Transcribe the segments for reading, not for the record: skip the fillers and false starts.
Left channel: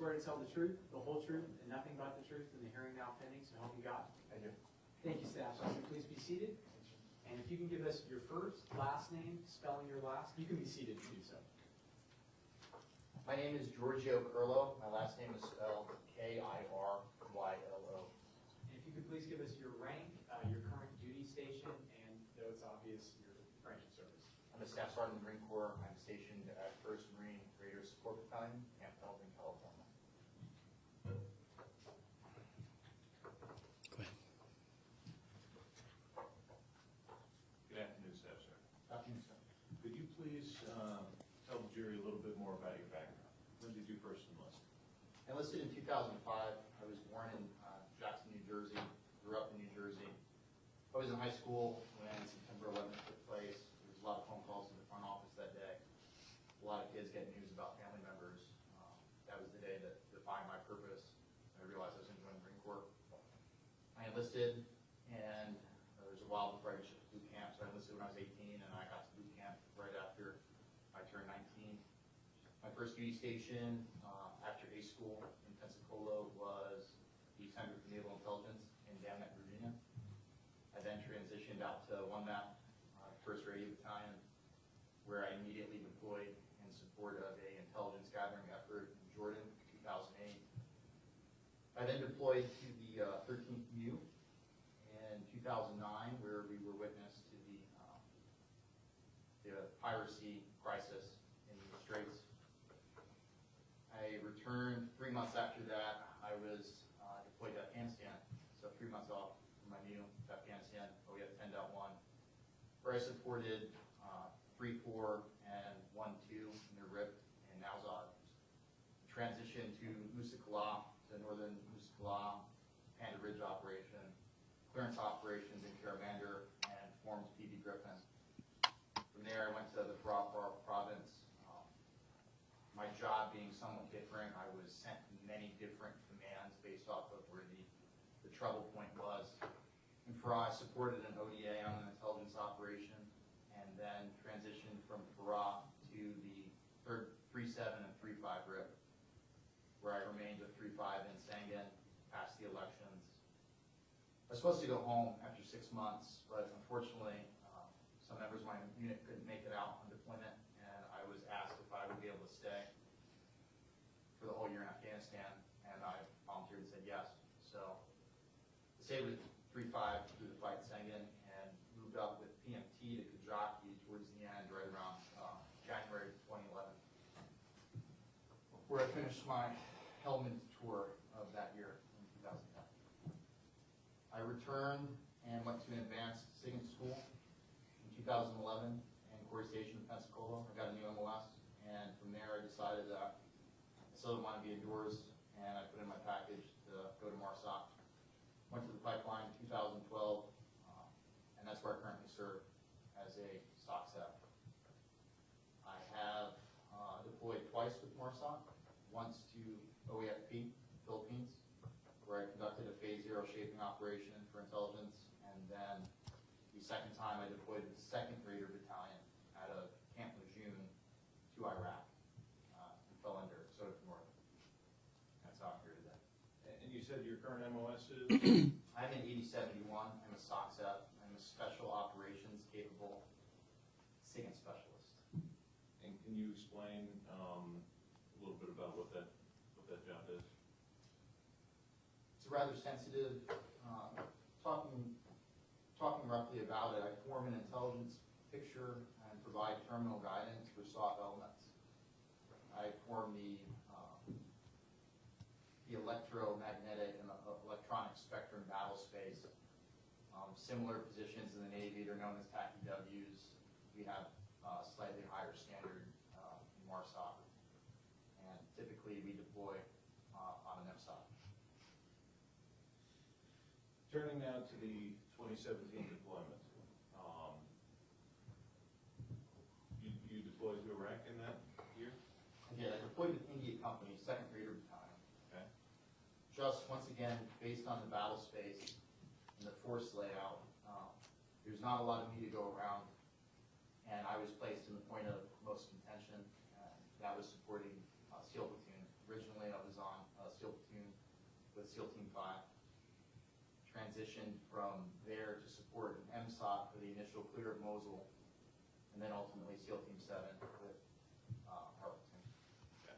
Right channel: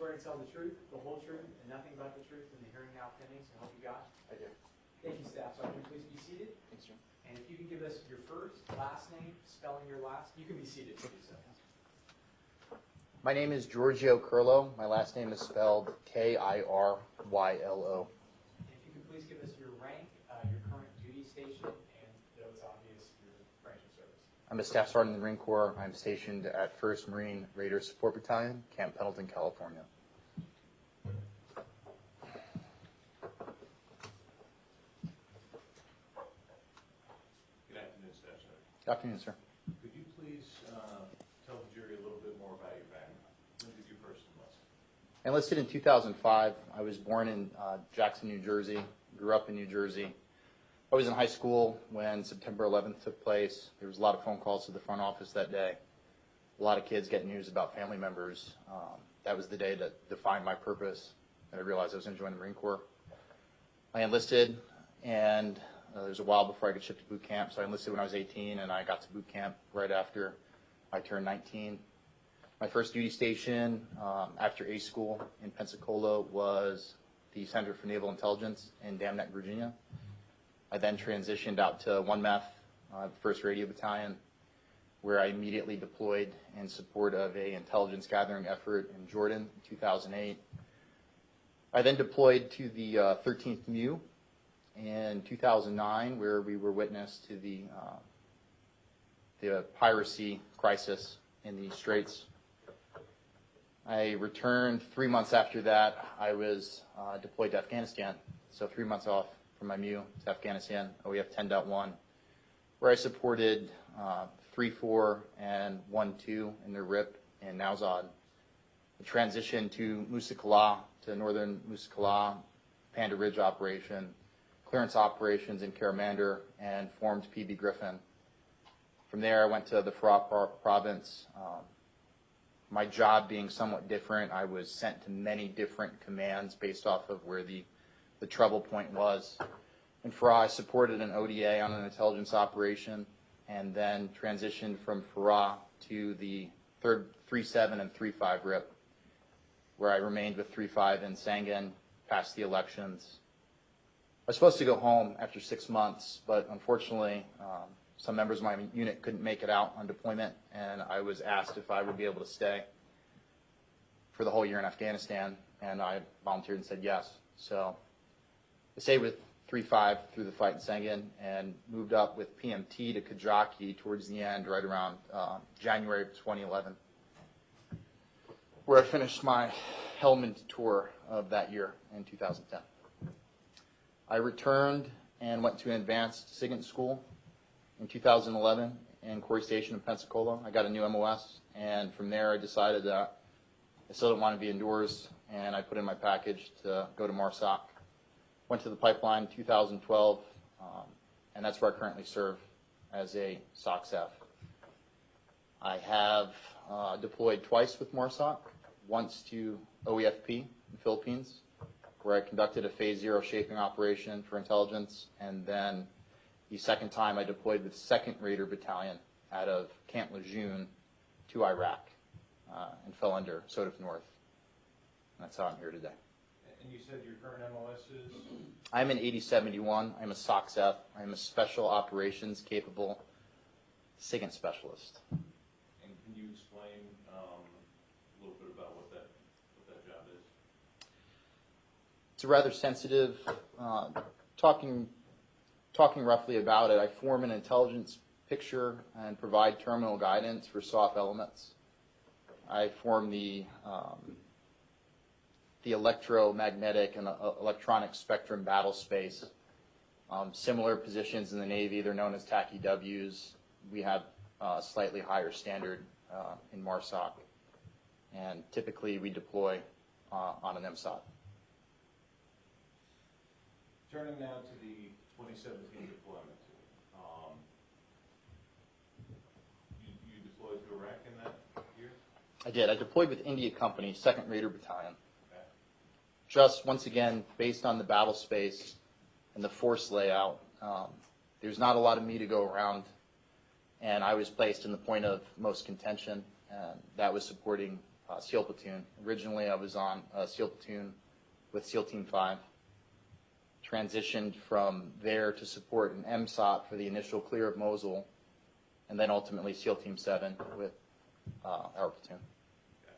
swear to tell the truth, the whole truth, and nothing but the truth in the hearing now pending, so help you God? I do. Thank you, Staff Sergeant. Please be seated. Thanks, sir. And if you can give us your first, last name, spelling your last, you can be seated to do so. My name is Giorgio Kirylo. My last name is spelled KirYlo. And if you could please give us your rank, your current duty station, and though it's obvious, your branch of service. I'm a Staff Sergeant in the Marine Corps. I'm stationed at 1st Marine Raider Support Battalion, Camp Pendleton, California. Good afternoon, Staff Sergeant. Good afternoon, sir. Could you please tell the jury a little bit more about your background? When did you first enlist? I enlisted in 2005. I was born in Jackson, New Jersey, grew up in New Jersey. I was in high school when September 11th took place. There was a lot of phone calls to the front office that day. A lot of kids getting news about family members. That was the day that defined my purpose, and I realized I was going to join the Marine Corps. I enlisted, and there was a while before I could ship to boot camp, so I enlisted when I was 18, and I got to boot camp right after I turned 19. My first duty station after A school in Pensacola was the Center for Naval Intelligence in Dam Neck, Virginia. I then transitioned out to 1MEF, 1st Radio Battalion, where I immediately deployed in support of an intelligence gathering effort in Jordan in 2008. I then deployed to the 13th MU in 2009, where we were witness to the piracy crisis in the Straits. I returned 3 months after that. I was deployed to Afghanistan, so 3 months off from my MU to Afghanistan, OEF 10.1, where I supported 3-4 and 1-2 in their RIP in Nowzad. The transition to Musa Qala, to northern Musa Qala, Panda Ridge operation, clearance operations in Karamandir, and formed PB Griffin. From there, I went to the Farah province. My job being somewhat different, I was sent to many different commands based off of where the trouble point was. In Farah, I supported an ODA on an intelligence operation, and then transitioned from Farah to the 3-7 and 3-5 RIP, where I remained with 3-5 in Sangin past the elections. I was supposed to go home after 6 months, but unfortunately, some members of my unit couldn't make it out on deployment, and I was asked if I would be able to stay for the whole year in Afghanistan, and I volunteered and said yes. So I stayed with 3-5 through the fight in Sangin and moved up with PMT to Kajaki towards the end, right around January of 2011, where I finished my Helmand tour of that year in 2010. I returned and went to an advanced SIGINT school in 2011 in Quarry Station in Pensacola. I got a new MOS, and from there I decided that I still didn't want to be indoors, and I put in my package to go to MARSOC. Went to the pipeline in 2012, and that's where I currently serve as a SOCSF. I have deployed twice with MARSOC, once to OEFP in the Philippines, where I conducted a Phase 0 shaping operation for intelligence, and then the second time I deployed with 2nd Raider Battalion out of Camp Lejeune to Iraq and fell under Sodif North. And that's how I'm here today. And you said your current MOS is? I'm an 8071. I'm a SOCSF. I'm a Special Operations Capable SIGINT Specialist. And can you explain a little bit about what that job is? It's a rather sensitive, talking roughly about it, I form an intelligence picture and provide terminal guidance for SOF elements. I form the electromagnetic and electronic spectrum battle space. Similar positions in the Navy, they're known as TACI-Ws. We have a slightly higher standard in MARSOC, and typically we deploy on an MSOT. Turning now to the 2017 deployment. You deployed to Iraq in that year? I did. I deployed with India Company, 2nd Raider Battalion. Okay. Just, once again, based on the battle space and the force layout, there's not a lot of me to go around, and I was placed in the point of most contention, and that was supporting SEAL platoon. Originally, I was on a SEAL platoon with SEAL Team 5. Transitioned from there to support an MSOT for the initial clear of Mosul, and then ultimately SEAL Team 7 with our platoon. Okay.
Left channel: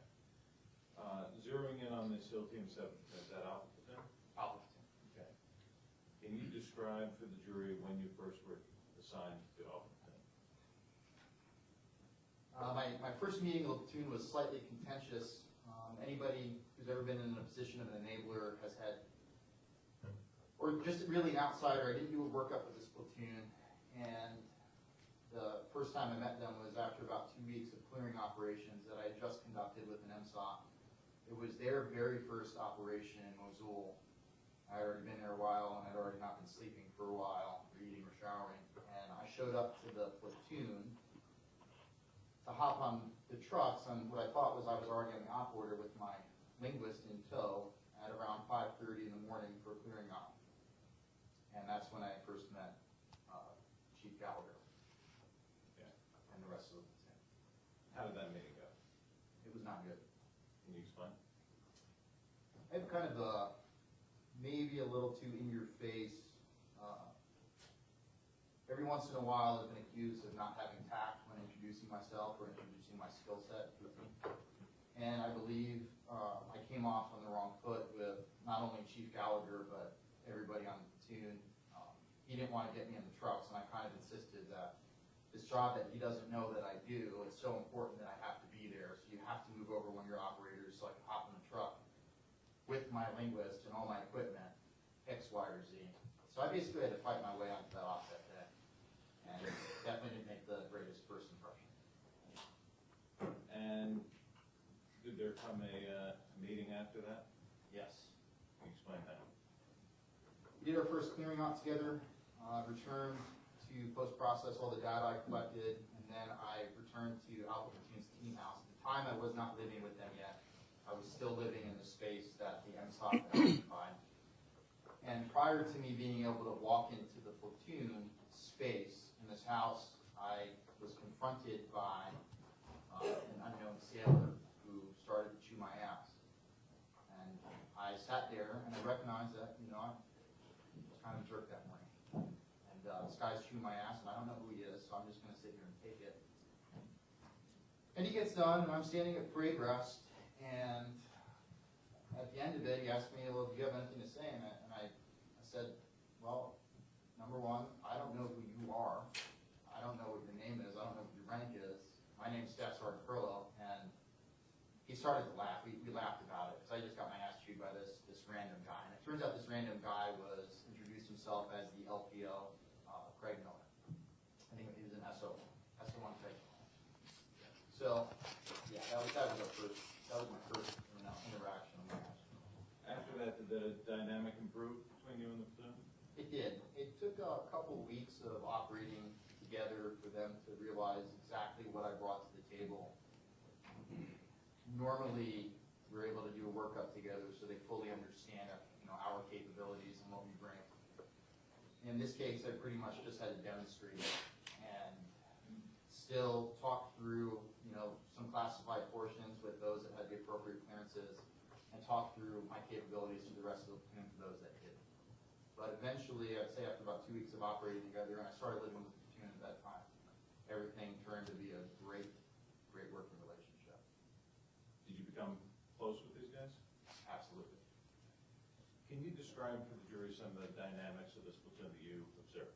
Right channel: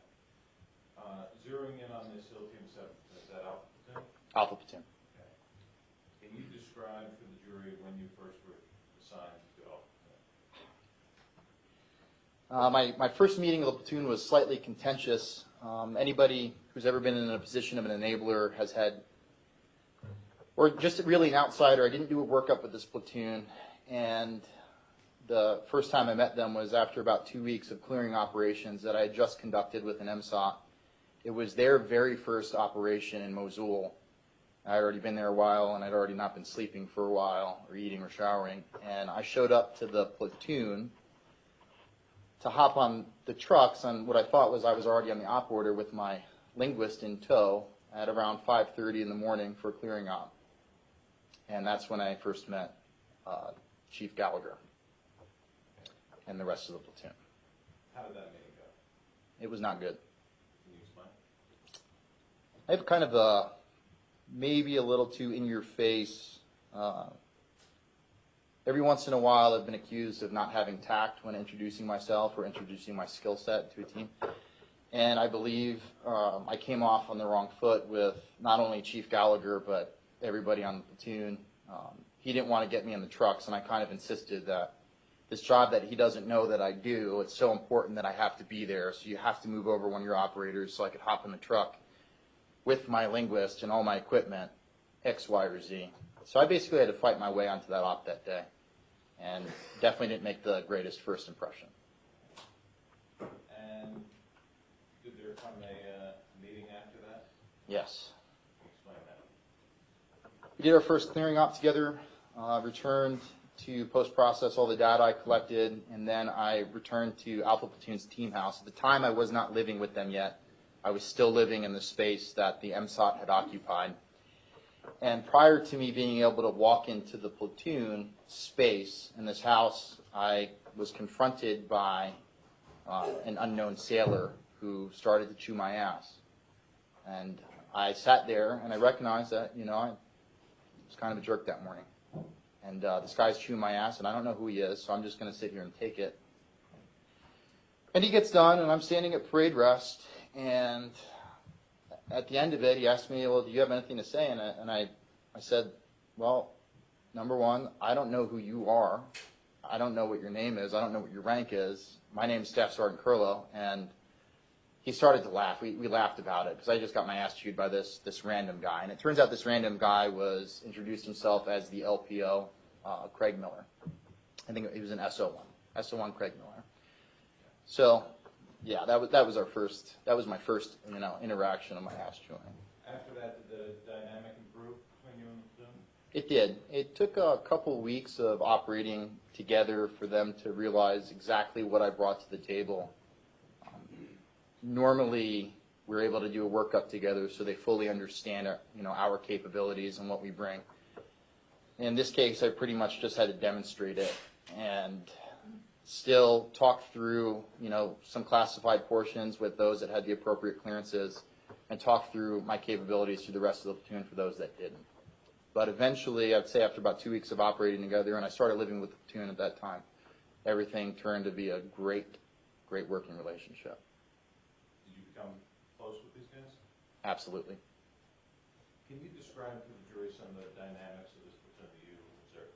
Zeroing in on the SEAL Team 7, is that Alpha Platoon? Alpha platoon. Okay. Can you describe for the jury when you first were assigned to Alpha Platoon? My first meeting of the platoon was slightly contentious. Anybody who's ever been in a position of an enabler has had, or just really an outsider. I didn't do a workup with this platoon, and the first time I met them was after about 2 weeks of clearing operations that I had just conducted with an MSOT. It was their very first operation in Mosul. I had already been there a while, and I'd already not been sleeping for a while, or eating or showering, and I showed up to the platoon to hop on the trucks on what I thought was I was already on the op order with my linguist in tow at around 5:30 in the morning for a clearing op. And that's when I first met Chief Gallagher and the rest of the platoon. How did that meeting go? It was not good. Can you explain? I have kind of a, maybe a little too in-your-face, every once in a while I've been accused of not having tact when introducing myself or introducing my skill set to a team. And I believe I came off on the wrong foot with not only Chief Gallagher, but everybody on the platoon. He didn't want to get me in the trucks, and I kind of insisted that this job that he doesn't know that I do, it's so important that I have to be there, so you have to move over one of your operators so I could hop in the truck with my linguist and all my equipment, X, Y, or Z. So I basically had to fight my way onto that op that day, and definitely didn't make the greatest first impression. And did there come a meeting after that? Yes. Can you explain that? We did our first clearing op together, returned to post-process all the data I collected, and then I returned to Alpha Platoon's team house. At the time, I was not living with them yet. I was still living in the space that the MSOT had occupied. And prior to me being able to walk into the platoon space in this house, I was confronted by an unknown sailor who started to chew my ass. And I sat there and I recognized that, I was kind of a jerk that morning. And this guy's chewing my ass, and I don't know who he is, so I'm just going to sit here and take it. And he gets done, and I'm standing at parade rest, and at the end of it, he asked me, well, do you have anything to say? And I said, well, number one, I don't know who you are. I don't know what your name is. I don't know what your rank is. My name is Staff Sergeant Kirylo, and he started to laugh. We laughed about it, because I just got my ass chewed by this random guy. And it turns out this random guy was introduced himself as the LPO, Craig Miller. I think he was an SO1 Craig Miller. So, yeah, that was my first interaction of my ass chewing. After that, did the dynamic improve between you and the platoon? It did. It took a couple weeks of operating together for them to realize exactly what I brought to the table. Normally, we're able to do a workup together so they fully understand our capabilities and what we bring. In this case, I pretty much just had to demonstrate it and still talk through, some classified portions with those that had the appropriate clearances, and talk through my capabilities to the rest of the platoon for those that didn't. But eventually, I'd say after about 2 weeks of operating together, and I started living with the platoon at that time, everything turned to be a great working relationship. Did you become close with these guys? Absolutely. Can you describe for the jury some of the dynamics of this platoon that you observed?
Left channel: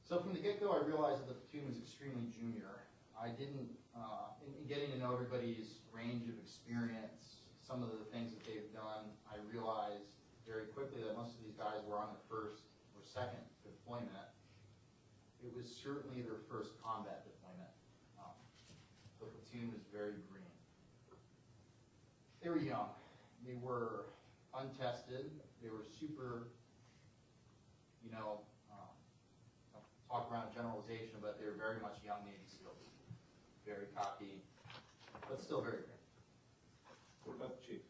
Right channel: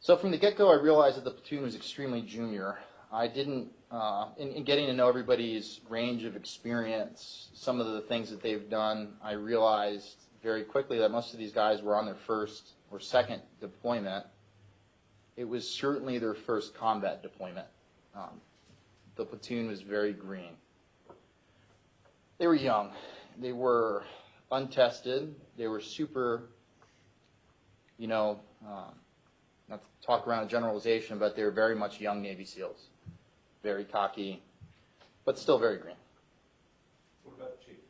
So from the get-go, I realized that the platoon was extremely junior. I didn't, in getting to know everybody's range of experience, some of the things that they've done, I realized very quickly that most of these guys were on their first or second deployment. It was certainly their first combat deployment. The platoon was very green. They were young. They were untested. They were super, not to talk around a generalization, but they were very much young Navy SEALs. Very cocky, but still very green. What about the chief?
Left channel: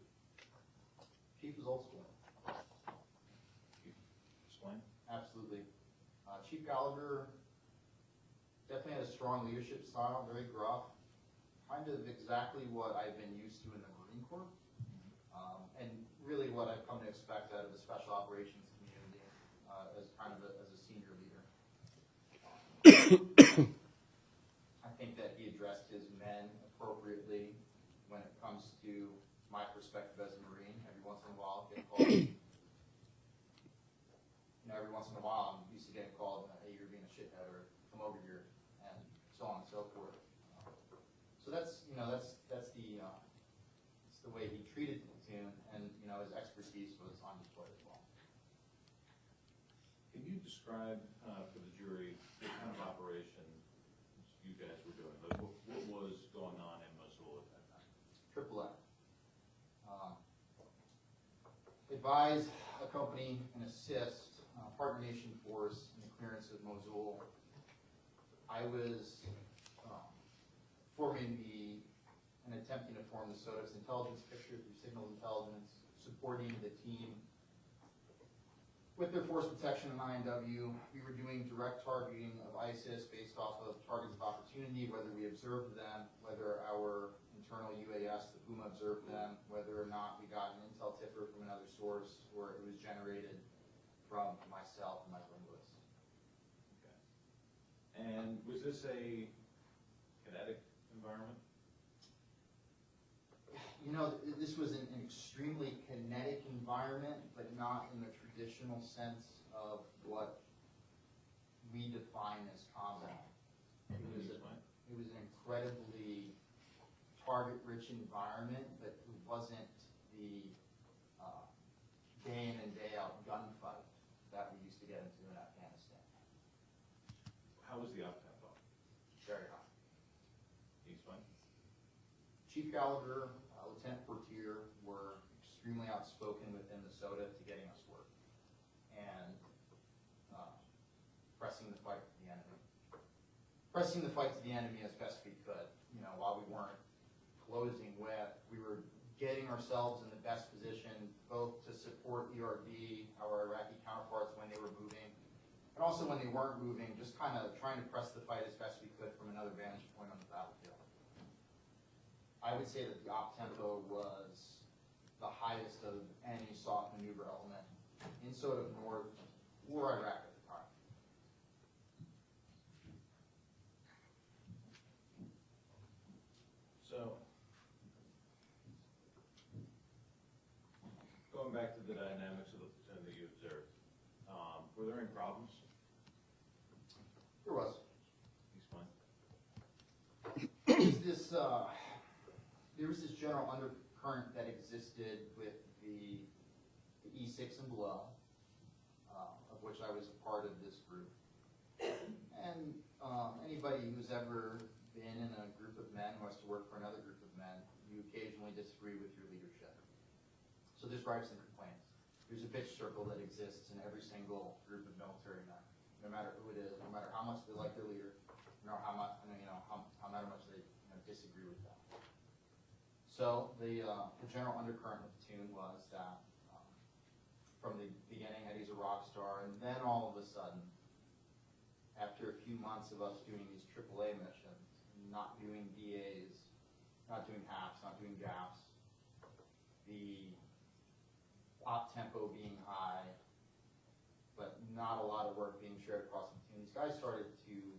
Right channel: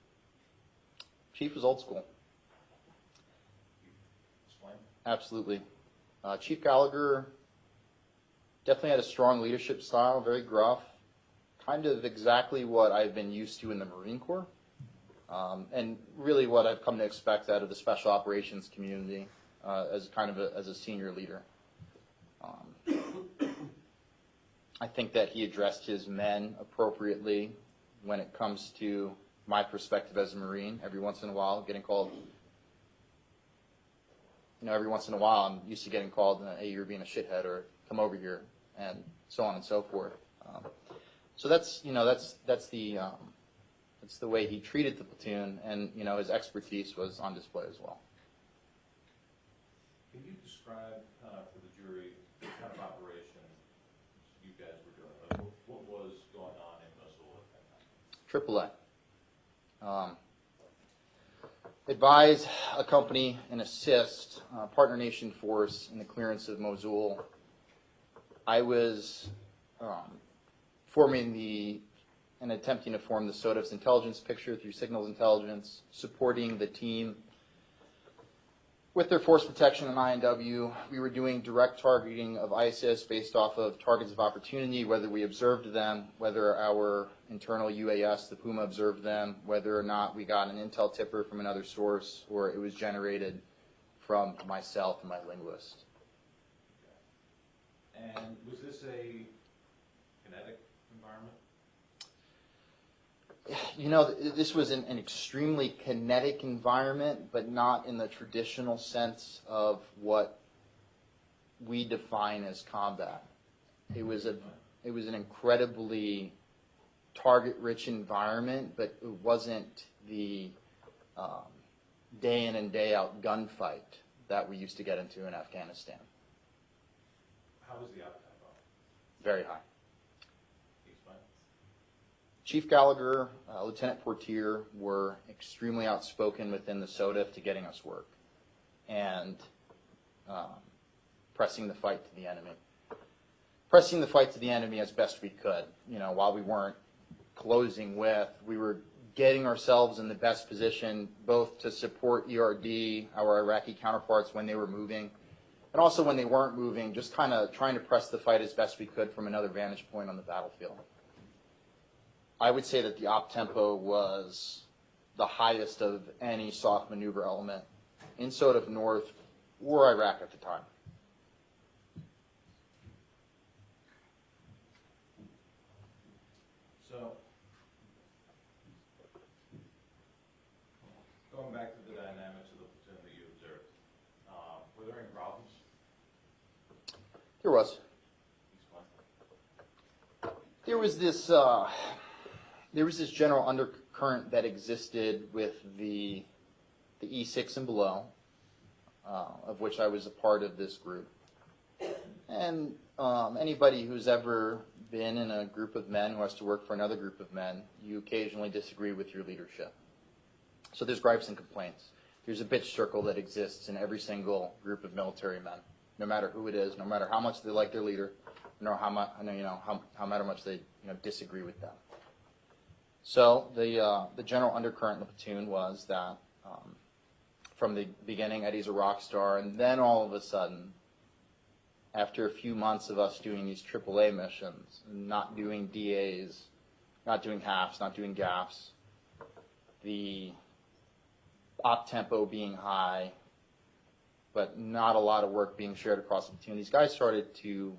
Chief was old school. Can you explain? Absolutely. Chief Gallagher definitely had a strong leadership style, very gruff, kind of exactly what I've been used to in the Marine Corps, and really what I've come to expect out of the Special Operations community as kind of as a senior leader. I think that he addressed his men appropriately when it comes to my perspective as a Marine. Every once in a while, getting called. Every once in a while, I'm used to getting called, "Hey, you're being a shithead," or "Come over here," and so on and so forth. So that's the way he treated the platoon, and his expertise was on display as well. Can you describe for the jury the kind of operation you guys were doing? Like, what was going on in Mosul at that time? AAA. Advise, accompany, and assist partner nation force in the clearance of Mosul. I was forming and attempting to form the SOTF's intelligence picture through signals intelligence, supporting the team with their force protection and INW. We were doing direct targeting of ISIS based off of targets of opportunity, whether we observed them, whether our internal UAS, the Puma, observed them, whether or not we got an intel tipper from another source, or it was generated from myself and my linguist. Okay. And was this a kinetic environment? This was an extremely kinetic environment, but not in the traditional sense of what we define as combat. It was an incredibly target-rich environment, but it wasn't the day in and day out gunfight that we used to get into in Afghanistan. How was the up-tempo? Very high. Can you explain? Chief Gallagher, Lieutenant Portier were extremely outspoken within the SOTF to getting us work and pressing the fight to the enemy. Pressing the fight to the enemy as best we could. While we weren't closing with, we were getting ourselves in the best position both to support ERD, our Iraqi counterparts, when they were moving, and also when they weren't moving, just kind of trying to press the fight as best we could from another vantage point on the battlefield. I would say that the op tempo was the highest of any soft maneuver element in SOTF North or Iraq at the time. So, going back to the dynamics of the platoon that you observed, were there any problems? There was. Explain. There was this general undercurrent that existed with the E6 and below, of which I was a part of this group. And anybody who's ever been in a group of men who has to work for another group of men, you occasionally disagree with your leadership. So there's gripes and complaints. There's a bitch circle that exists in every single group of military men, no matter who it is, no matter how much they like their leader, no how much they disagree with them. So the general undercurrent in the platoon was that from the beginning, Eddie's a rock star, and then all of a sudden, after a few months of us doing these AAA missions, not doing DAs, not doing halves, not doing gaffs, the op tempo being high, but not a lot of work being shared across the platoon, these guys started to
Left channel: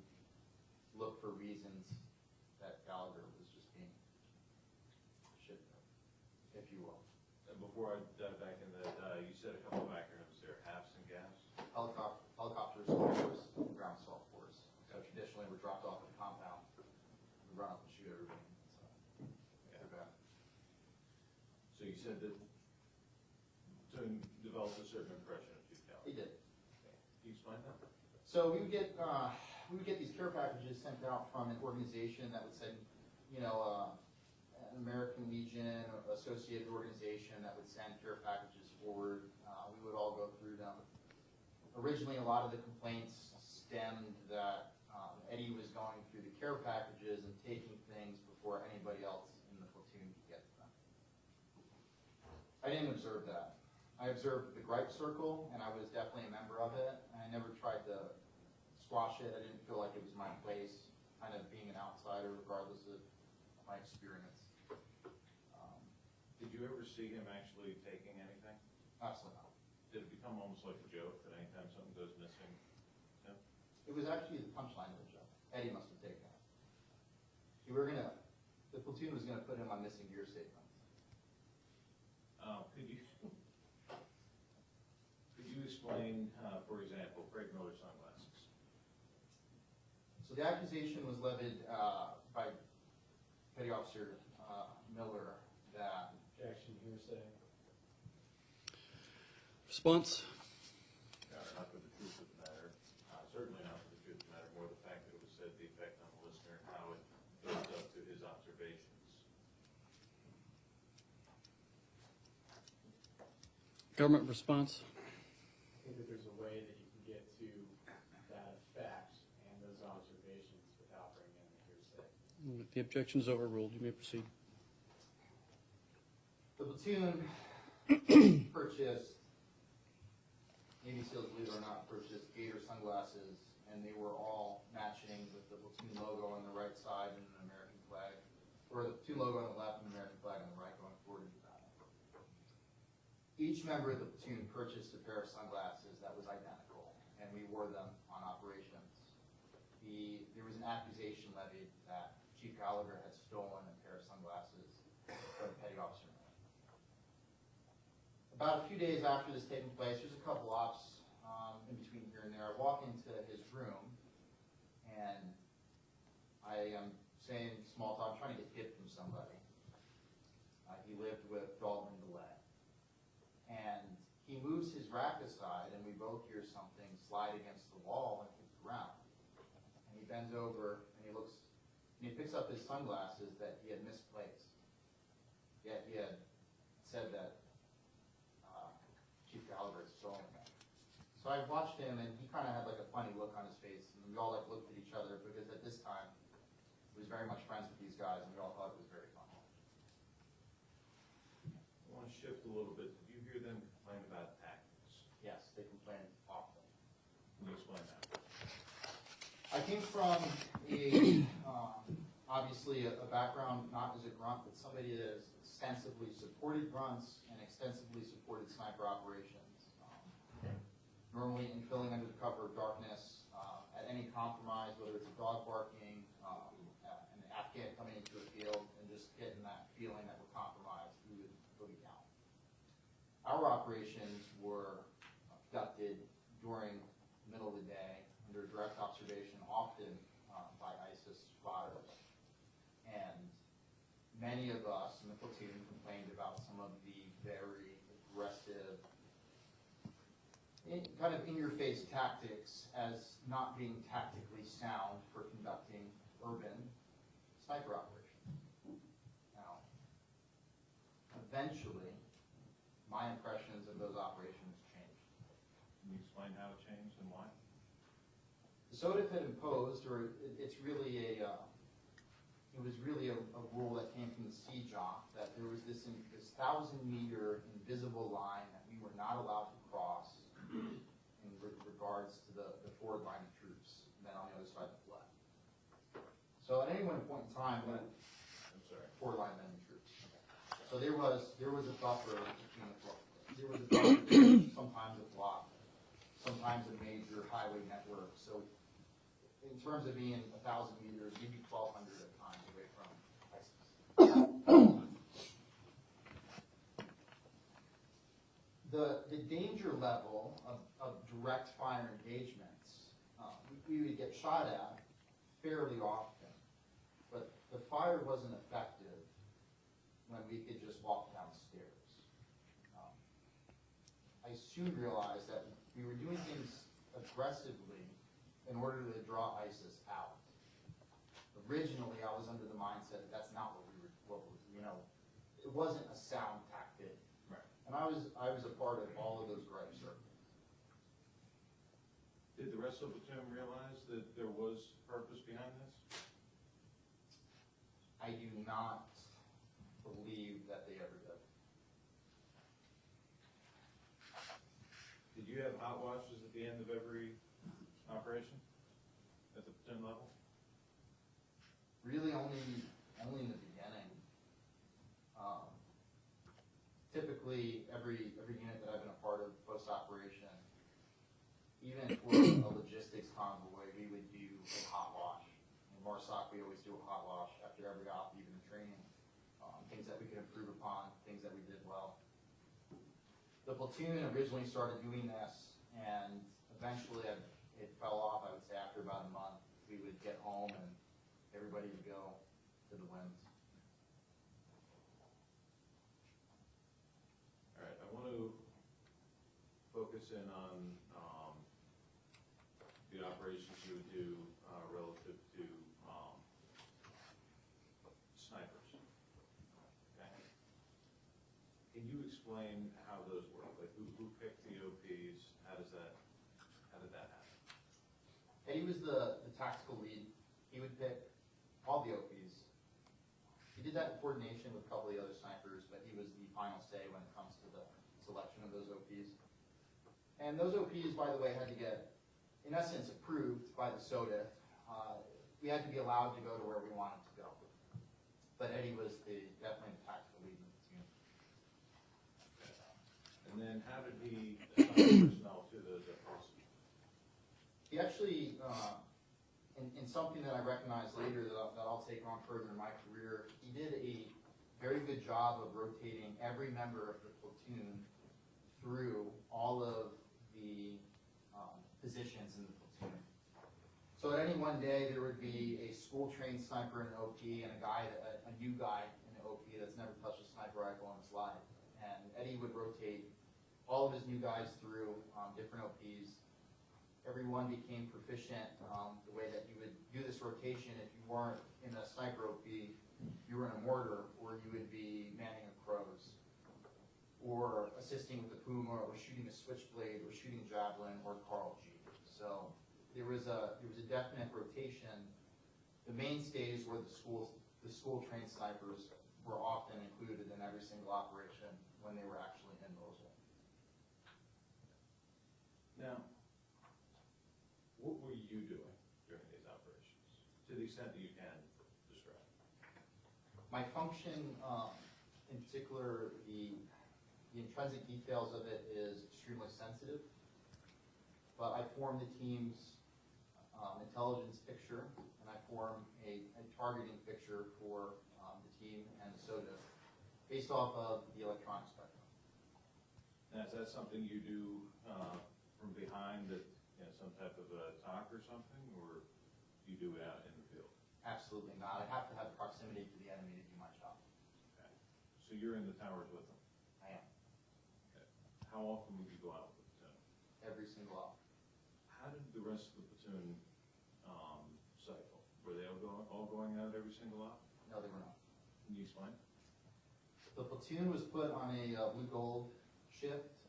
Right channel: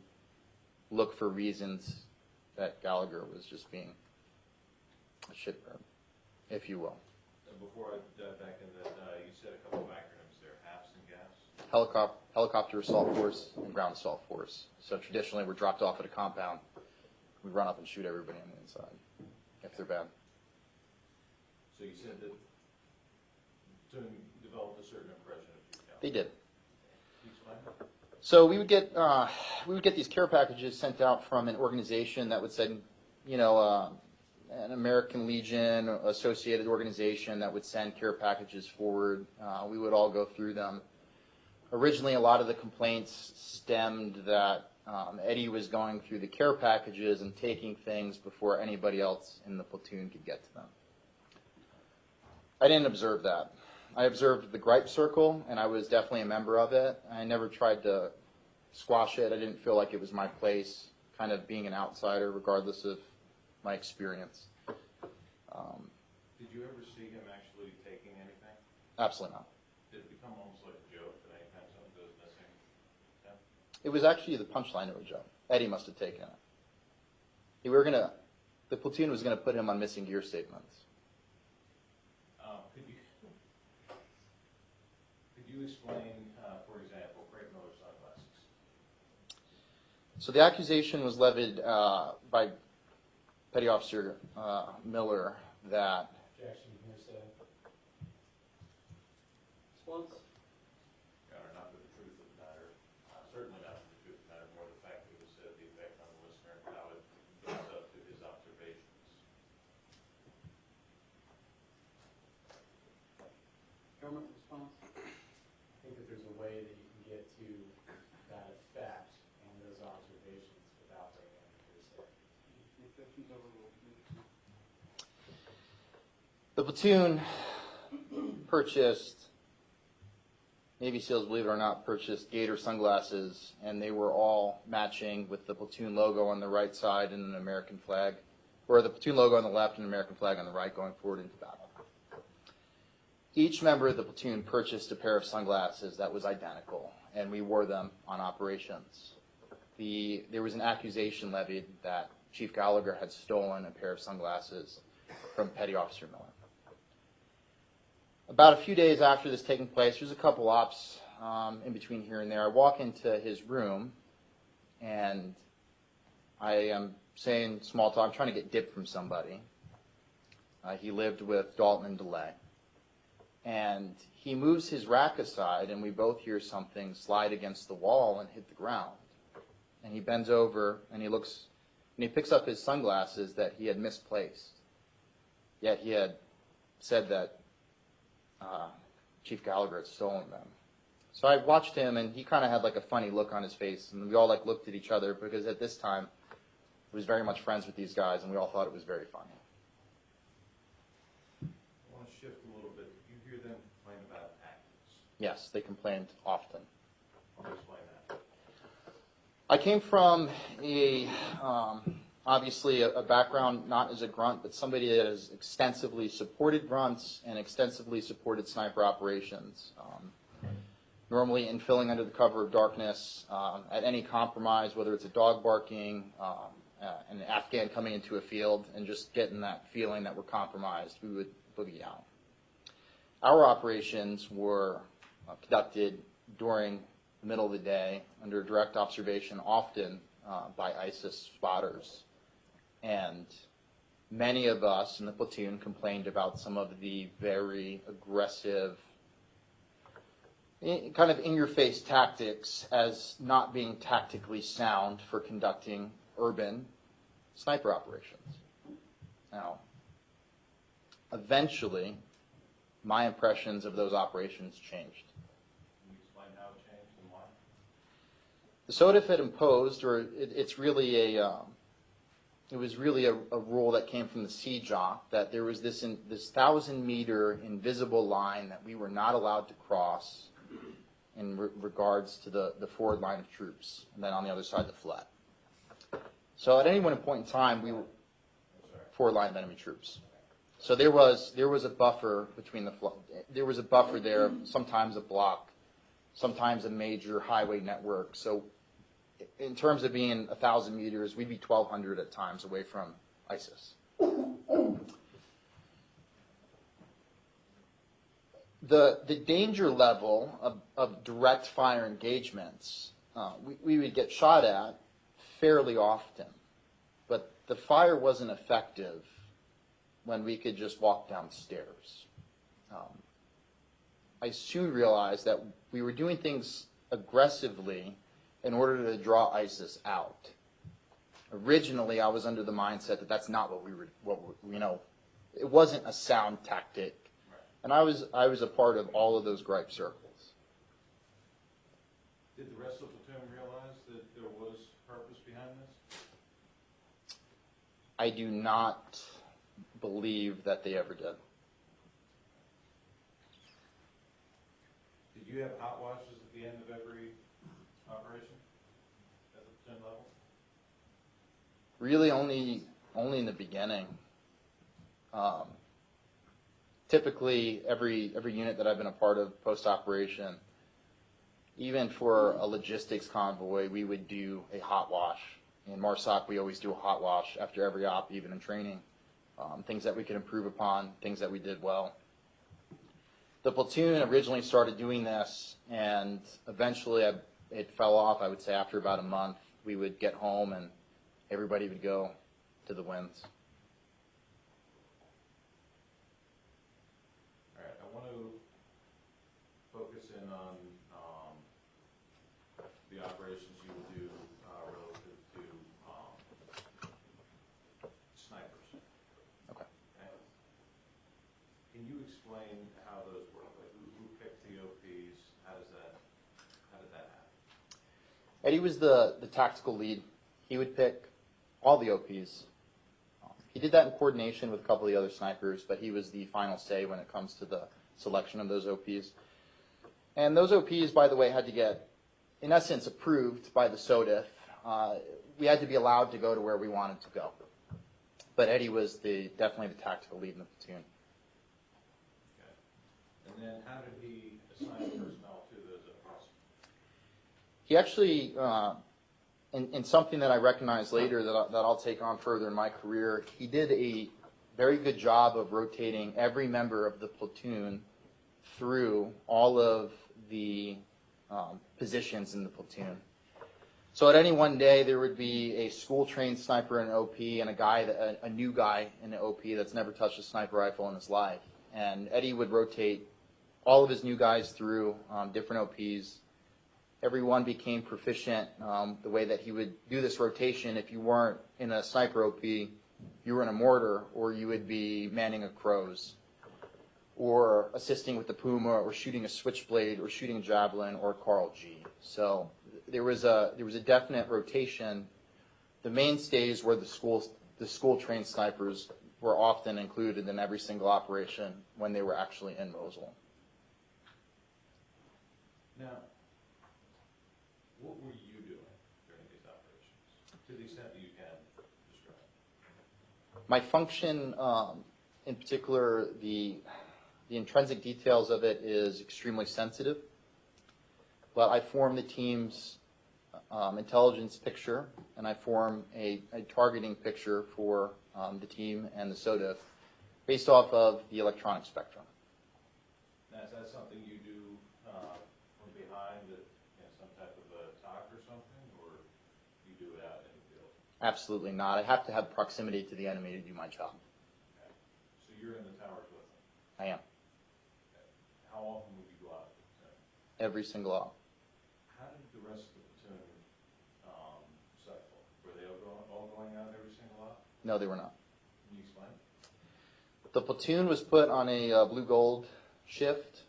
look for reasons that Gallagher was just being a shitbird, if you will. And before I dive back in that, you said a couple of acronyms there, HAFs and GAFs. Helicopter Assault Force and Ground Assault Force. So traditionally we're dropped off at a compound. We run up and shoot everybody on the inside, if they're bad. So you said that to develop a certain impression of Chief Gallagher. They did. Can you explain? So we would get these care packages sent out from an organization that would send, an American Legion associated organization that would send care packages forward. We would all go through them. Originally, a lot of the complaints stemmed that Eddie was going through the care packages and taking things before anybody else in the platoon could get to them. I didn't observe that. I observed the gripe circle, and I was definitely a member of it. I never tried to squash it. I didn't feel like it was my place, kind of being an outsider, regardless of my experience. Did you ever see him actually taking anything? Absolutely not. Did it become almost like a joke that anytime something goes missing? Yeah. It was actually the punchline of a joke. Eddie must have taken it. The platoon was gonna put him on missing gear statements. Could you explain, for example, Craig Miller's sunglasses? So the accusation was levied by Petty Officer Miller that Objection, hearsay. Response? Not for the truth of the matter, certainly not for the truth of the matter, more the fact that it was said the effect on the listener and how it built up to his observations. Government response? I think that there's a way that you can get to that effect and those observations without bringing in hearsay. The objection is overruled. You may proceed. the platoon purchased, Navy SEALs, believe it or not, purchased Gator sunglasses, and they were all matching with the platoon logo on the right side and an American flag, or the platoon logo on the left and an American flag on the right going forward into battle. Each member of the platoon purchased a pair of sunglasses that was identical, and we wore them on operations. There was an accusation levied that Chief Gallagher had stolen a pair of sunglasses from Petty Officer Miller. About a few days after this taking place, there's a couple ops in between here and there. I walk into his room, and I am saying small talk, I'm trying to get dip from somebody. He lived with Dalton and DeLay. And he moves his rack aside, and we both hear something slide against the wall and hit the ground. And he bends over, and he looks, and he picks up his sunglasses that he had misplaced. Yet he had said that Chief Gallagher had stolen them. So I watched him, and he kind of had like a funny look on his face, and we all like looked at each other because at this time he was very much friends with these guys, and we all thought it was very funny. I want to shift a little bit. Did you hear them complain about tactics? Yes, they complained often. Can you explain that? I came from obviously a background not as a grunt, but somebody that has extensively supported grunts and extensively supported sniper operations. Normally in filling under the cover of darkness, at any compromise, whether it's a dog barking, an Afghan coming into a field, and just getting that feeling that we're compromised, we would boogie out. Our operations were conducted during the middle of the day under direct observation, often by ISIS spotters. And many of us in the platoon complained about some of the very aggressive, kind of in-your-face tactics as not being tactically sound for conducting urban sniper operations. Now, eventually, my impressions of those operations changed. Can you explain how it changed and why? The SOTF had imposed, or it's really it was really a rule that came from the CJOC, that there was this 1,000-meter invisible line that we were not allowed to cross in regards to the forward line of troops, and then on the other side the flat. So at any one point in time, we were forward line of enemy troops. So there was a buffer between there was a buffer there, sometimes a block, sometimes a major highway network. So in terms of being 1,000 meters, we'd be 1,200 at times away from ISIS. The danger level of direct fire engagements, we would get shot at fairly often, but the fire wasn't effective when we could just walk downstairs. I soon realized that we were doing things aggressively in order to draw ISIS out. Originally, I was under the mindset that that's not what it wasn't a sound tactic. Right. And I was a part of all of those gripe circles. Did the rest of the platoon realize that there was purpose behind this? I do not believe that they ever did. Did you have hot washes at the end of every operation at the platoon level? Really, only only in the beginning. Typically, every unit that I've been a part of post-operation, even for a logistics convoy, we would do a hot wash. In MARSOC, we always do a hot wash after every op, even in training. Things that we could improve upon, things that we did well. The platoon originally started doing this, and eventually it fell off. I would say after about a month, we would get home and everybody would go to the winds. All right, I want to focus in on the operations you would do relative to snipers. Okay. Okay. Can you explain how those work? Like who picked the OPs? How did that happen? Eddie was the tactical lead. He would pick all the OPs. He did that in coordination with a couple of the other snipers, but he was the final say when it comes to the selection of those OPs. And those OPs, by the way, had to get, in essence, approved by the SODIF. We had to be allowed to go to where we wanted to go. But Eddie was definitely the tactical lead in the platoon. Okay. And then how did he assign personnel to those OPs? He actually, in something that I recognized later that I'll take on further in my career, he did a very good job of rotating every member of the platoon through all of the positions in the platoon. So at any one day, there would be a school-trained sniper in an OP and a new guy in an OP that's never touched a sniper rifle in his life. And Eddie would rotate all of his new guys through different OPs. Everyone became proficient the way that he would do this rotation. If you weren't in a sniper OP, you were in a mortar, or you would be manning a Crows, or assisting with the Puma, or shooting a Switchblade, or shooting a Javelin, or Carl G. So there was a definite rotation. The mainstays were the school-trained snipers were often included in every single operation when they were actually in Mosul. Now, what were you doing during these operations, to the extent that you can describe? My function, in particular, the intrinsic details of it is extremely sensitive, but I form the team's intelligence picture, and I form a targeting picture for the team and the SODIF based off of the electronic spectrum. Now, is that something you do from behind some type of a talk or something, or you do it out in the field? Absolutely not. I have to have proximity to the enemy to do my job. Okay. So you're in the towers with them? I am. Okay. How often would you go out with the platoon? Every single hour. How did the rest of the platoon cycle? Were they all going out every single op? No, they were not. Can you explain? The platoon was put on a blue-gold shift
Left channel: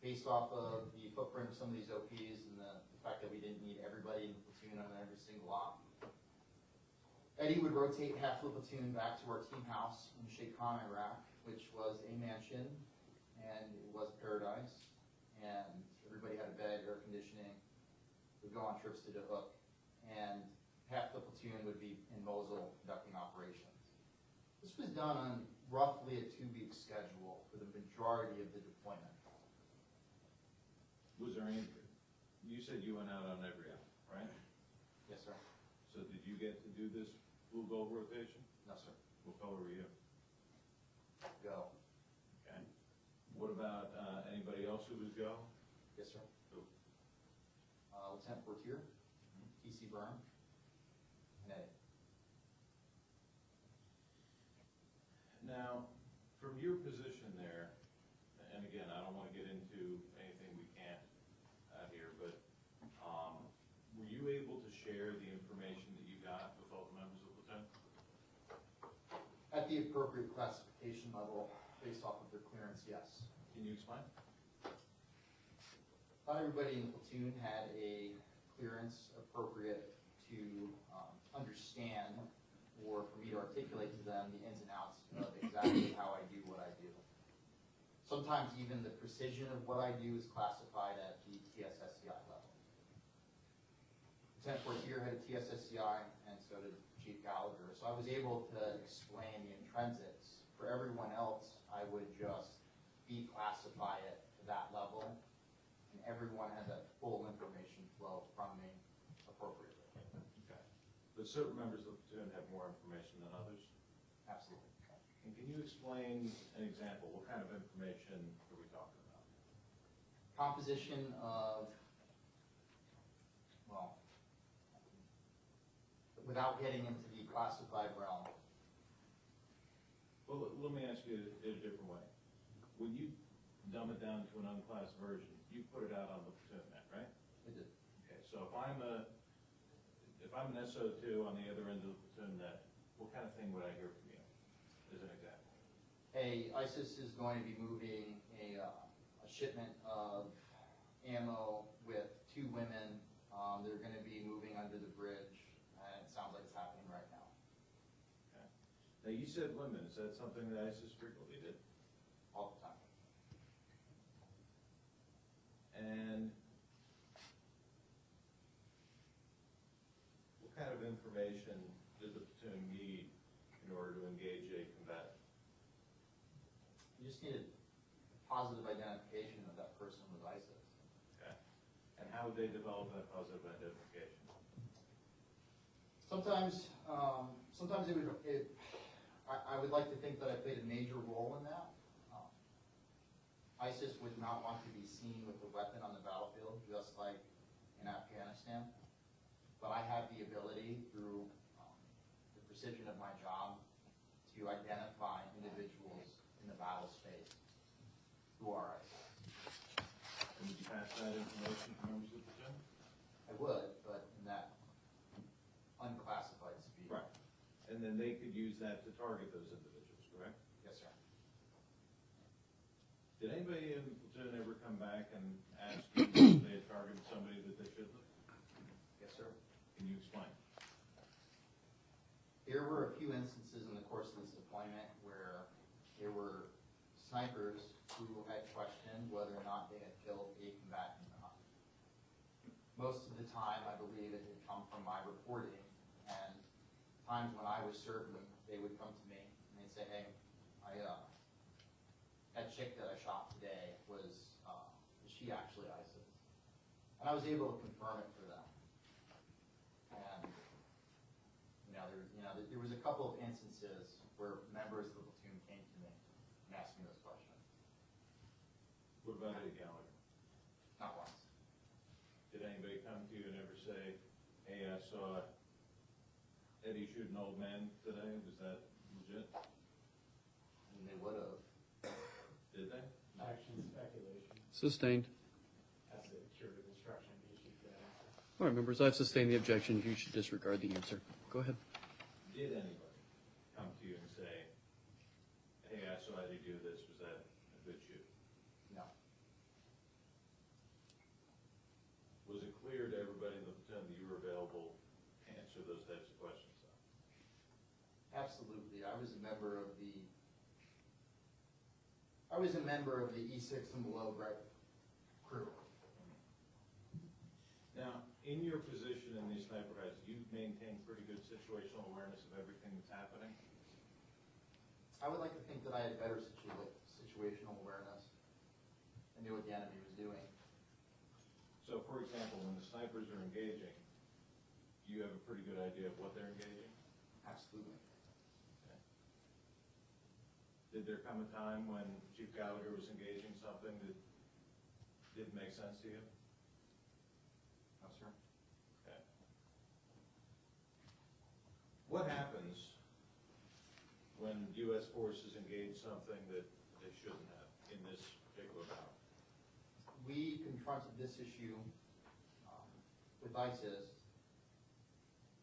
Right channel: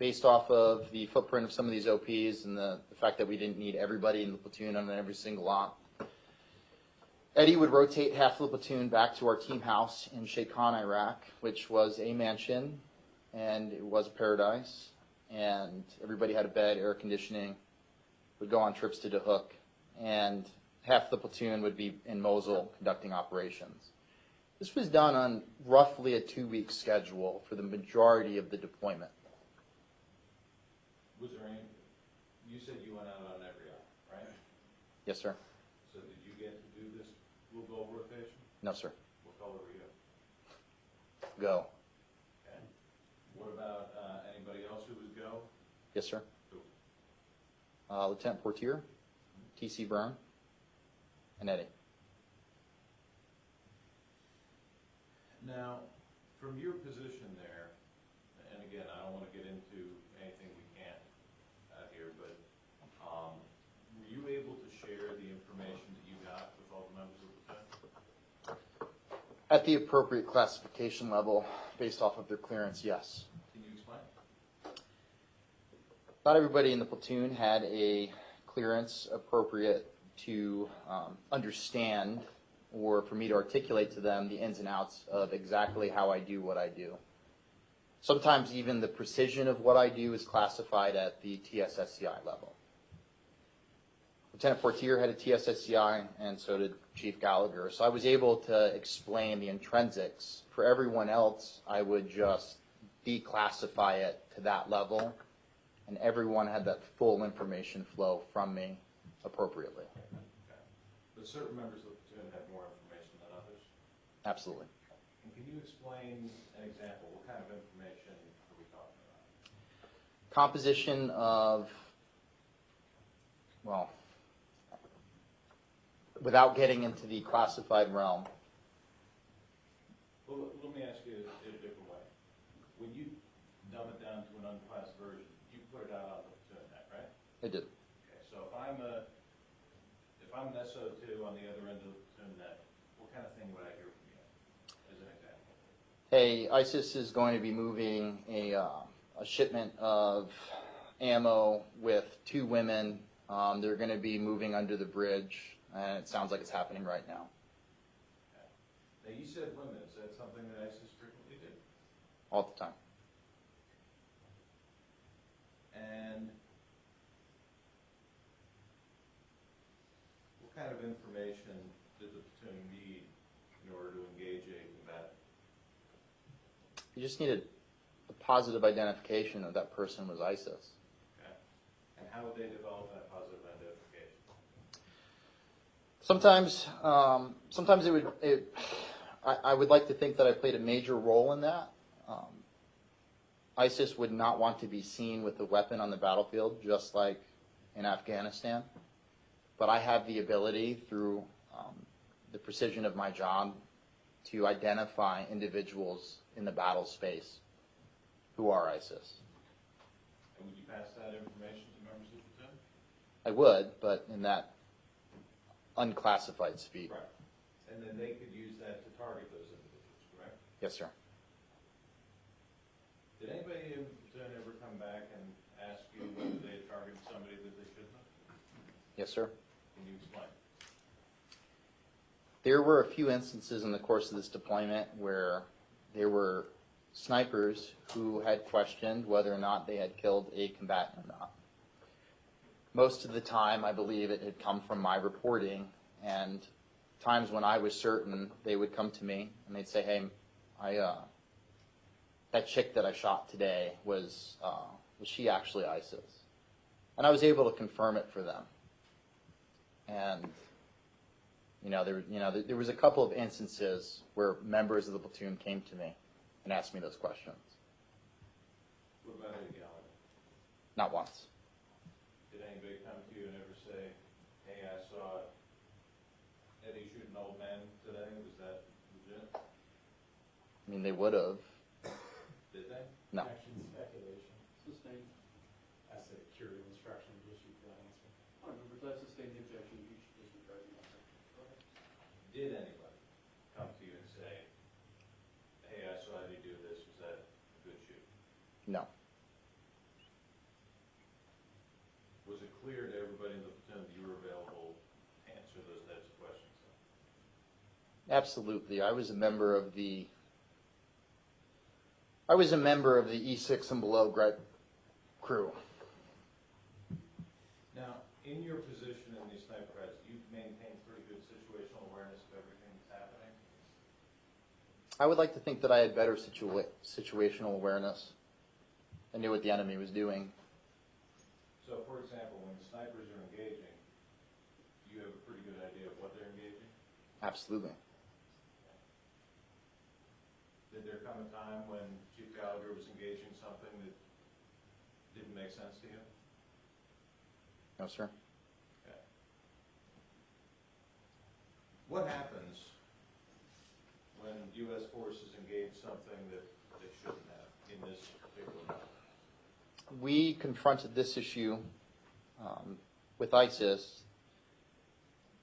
based off of the footprint of some of these OPs and the fact that we didn't need everybody in the platoon on every single op. Eddie would rotate half of the platoon back to our team house in Sheikh Khan, Iraq, which was a mansion, and it was a paradise, and everybody had a bed, air conditioning, would go on trips to Dahuk, and half the platoon would be in Mosul conducting operations. This was done on roughly a 2-week schedule for the majority of the deployment. Was there any, you said you went out on every op, right? Yes, sir. So did you get to do this blue gold rotation? No, sir. What color were you? Go. Okay. What about anybody else who was go? Yes, sir. Who? Lieutenant Portier, T.C. Byrne, and Eddie. Now, from your position there, and again, I don't want to get into anything we can't here, but were you able to share the information that you got with all the members of the platoon? At the appropriate classification level, based off of their clearance, yes. Can you explain? Not everybody in the platoon had a clearance appropriate to understand or for me to articulate to them the ins and outs of exactly how I do what I do. Sometimes even the precision of what I do is classified at the TSSCI level. Lieutenant Fortier had a TSSCI, and so did Chief Gallagher. So I was able to explain the intrinsics. For everyone else, I would just declassify it to that level, and everyone had that full information flow from me appropriately. Okay. But certain members of the platoon had more information than others? Absolutely. And can you explain an example? What kind of information are we talking about? Composition of, well, without getting into the classified realm, Well, let me ask you it a different way. When you dumb it down to an unclassed version, you put it out on the platoon net, right? I did. Okay, so if I'm an SO2 on the other end of the platoon net, what kind of thing would I hear from you, as an example? Hey, ISIS is going to be moving a shipment of ammo with 2 women. They're going to be moving under the bridge, and it sounds like it's happening right now. Okay. Now, you said women. Is that something that ISIS frequently did? All the time. And what kind of information did the platoon need in order to engage a combatant? You just needed a positive identification that that person was ISIS. Okay. And how would they develop that positive identification? Sometimes I would like to think that I played a major role in that. ISIS would not want to be seen with a weapon on the battlefield, just like in Afghanistan. But I have the ability, through the precision of my job, to identify individuals in the battle space who are ISIS. And would you pass that information to members of the platoon? I would, but in that unclassified speed. Right. And then they could use that to target those individuals, correct? Yes, sir. Did anybody in the platoon ever come back and ask you whether they had targeted somebody that they shouldn't have? Yes, sir. Can you explain? There were a few instances in the course of this deployment where there were snipers who had questioned whether or not they had killed a combatant or not. Most of the time, I believe it had come from my reporting, and times when I was certain, they would come to me and they'd say, "Hey, that chick that I shot today, was she actually ISIS?" And I was able to confirm it for them. And there was a couple of instances where members of the platoon came to me and asked me those questions. What about Eddie Gallagher? Not once. Did anybody come to you and ever say, "Hey, I saw Eddie shoot an old man today"? Was that legit? I mean, they would have. Did they? No. Action speculation. Sustained. That's the curative instruction issued for that answer. All right, members, I've sustained the objection. You should disregard the answer. Go ahead. Did anybody come to you and say, "Hey, I saw Eddie do this. Was that a good shoot"? No. Was it clear to everybody in the platoon that you were available to answer those types of questions? Absolutely. I was a member of the E6 and below crew. Now, in your position in these sniper heads, you maintain pretty good situational awareness of everything that's happening? I would like to think that I had better situational awareness. I knew what the enemy was doing. So, for example, when the snipers are engaging, you have a pretty good idea of what they're engaging? Absolutely. Did there come a time when Chief Gallagher was engaging something that didn't make sense to you? No, sir. Okay. What happens when U.S. forces engage something that they shouldn't have in this particular battle? We confronted this issue with ISIS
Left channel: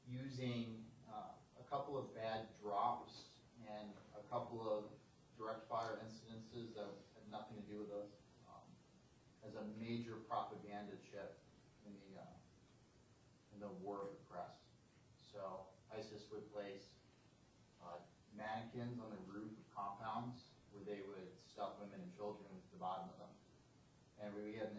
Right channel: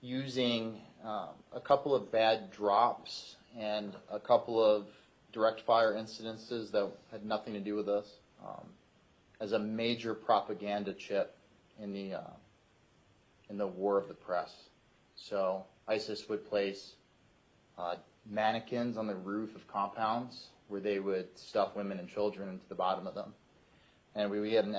using a couple of bad drops and a couple of direct fire incidences that had nothing to do with us as a major propaganda chip in the war of the press. So ISIS would place mannequins on the roof of compounds where they would stuff women and children into the bottom of them. and we had an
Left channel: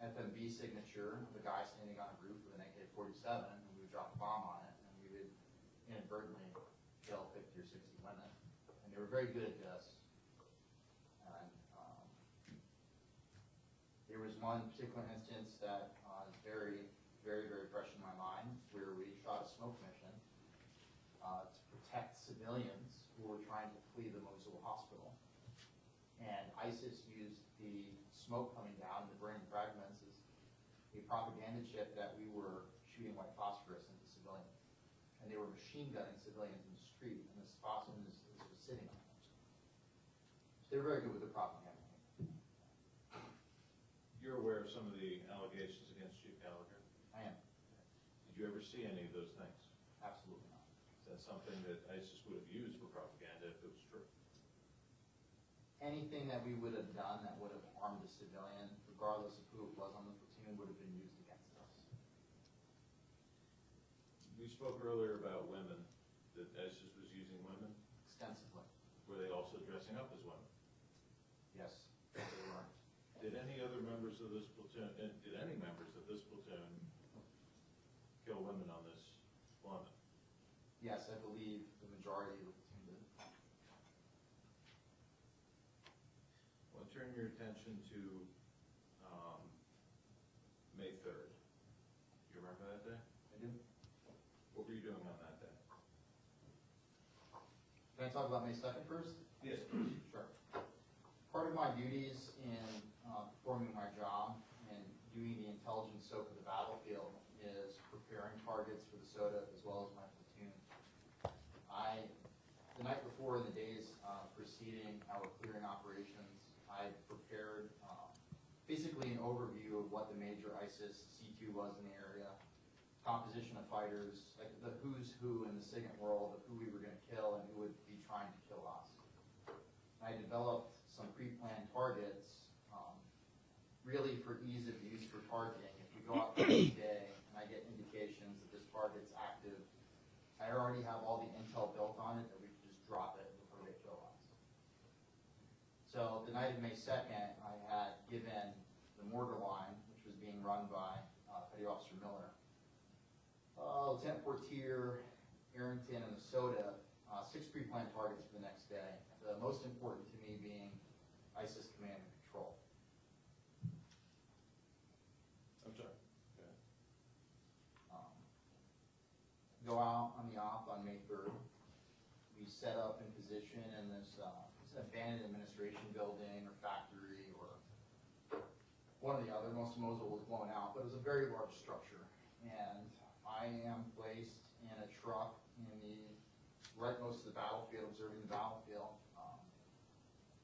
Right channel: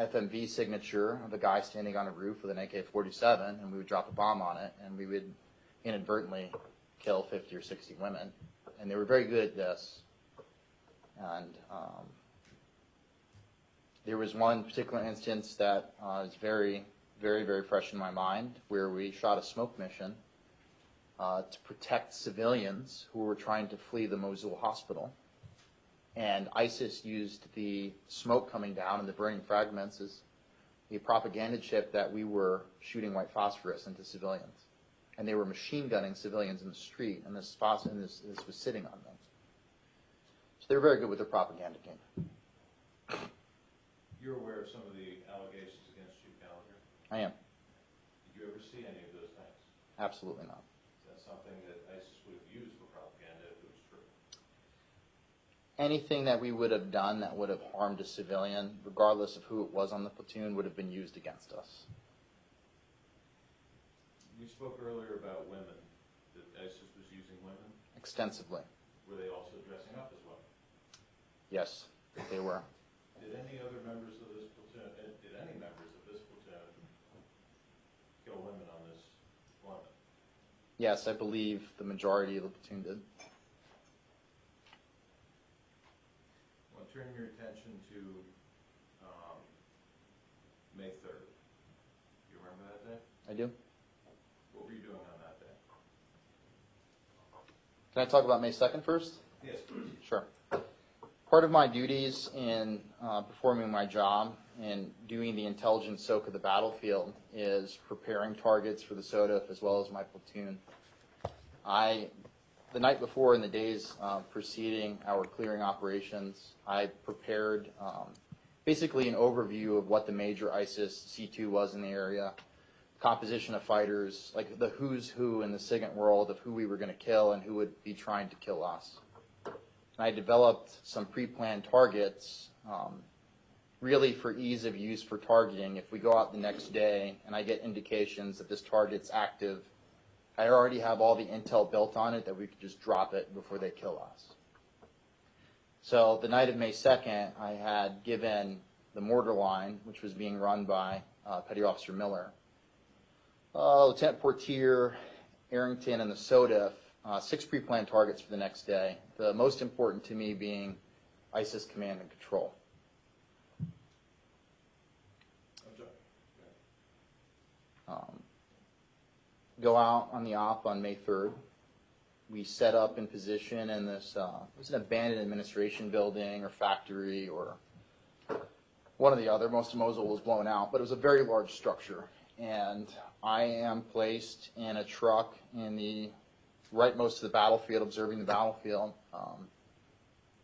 FMV signature of a guy standing on a roof with an AK-47, and we would drop a bomb on it, and we would inadvertently kill 50 or 60 women. And they were very good at this. And there was one particular instance that is very, very, very fresh in my mind, where we shot a smoke mission to protect civilians who were trying to flee the Mosul hospital. And ISIS used the smoke coming down and the burning fragments as a propaganda chip that we were shooting white phosphorus into civilians. And they were machine gunning civilians in the street, and this was sitting on them. So they were very good with their propaganda game. You're aware of some of the allegations against you, Gallagher? I am. Did you ever see any of those things? Absolutely not. Is that something that ISIS would have used for propaganda if it was true? Anything that we would have done that would have harmed a civilian, regardless of who it was on the platoon, would have been used against us. You spoke earlier about women, that ISIS was using women. Extensively. Were they also dressing up as women? Yes, they were. Did any other members of this platoon, did any members of this platoon kill women on this deployment? Yes, I believe the majority of the platoon did. I want to turn your attention to May 3rd. You remember that day? I do. What were you doing on that day? Can I talk about May 2nd first? Yes, please. Sure. Part of my duties in performing my job and doing the intelligence soak of the battlefield is preparing targets for the SOTF as well as my platoon. The night before and the days preceding our clearing operations, I prepared basically an overview of what the major ISIS C2 was in the area, composition of fighters, like the who's who in the SIGINT world of who we were going to kill and who would be trying to kill us. And I developed some pre-planned targets, really for ease of use for targeting. If we go out the next day and I get indications that this target's active, I already have all the intel built on it that we could just drop it before they kill us. So the night of May 2nd, I had given the mortar line, which was being run by Petty Officer Miller, Lieutenant Portier, Arrington, and the SOTF, 6 pre-planned targets for the next day, the most important to me being ISIS command and control. I'm sorry. Go out on the op on May 3rd. We set up in position in this, it was an abandoned administration building or factory or one or the other. Most of Mosul was blown out, but it was a very large structure. And I am placed in a truck in the rightmost of the battlefield, observing the battlefield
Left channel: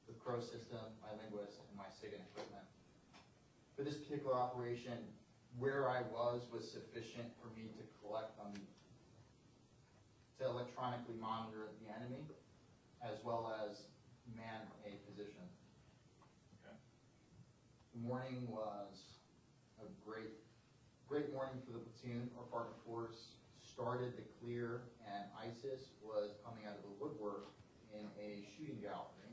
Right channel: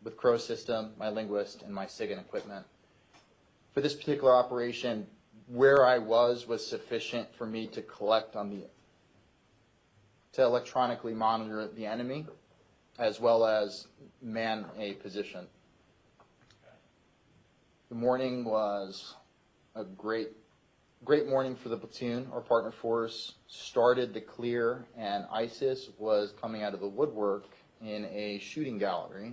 with Crow system, my linguist, and my SIGINT equipment. For this particular operation, where I was sufficient for me to collect on to electronically monitor the enemy, as well as man a position. Okay. The morning was a great morning for the platoon. Our partner force started the clear, and ISIS was coming out of the woodwork in a shooting gallery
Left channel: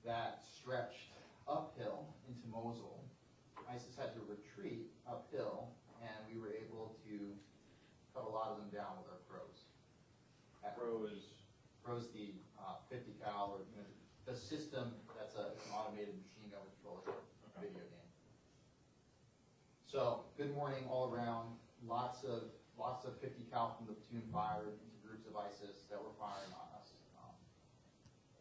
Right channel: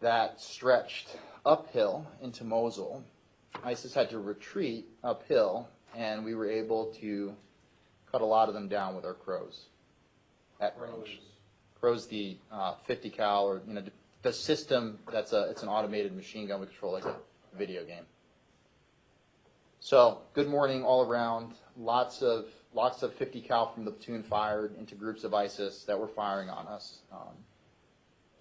that stretched uphill into Mosul. ISIS had to retreat uphill, and we were able to cut a lot of them down with our Crows at range. Crow's the 50 cal, or the system it's an automated machine gun we control like a video game. So good morning all around. Lots of 50 cal from the platoon fired into groups of ISIS that were firing on us.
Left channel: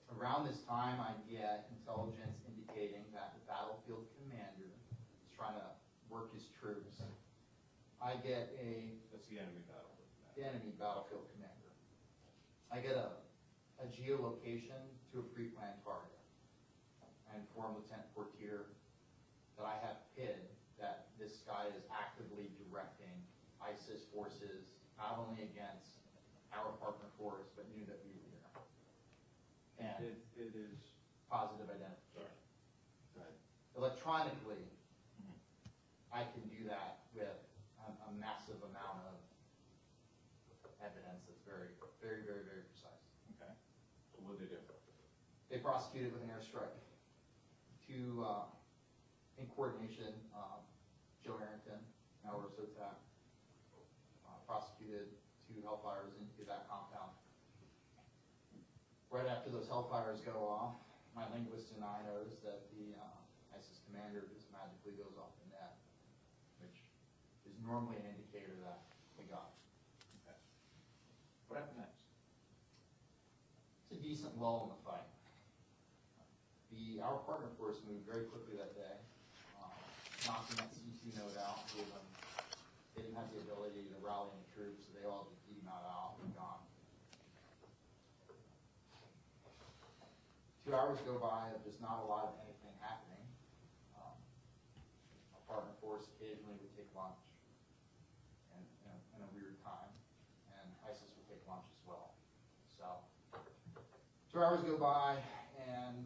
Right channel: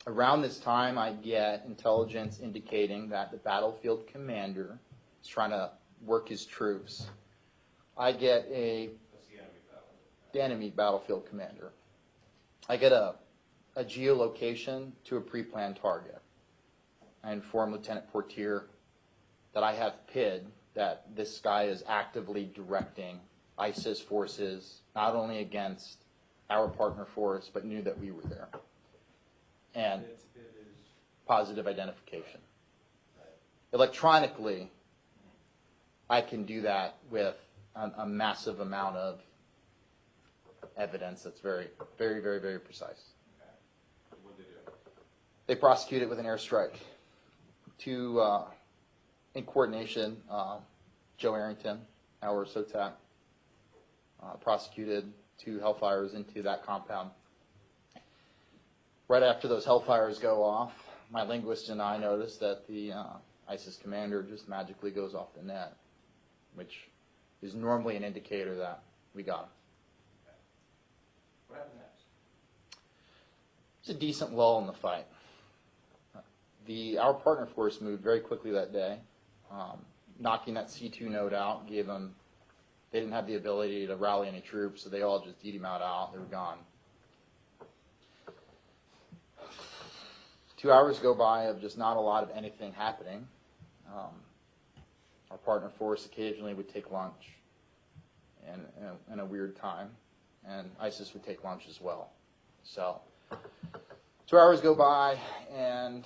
Around this time, I get intelligence indicating that the battlefield commander is trying to work his troops. I get That's the enemy battlefield. the enemy battlefield commander. I get a geolocation to a pre-planned target. I inform Lieutenant Portier that I have PID, that this guy is actively directing ISIS forces, not only against our partner force, but knew that we were there. And It is positive identification. right. Electronically, I can do that with a massive amount of evidence that's very, very, very, very precise. Okay. So what did they do? They prosecute it with an airstrike. Two in coordination, Joe Arrington, our SOTAC, prosecuted 2 hellfires into that compound. Right after those hellfires go off, my linguist and I noticed that the ISIS commander just magically goes off the net, which is normally an indicator that we got him. Okay. What happened next? It's a decent lull in the fight. Our partner force moved very quickly that day, knocking that C2 node out. They didn't have the ability to rally any troops, so they all just eat him out. They were gone. 2 hours go by of just not a lot of anything happening. Our partner force occasionally would take lunch in a weird time, and ISIS would take lunch as well. So 2 hours go by, and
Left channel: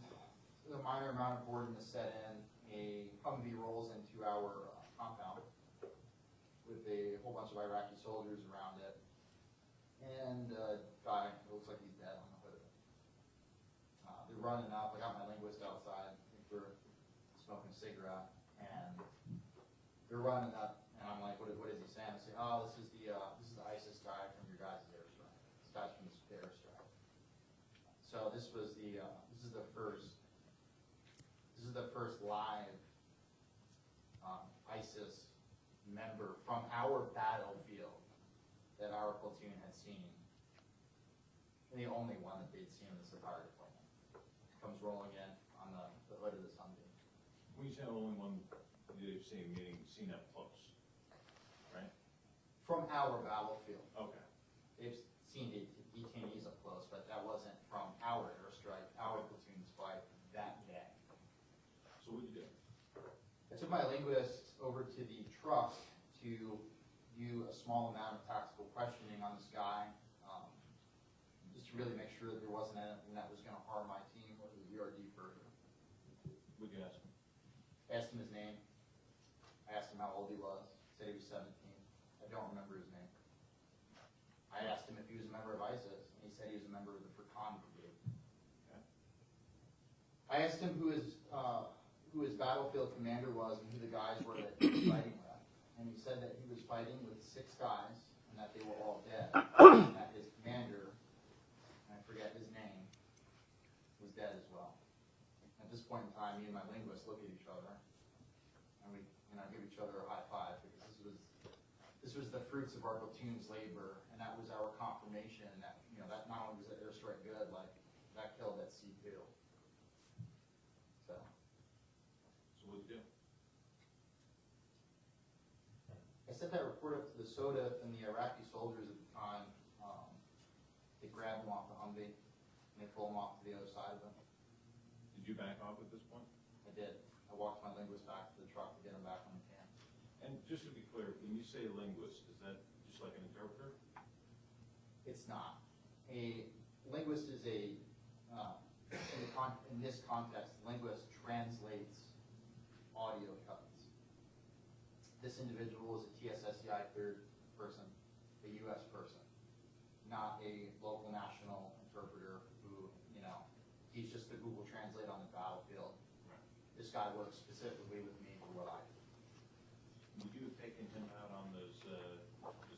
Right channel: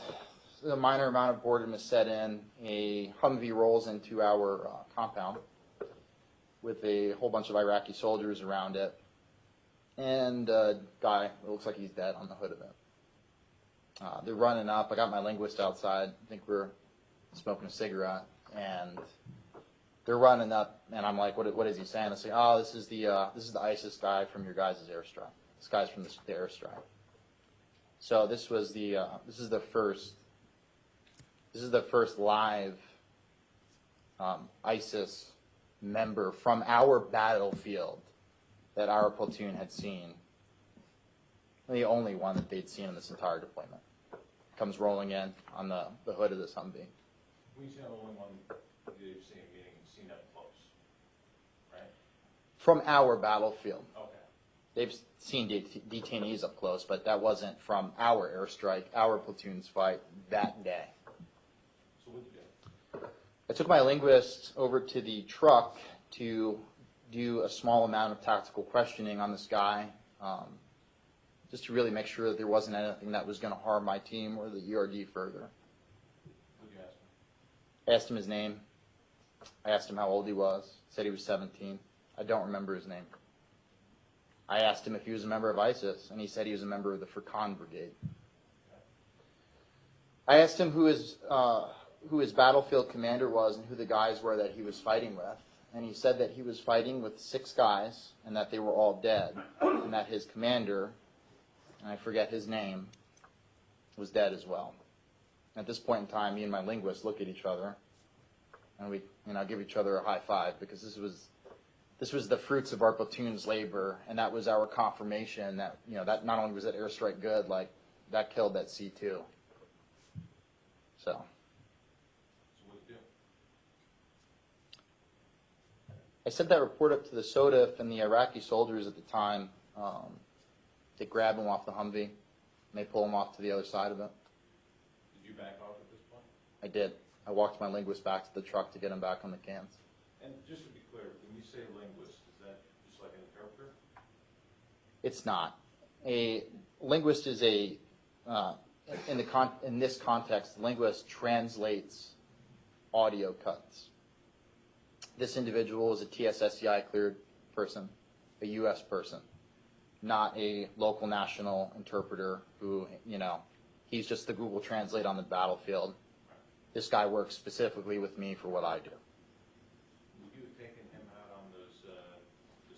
a minor amount of boredom is set in. A Humvee rolls into our compound with a whole bunch of Iraqi soldiers around it, and a guy, it looks like he's dead, on the hood of it. They're running up. I got my linguist outside. I think we're smoking a cigarette, and they're running up, and I'm like, what is he saying? I say, oh, this is the ISIS guy from your guys' airstrike. This guy's from the airstrike. So this is the first live ISIS member from our battlefield that our platoon had seen. The only one that they'd seen in this entire deployment. Comes rolling in on the hood of this Humvee. When you say only one you've seen, meaning seen up close, right? From our battlefield. Okay. They've seen detainees up close, but that wasn't from our airstrike, our platoon's fight that day. So what did you do? I took my linguist over to the truck to do a small amount of tactical questioning on this guy, just to really make sure that there wasn't anything that was going to harm my team or the ERD further. What did you ask him? I asked him his name. I asked him how old he was. He said he was 17. I don't remember his name. I asked him if he was a member of ISIS, and he said he was a member of the Furqan Brigade. Okay. I asked him who his battlefield commander was and who the guys were that he was fighting with. And he said that he was fighting with 6 guys and that they were all dead. And that his commander, and I forget his name, was dead as well. At this point in time, me and my linguist look at each other, and we, give each other a high five, because this was the fruits of our platoon's labor, and that was our confirmation that, that not only was that airstrike good, like, that killed that C2. So. So what did you do? I sent that report up to the SOTF and the Iraqi soldiers at the time. They grab him off the Humvee, and they pull him off to the other side of it. Did you back off at this point? I did. I walked my linguist back to the truck to get him back on the cans. And just to be clear, when you say linguist, is that just like an interpreter? It's not. A linguist is in this context, linguist translates audio cuts. This individual is a TSSCI cleared person, a U.S. person, not a local national interpreter who, he's just the Google Translate on the battlefield. This guy works specifically with me for what I do. Would you have taken him out on those the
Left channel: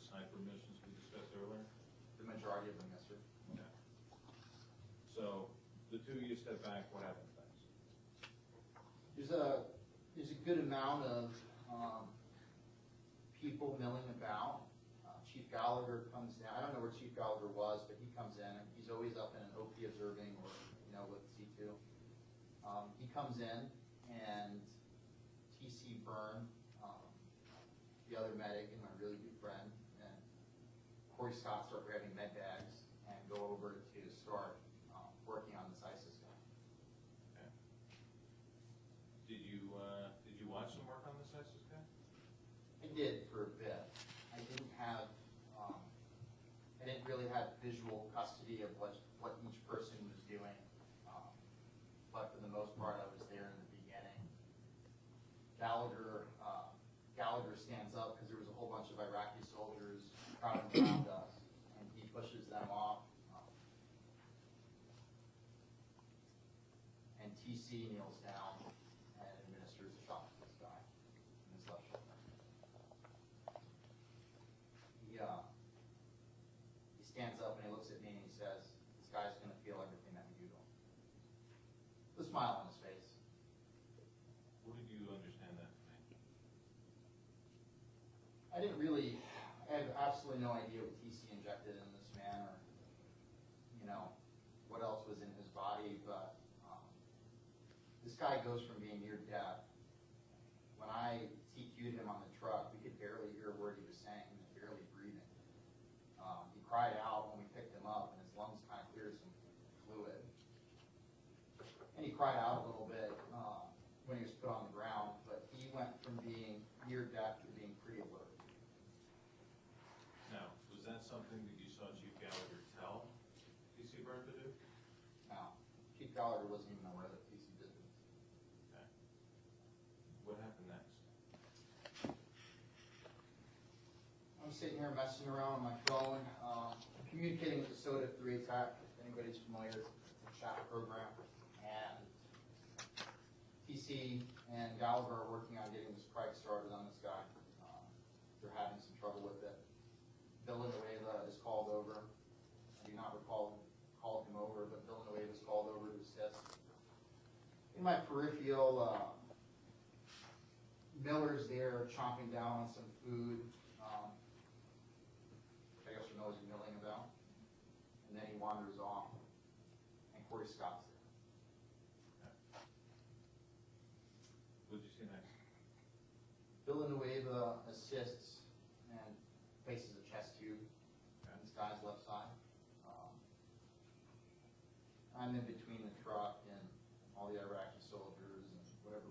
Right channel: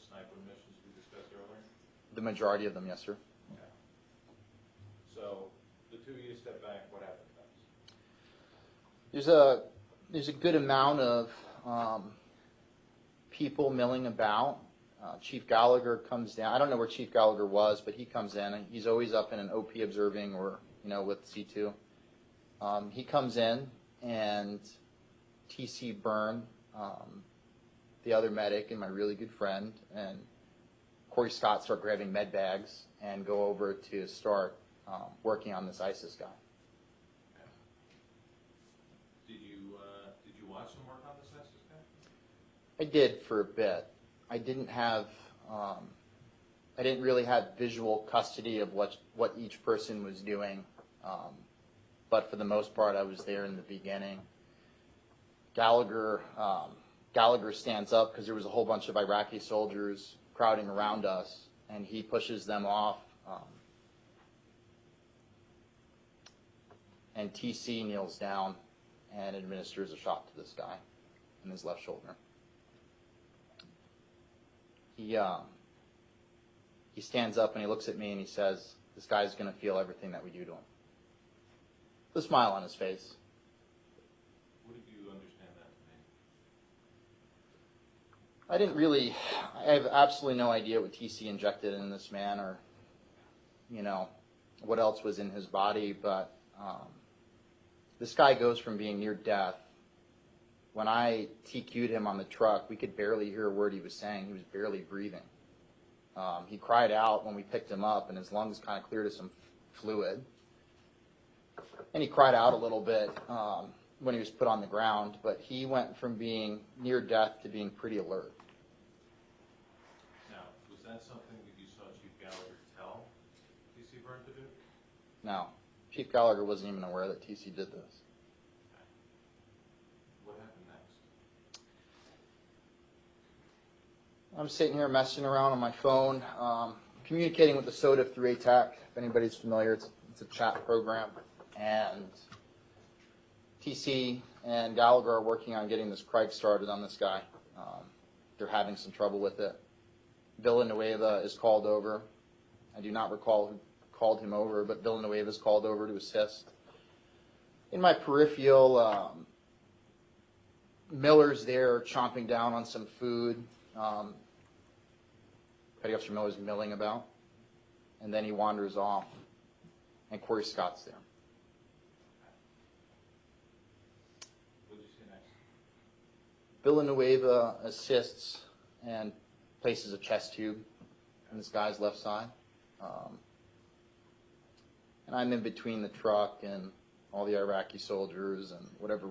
sniper missions we discussed earlier? The majority of them, yes, sir. Okay. So the 2 of you step back. What happens next? There's a good amount of people milling about. Chief Gallagher comes down. I don't know where Chief Gallagher was, but he comes in. And he's always up in an OP observing or, with C2. He comes in, and TC Byrne, the other medic and my really good friend, and Corey Scott start grabbing med bags and go over to start working on this ISIS guy. Okay. Did you watch them work on this ISIS guy? I did for a bit. I didn't really have visual custody of what each person was doing, but for the most part, I was there in the beginning. Gallagher stands up because there was a whole bunch of Iraqi soldiers crowding around us, and he pushes them off. And TC kneels down and administers a shot to this guy in his left shoulder. He stands up and he looks at me and he says, "This guy's going to feel everything that we do to him." With a smile on his face. What did you understand that to mean? I didn't really, I have absolutely no idea what TC injected in this man or, what else was in his body, but this guy goes from being near death. When I TQ'd him on the truck, we could barely hear a word he was saying. He was barely breathing. He cried out when we picked him up, and his lungs kind of cleared of some fluid. And he cried out a little bit when he was put on the ground, but he went from being near death to being pretty alert. Now, was that something that you saw Chief Gallagher tell TC Burt to do? Now, Chief Gallagher wasn't even aware that TC did this. Okay. What happened next? I'm sitting here messing around on my phone, communicating with the SOTA through ATAC. If anybody's familiar, it's a chat program. And TC and Gallagher are working on getting this Craig started on this guy. They're having some trouble with it. Villanueva is called over. I do not recall who called him over, but Villanueva is called over to assist. In my peripheral, Miller's there chomping down on some food. Petty Officer Miller's milling about. And then he wanders off. And Corey Scott's there. What did you see next? Villanueva assists and places a chest tube in this guy's left side. And I'm in between the truck and all the Iraqi soldiers and whatever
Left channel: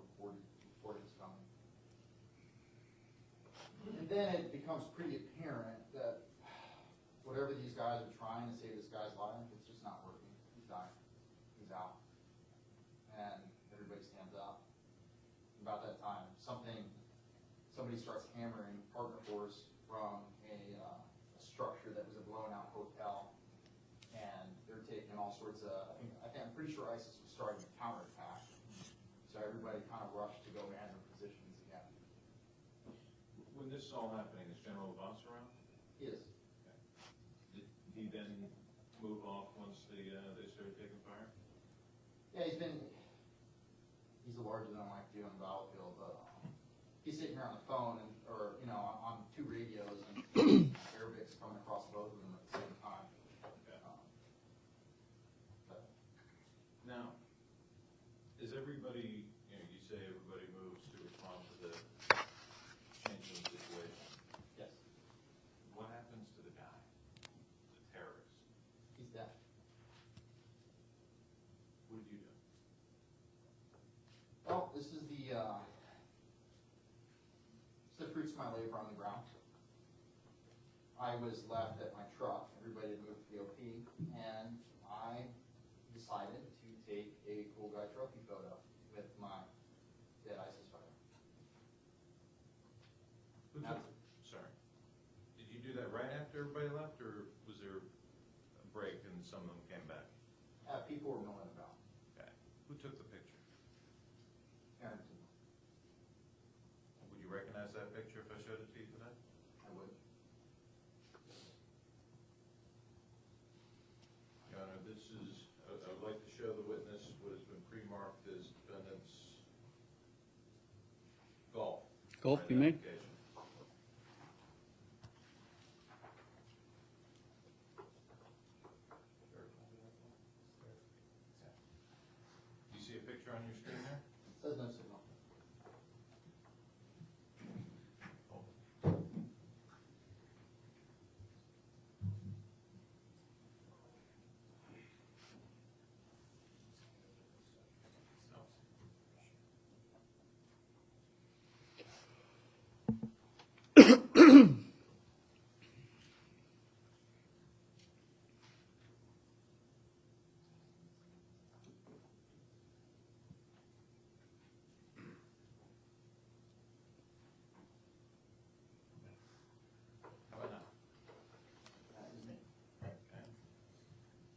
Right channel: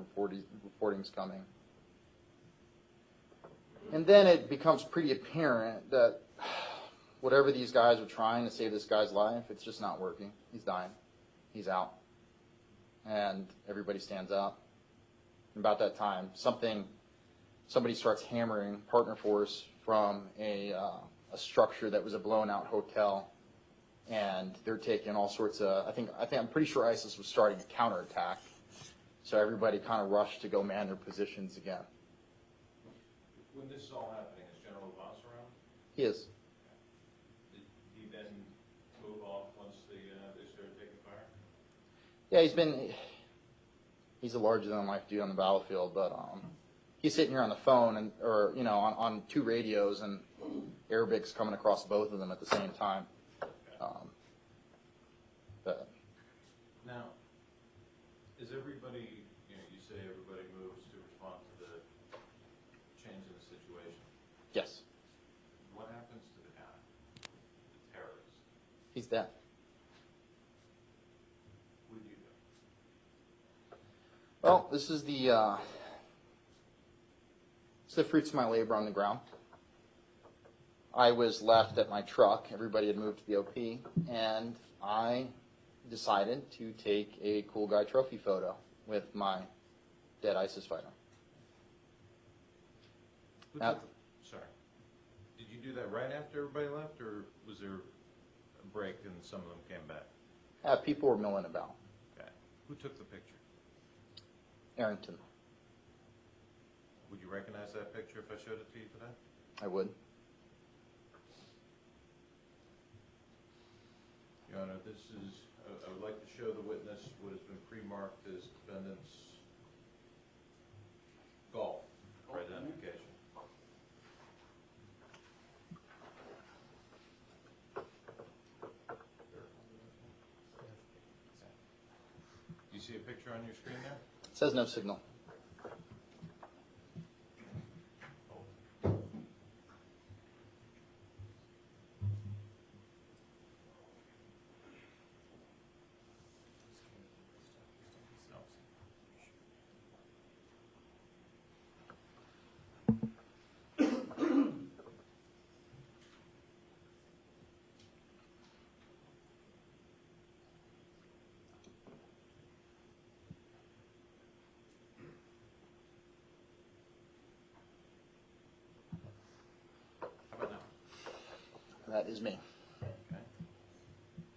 reporting's coming. And then it becomes pretty apparent that whatever these guys are trying to save this guy's life, it's just not working. He's dying. He's out. And everybody stands up. And about that time, somebody starts hammering partner force from a structure that was a blown-out hotel. And they're taking all sorts of, I'm pretty sure ISIS was starting a counterattack. So everybody kind of rushed to go man their positions again. When this is all happening, is General Voss around? He is. Did he then move off once they started taking fire? Yeah, he's a larger-than-life dude on the battlefield, but he's sitting here on the phone on two radios, and Arabic's coming across both of them at the same time. But Now, is everybody, you say everybody moves to respond to the change in the situation. yes, What happens to the guy, the terrorist? he's dead. What did you do? Well, this is the fruits of my labor on the ground. I was left at my truck. Everybody had moved to the OP, and I decided to take a cool guy trophy photo with my dead ISIS fighter. Sorry. Did you do that right after everybody left, or was there a break and some of them came back? People were milling about. Okay. Who took the picture? Arrington, Would you recognize that picture if I showed it to you today? I would. Your Honor, this is, I would like to show the witness what has been pre-marked as defendant's golf. Golf, you may. identification. Do you see a picture on your screen there? It says no signal. How about now? That is me. Okay.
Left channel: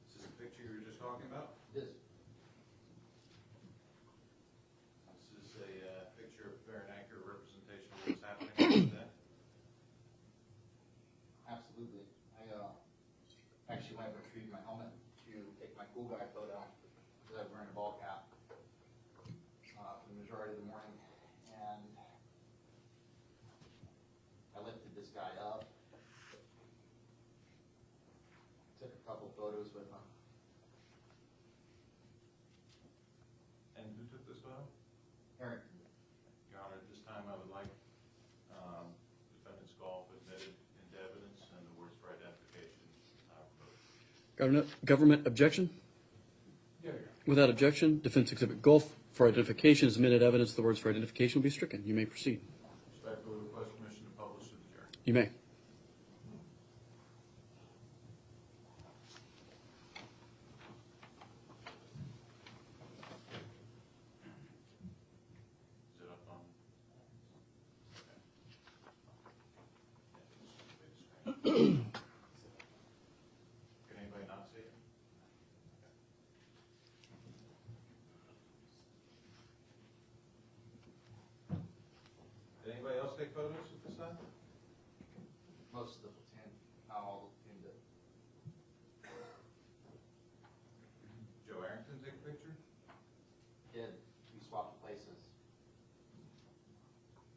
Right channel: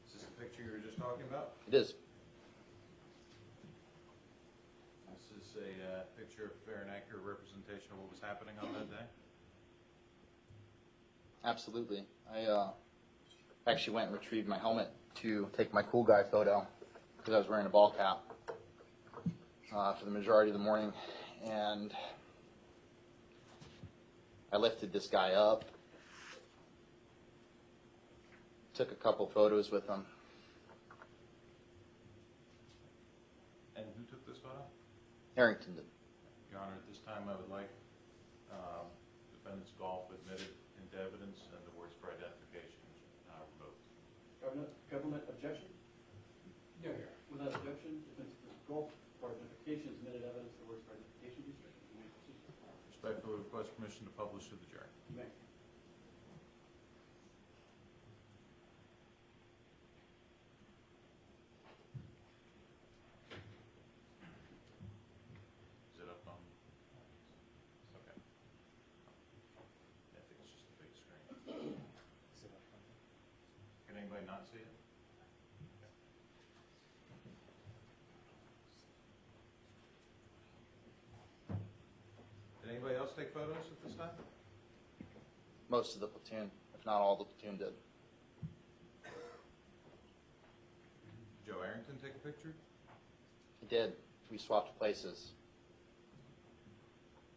Is this the picture you were just talking about? It is. This is this a picture of fair and accurate representation of what was happening on that day? Absolutely. I actually went and retrieved my helmet to take my cool guy photo because I was wearing a ball cap for the majority of the morning, and I lifted this guy up, took a couple photos with him. And who took this photo? Harrington did. Your Honor, at this time I would like defendant's golf admitted into evidence and the words for identification revoked. Government objection? No, Your Honor. Without objection, defense exhibit Gulf for identification is admitted evidence. The words for identification will be stricken. You may proceed. Respectfully request permission to publish to the jury. You may. Is it up on? Okay. I think it's just a big screen. Is it up on? Can anybody not see it? Did anybody else take photos at this time? Most of the platoon, if not all the platoon, did. Joe Arrington take a picture? He did. We swapped places.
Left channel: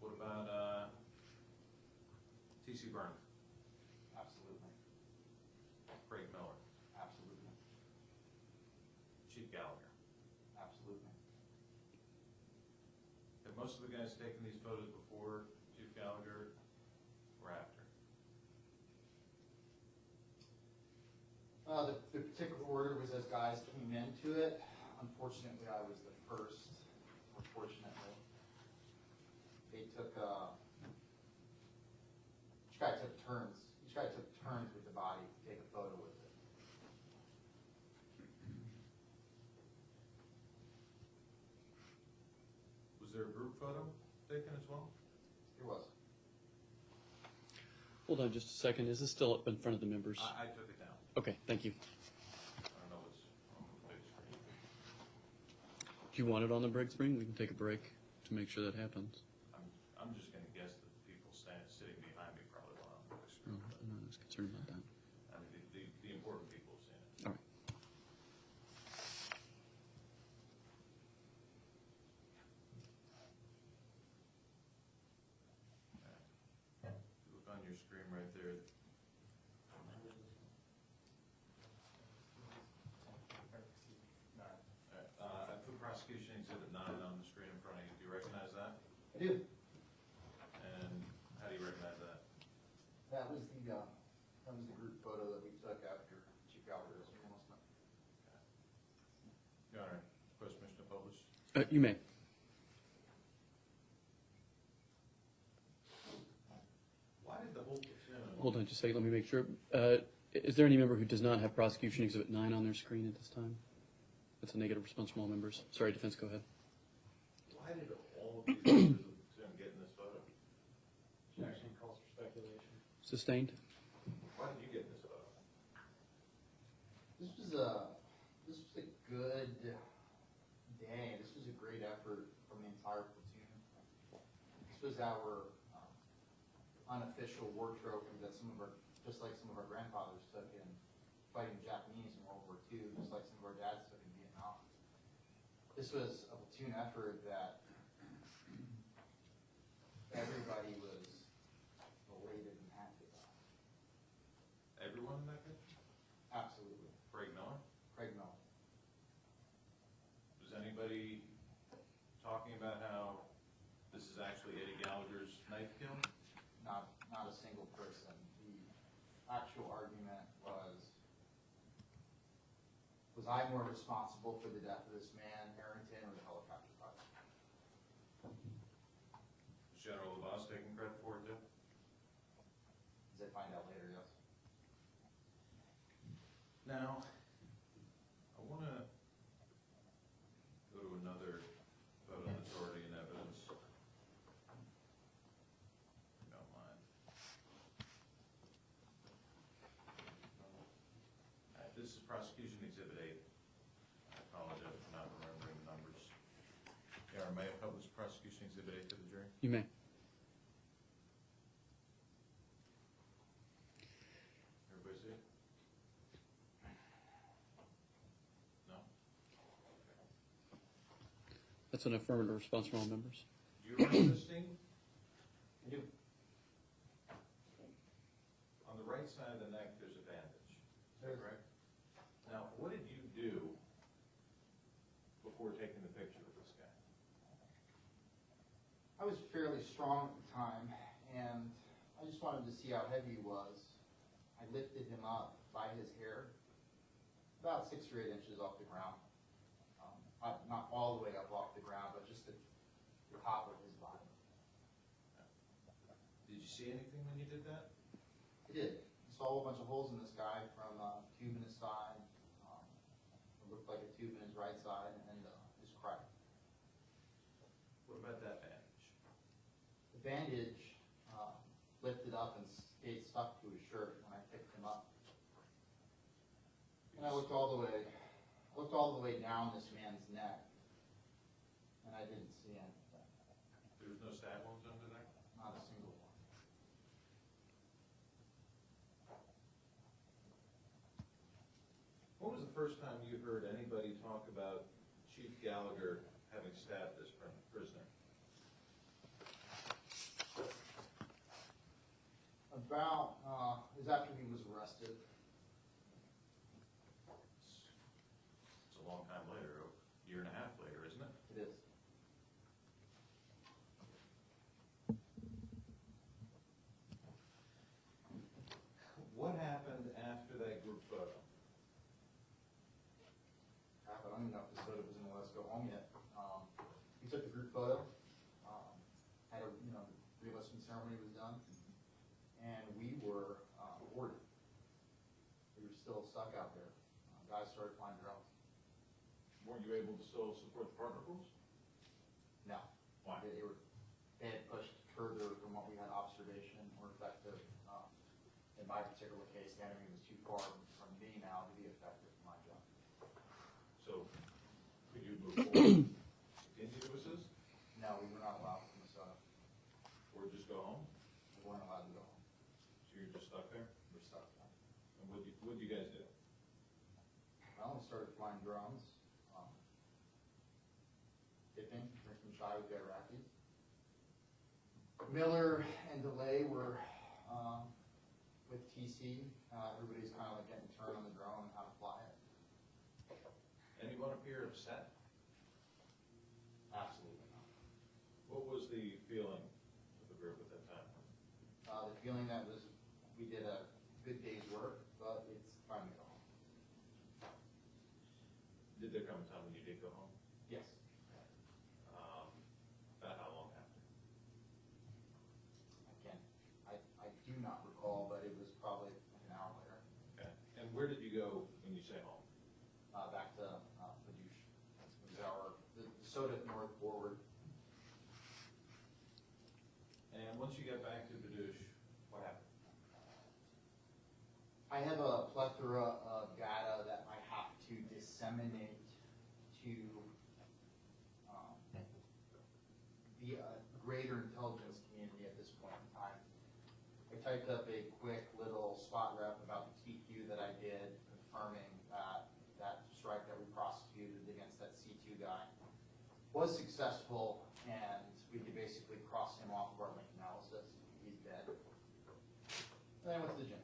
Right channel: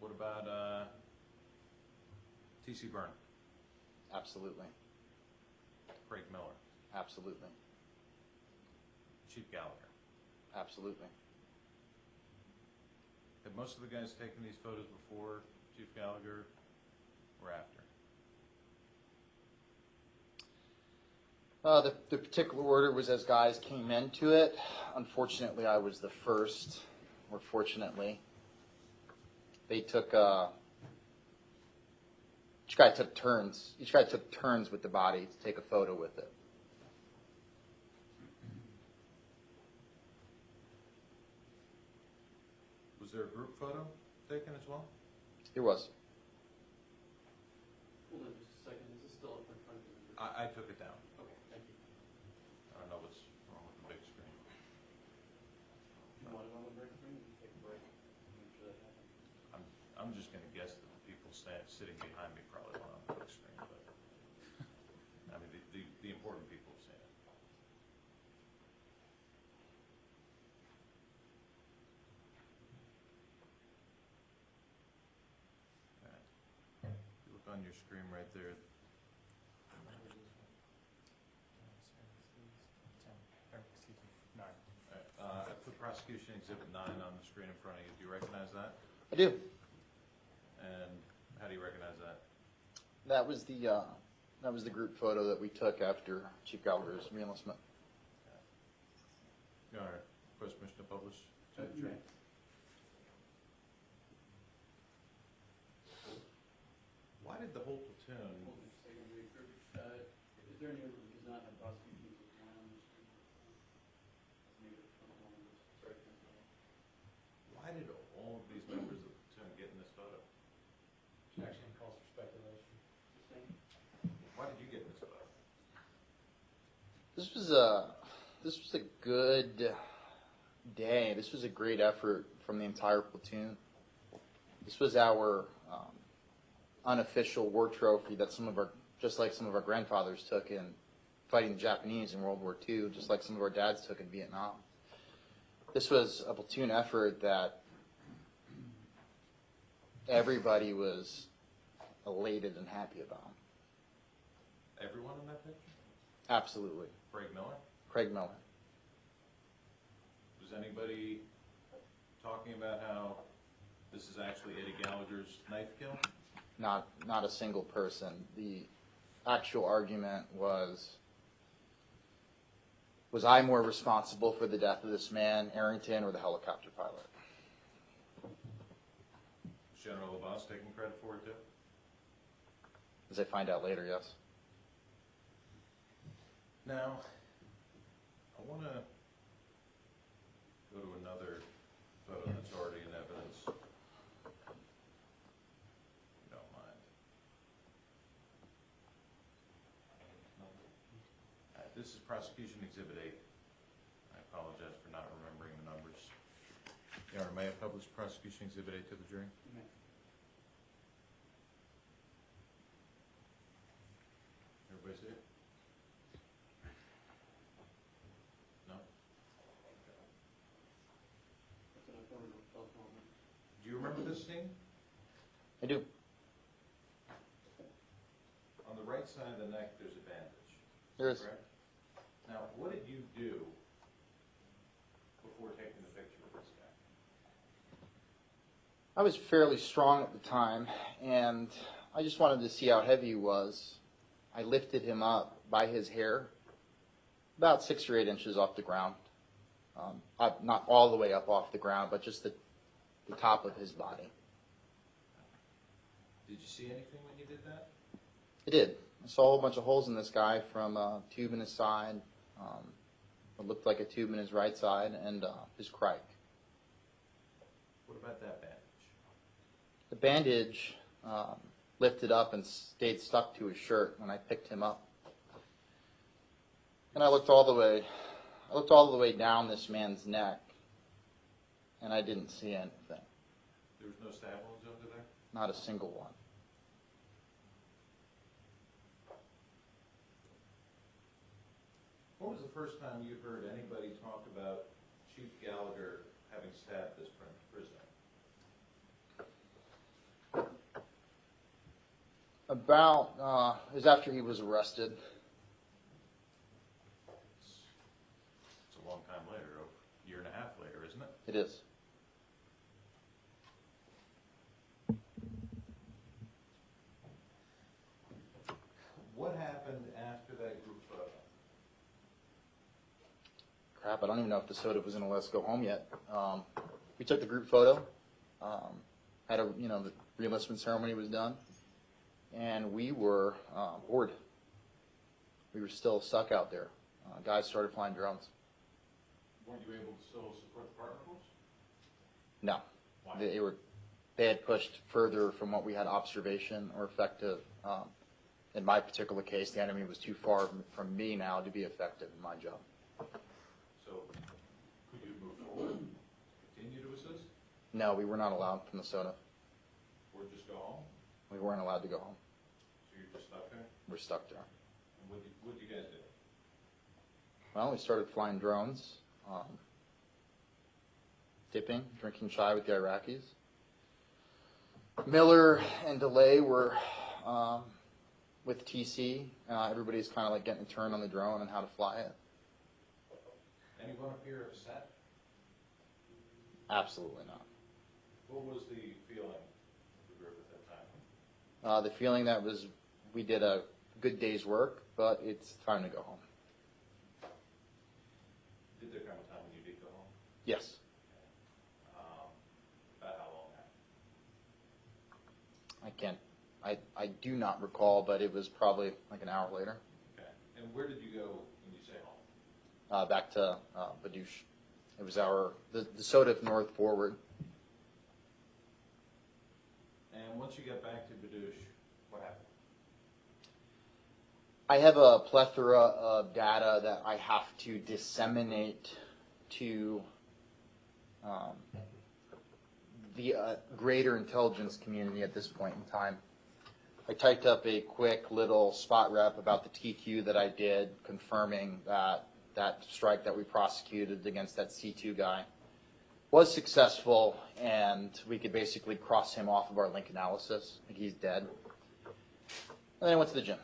What about T.C. Byrne, Absolutely. Craig Miller, Absolutely. Chief Gallagher? Absolutely. Have most of the guys taken these photos before Chief Gallagher or after? The particular order was as guys came into it. Unfortunately, I was the first, or fortunately. They took, each guy took turns. Each guy took turns with the body to take a photo with it. Was there a group photo taken as well? There was. Hold on just a second. Is this still up in front of the members? I took it down. Okay, thank you. I don't know what's wrong with the big screen. Do you want it on the break screen? We can take a break to make sure that happens. I'm just going to guess that the people sitting behind me probably want it on the big screen. No, But, I'm not as concerned about that. I mean, the important people have seen it. All right. If you look on your screen right there, Excuse me, 9. I put prosecution exhibit 9 on the screen in front of you. Do you recognize that? I do. And how do you recognize that? That was the group photo that we took after Chief Gallagher's reenlistment. Your Honor, request permission to publish. You may. Why did the whole platoon? Hold on just a second. Let me make sure. Is there any member who does not have prosecution exhibit 9 on their screen at this time? That's a negative response from all members. Sorry, defense, go ahead. Why did all of these members of the platoon get in this photo? Objection calls for speculation. Sustained? Why did you get in this photo? This was a good day. This was a great effort from the entire platoon. This was our unofficial war trophy that just like some of our grandfathers took in fighting the Japanese in World War II, just like some of our dads took in Vietnam. This was a platoon effort that everybody was elated and happy about. Everyone in that picture? Absolutely. Craig Miller? Craig Miller. Was anybody talking about how this is actually Eddie Gallagher's knife kill? Not a single person. The actual argument was I more responsible for the death of this man, Arrington, or the helicopter pilot? Was General LaBasse taking credit for it too? As I find out later, yes. Now, I want to go to another photo that's already in evidence, if you don't mind. All right, this is prosecution exhibit 8. I apologize for not remembering the numbers. Your Honor, may I publish prosecution exhibit A to the jury? You may. Everybody see it? No? That's an affirmative response from all members. Do you remember this scene? I do. On the right side of the neck, there's a bandage. There is. Correct? Now, what did you do before taking the picture of this guy? I was fairly strong at the time, and I just wanted to see how heavy he was. I lifted him up by his hair, about 6 or 8 inches off the ground. Not all the way up off the ground, but just the top of his body. Did you see anything when you did that? I did. I saw a whole bunch of holes in this guy, from a tube in his side, what looked like a tube in his right side, and his crike. What about that bandage? The bandage lifted up and stayed stuck to his shirt when I picked him up. And I looked all the way down this man's neck, and I didn't see anything. There was no stab wounds under there? Not a single one. When was the first time you heard anybody talk about Chief Gallagher having stabbed this prisoner? It was after he was arrested. It's a long time later, a year and a half later, isn't it? It is. What happened after that group photo? Crap, I don't even know if the soda was going to let us go home yet. We took the group photo. Had a, the re-enlistment ceremony was done, and we were bored. We were still stuck out there. Guys started flying drones. Weren't you able to still support the partner force? No, Why? they had pushed further from what we had observation or effective. In my particular case, the enemy was too far from me now to be effective in my job. So, could you move forward, continue to assist, No, we were not allowed from the soda. or just go home? We weren't allowed to go home. So you're just stuck there? We're stuck there. And what'd you guys do? Well, we started flying drones, dipping, drinking chai with the Iraqis. Miller and DeLay were with TC. Everybody's kind of like getting a turn on the drone and how to fly it. Anyone up here upset? Absolutely not. What was the feeling of the group at that time? The feeling that was we did a good day's work, but it's time to go home. Did there come a time when you did go home? Yes. About how long after? I do not recall, but it was probably like an hour later. Okay. And where did you go when you say home? Back to Badouche. It was the SOTA North Forward. And once you got back to Badouche, what happened? I have a plethora of data that I have to disseminate to the greater intelligence community at this point in time. I typed up a quick little spot rep about the TQ that I did, confirming that strike that we prosecuted against that C2 guy was successful, and we could basically cross him off of our link analysis. He's dead. And then I went to the gym.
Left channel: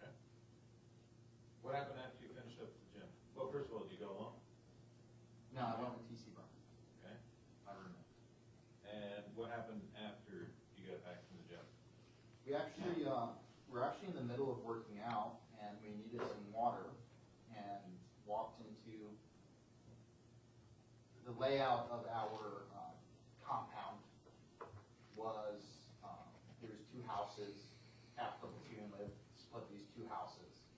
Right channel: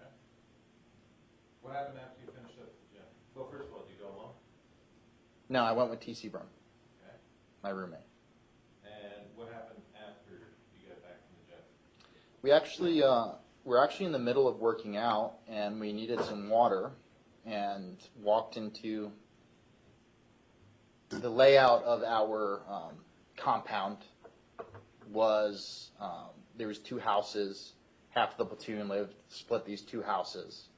Okay. What happened after you finished up at the gym? Well, first of all, did you go alone? No, I went with TC Byrne, Okay. my roommate. And what happened after you got back from the gym? We're actually in the middle of working out, and we needed some water, and walked into the layout of our compound was there was 2 houses. Half the platoon split these 2 houses.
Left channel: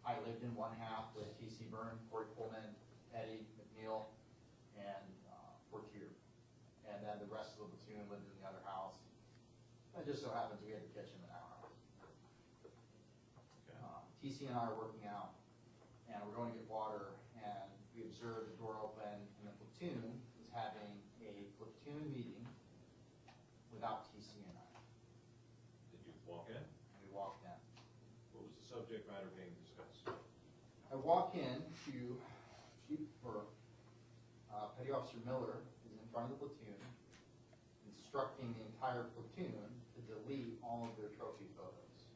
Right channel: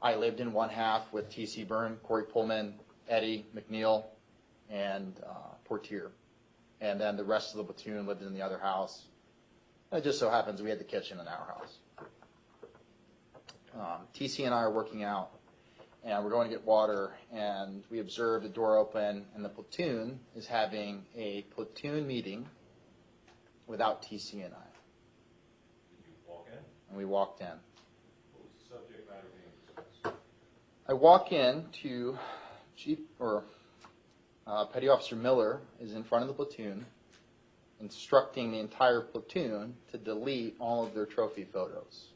I lived in one half with TC Byrne, Corey Pullman, Eddie McNeil, and Portier. And then the rest of the platoon lived in the other house. It just so happens we had the kitchen in our house. TC and I are working out, and we're going to get water, and we observe the door open, and the platoon is having a platoon meeting without TC and I. Did you walk in? And we walked in. What was the subject matter being discussed? I walk in to Petty Officer Miller is in front of the platoon, instructing the entire platoon to delete all of their trophy photos.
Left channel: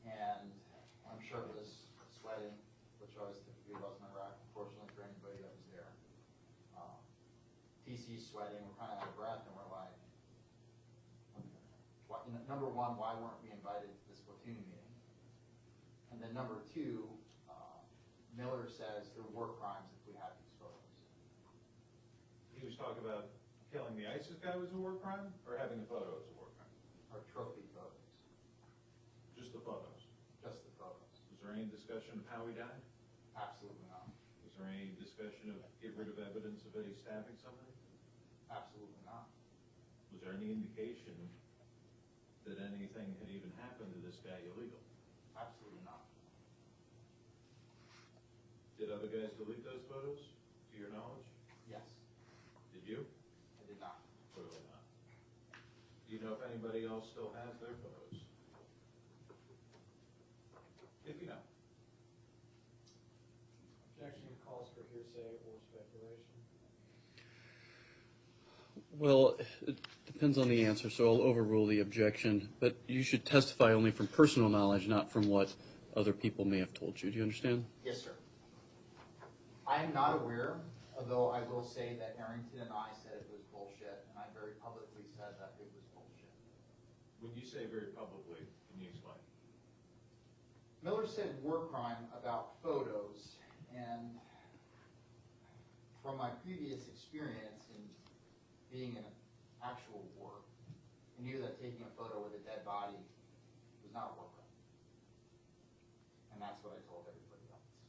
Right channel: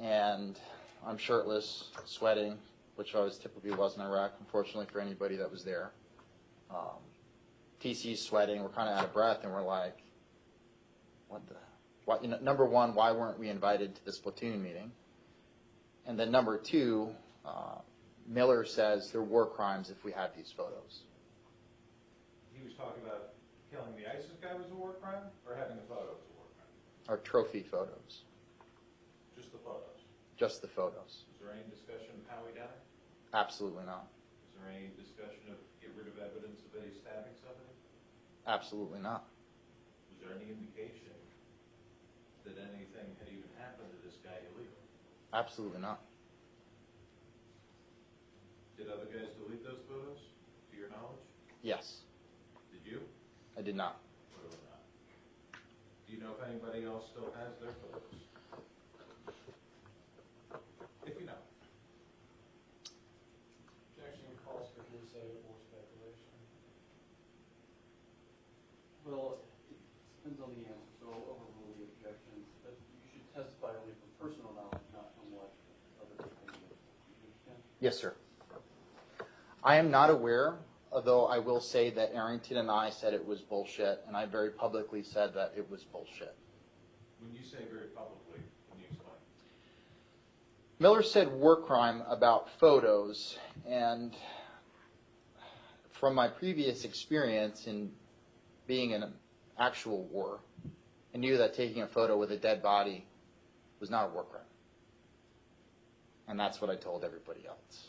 And I'm shirtless, sweating, which I typically was in Iraq, unfortunately for anybody that was there. TC's sweating, we're kind of out of breath, and we're like, number one, why weren't we invited to this platoon meeting? And then number two, Miller says there were crimes if we had these photos. He was talking about killing the ISIS guy was a war crime, or having the photos a war crime? Our trophy photos. Just the photos? Just the photos. Was there any discussion of how he died? Absolutely not. Was there any discussion of get rid of evidence of Eddie stabbing somebody? Absolutely not. Was there any indication that anything had even happened to this guy illegal? Absolutely not. Did other guys delete those photos, to your knowledge? Yes. Did you? I did not. Clearly not. Do you know if anybody else still has their photos? If you know. Objection calls for hearsay or speculation. Well, it depends on the answer, so I'll overrule the objection. But you should testify only from personal knowledge, not from what other people may have told you. Do you understand? Yes, sir. I am not aware, although I will say that Arrington and I said it was bullshit, and I very publicly said that it was bullshit. When you say very publicly, can you explain? Miller said war crime about photos, and from my previous experience in being in an actual war, I knew that taking a photo with a dead body was not a war crime. And that's what I told everybody else.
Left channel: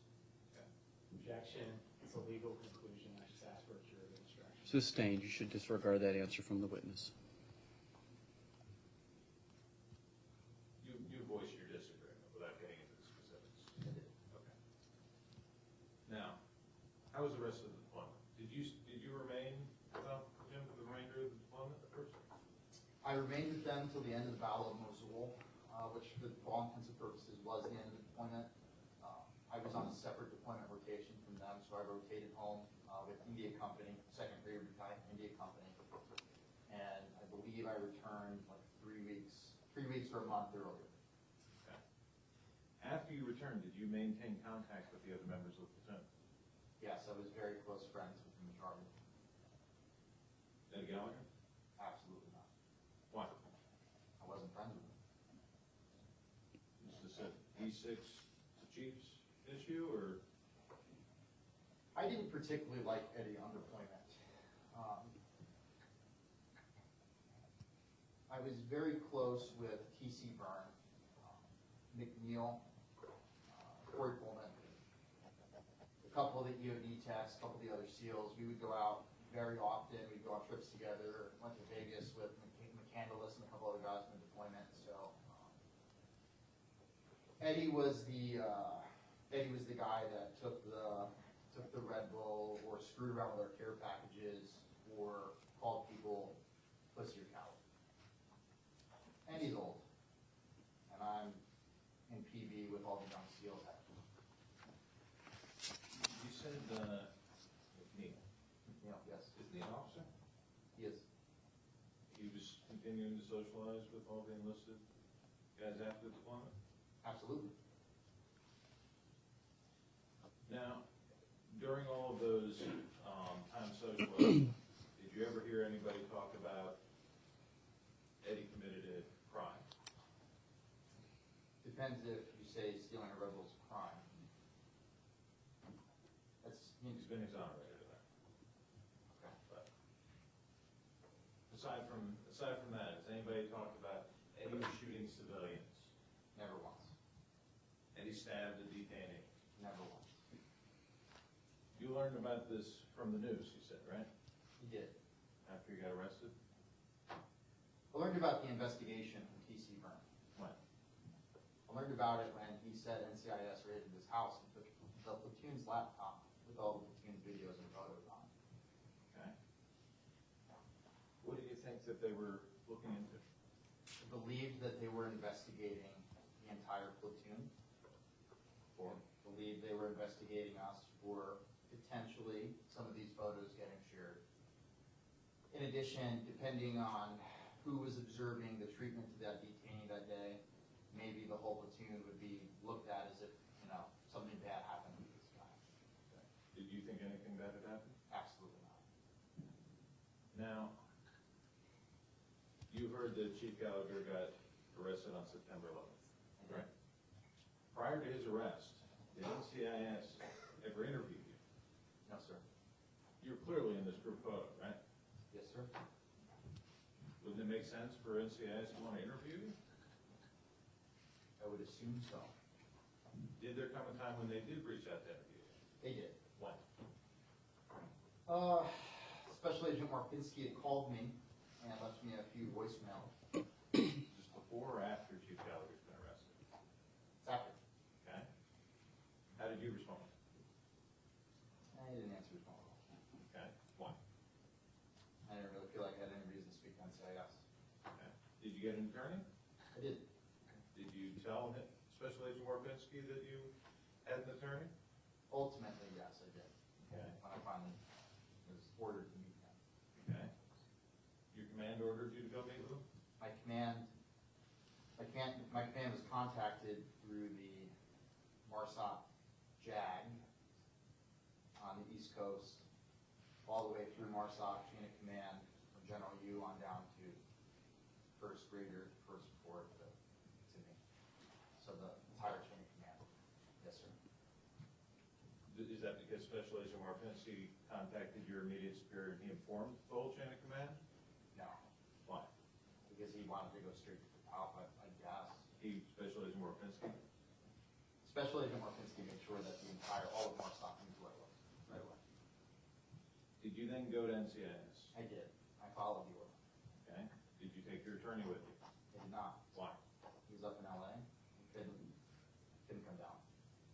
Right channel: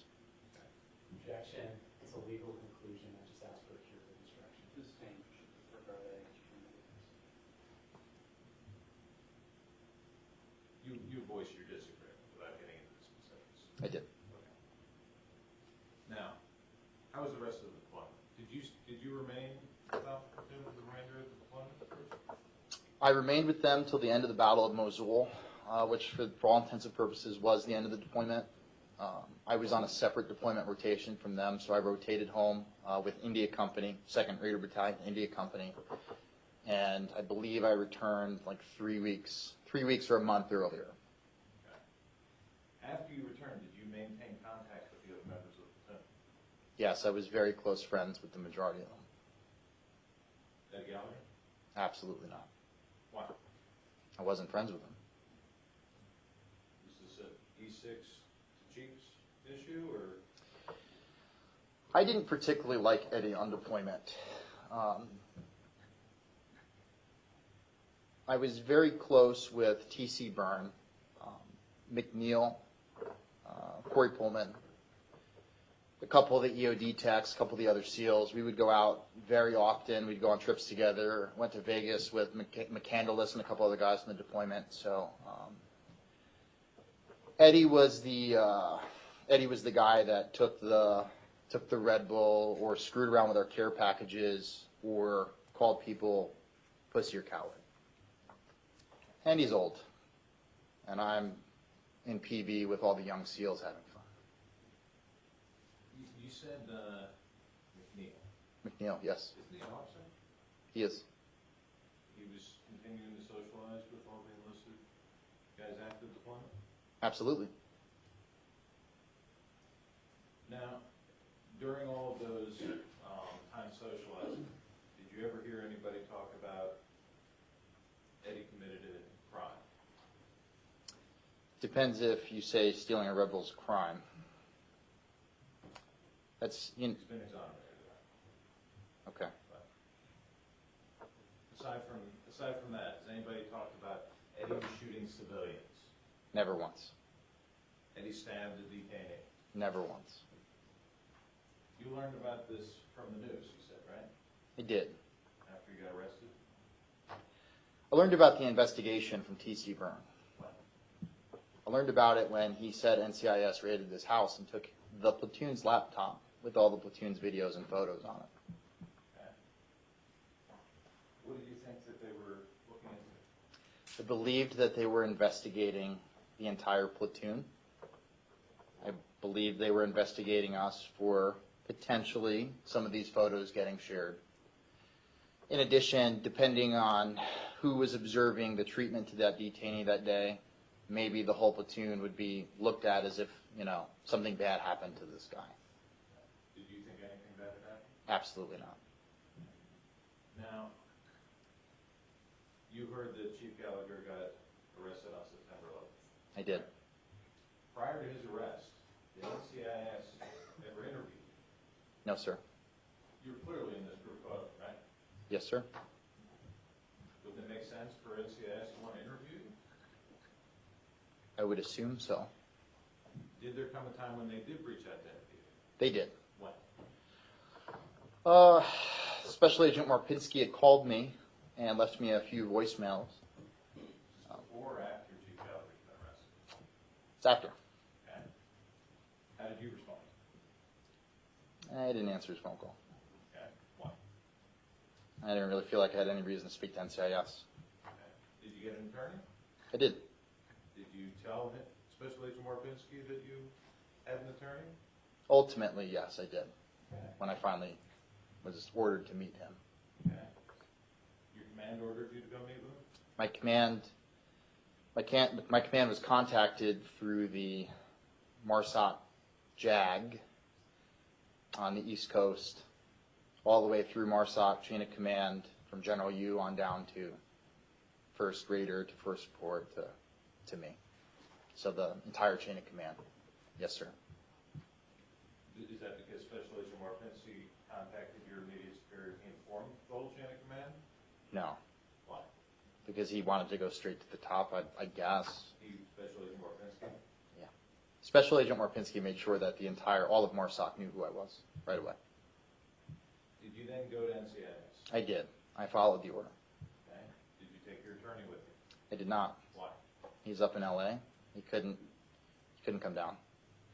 Objection, it's a legal conclusion, I just asked for a curative instruction. Sustained. You should disregard that answer from the witness. You voiced your disagreement without getting into the specifics. I did. Okay. Now, how was the rest of the deployment? Did you remain without him for the remainder of the deployment first? I remained with them till the end of the Battle of Mosul, which for all intents and purposes was the end of the deployment. I was on a separate deployment rotation from them, so I rotated home with India Company, 2nd Raider Battalion, India Company, and I believe I returned like 3 weeks or a month earlier. Okay. After you returned, did you maintain contact with the other members of the platoon? Yes, I was very close friends with the majority of them. Eddie Gallagher? Absolutely not. Why? I wasn't friends with them. Was this an E6 to Chiefs issue, or? I didn't particularly like Eddie on deployment. I was very close with T.C. Byrne, McNeil, Corey Pullman, a couple of the EOD techs, a couple of the other SEALs. We would go out very often. We'd go on trips together. Went to Vegas with McCandless and a couple other guys in the deployment. So Eddie was the guy that took the Red Bull or screwed around with our care packages or called people pussy or coward. And he's old. And I'm in PV with all the young SEALs having fun. You said McNeil. McNeil, yes. Isn't he an officer? He is. He was continuing to socialize with all the enlisted guys after deployment? Absolutely. Now, during all of those time socializing, did you ever hear anybody talk about Eddie committed a crime? Depends if you say stealing a Red Bull's a crime. That's, He's been exonerated of that. okay. But aside from that, has anybody talked about Eddie shooting civilians? Never once. Eddie stabbed a detainee? Never once. You learned about this from the news, you said, right? I did. After you got arrested? I learned about the investigation from T.C. Byrne. When? I learned about it when he said NCIS raided his house and took the platoon's laptop with all the platoon's videos and photos on it. Okay. What do you think that they were looking into? I believed that they were investigating the entire platoon. I believe they were investigating us for potentially some of these photos getting shared. In addition, depending on who was observing the treatment to that detainee that day, maybe the whole platoon would be looked at as if, something bad happened to this guy. Did you think anything bad had happened? Absolutely not. Now, you heard that Chief Gallagher got arrested on September 11th. I did. Prior to his arrest, did NCIS ever interview you? No, sir. You were clearly in this group photo, right? Yes, sir. Wouldn't it make sense for NCIS to want to interview you? I would assume so. Did there come a time when they did reach out to interview you? They did. When? Special Agent Marpinski had called me and left me a few voicemails. Is this before or after Chief Gallagher's been arrested? It's after. Okay. How did you respond? I didn't answer his phone call. Okay. Why? I didn't really feel like I had any reason to speak to NCIS. Okay. Did you get an attorney? I did. Did you tell Special Agent Warpinski that you had an attorney? Ultimately, yes, I did. Okay. When I finally was ordered to meet him. Okay. Your command ordered you to go meet with him? My command was contacted through the MARSOC JAG on the East Coast, all the way through MARSOC chain of command from General U on down to first raider to first report to me. So the entire chain of command. Yes, sir. Is that because Special Agent Warpinski contacted your immediate superior and he informed the whole chain of command? No, Why? because he wanted to go straight to the top, I guess. Special Agent Warpinski? Special Agent Marpinski made sure that all of MARSOC knew who I was right away. Did you then go to NCIS? I did. I followed the order. Okay. Did you take your attorney with you? I did not. Why? He's up in LA. He couldn't come down.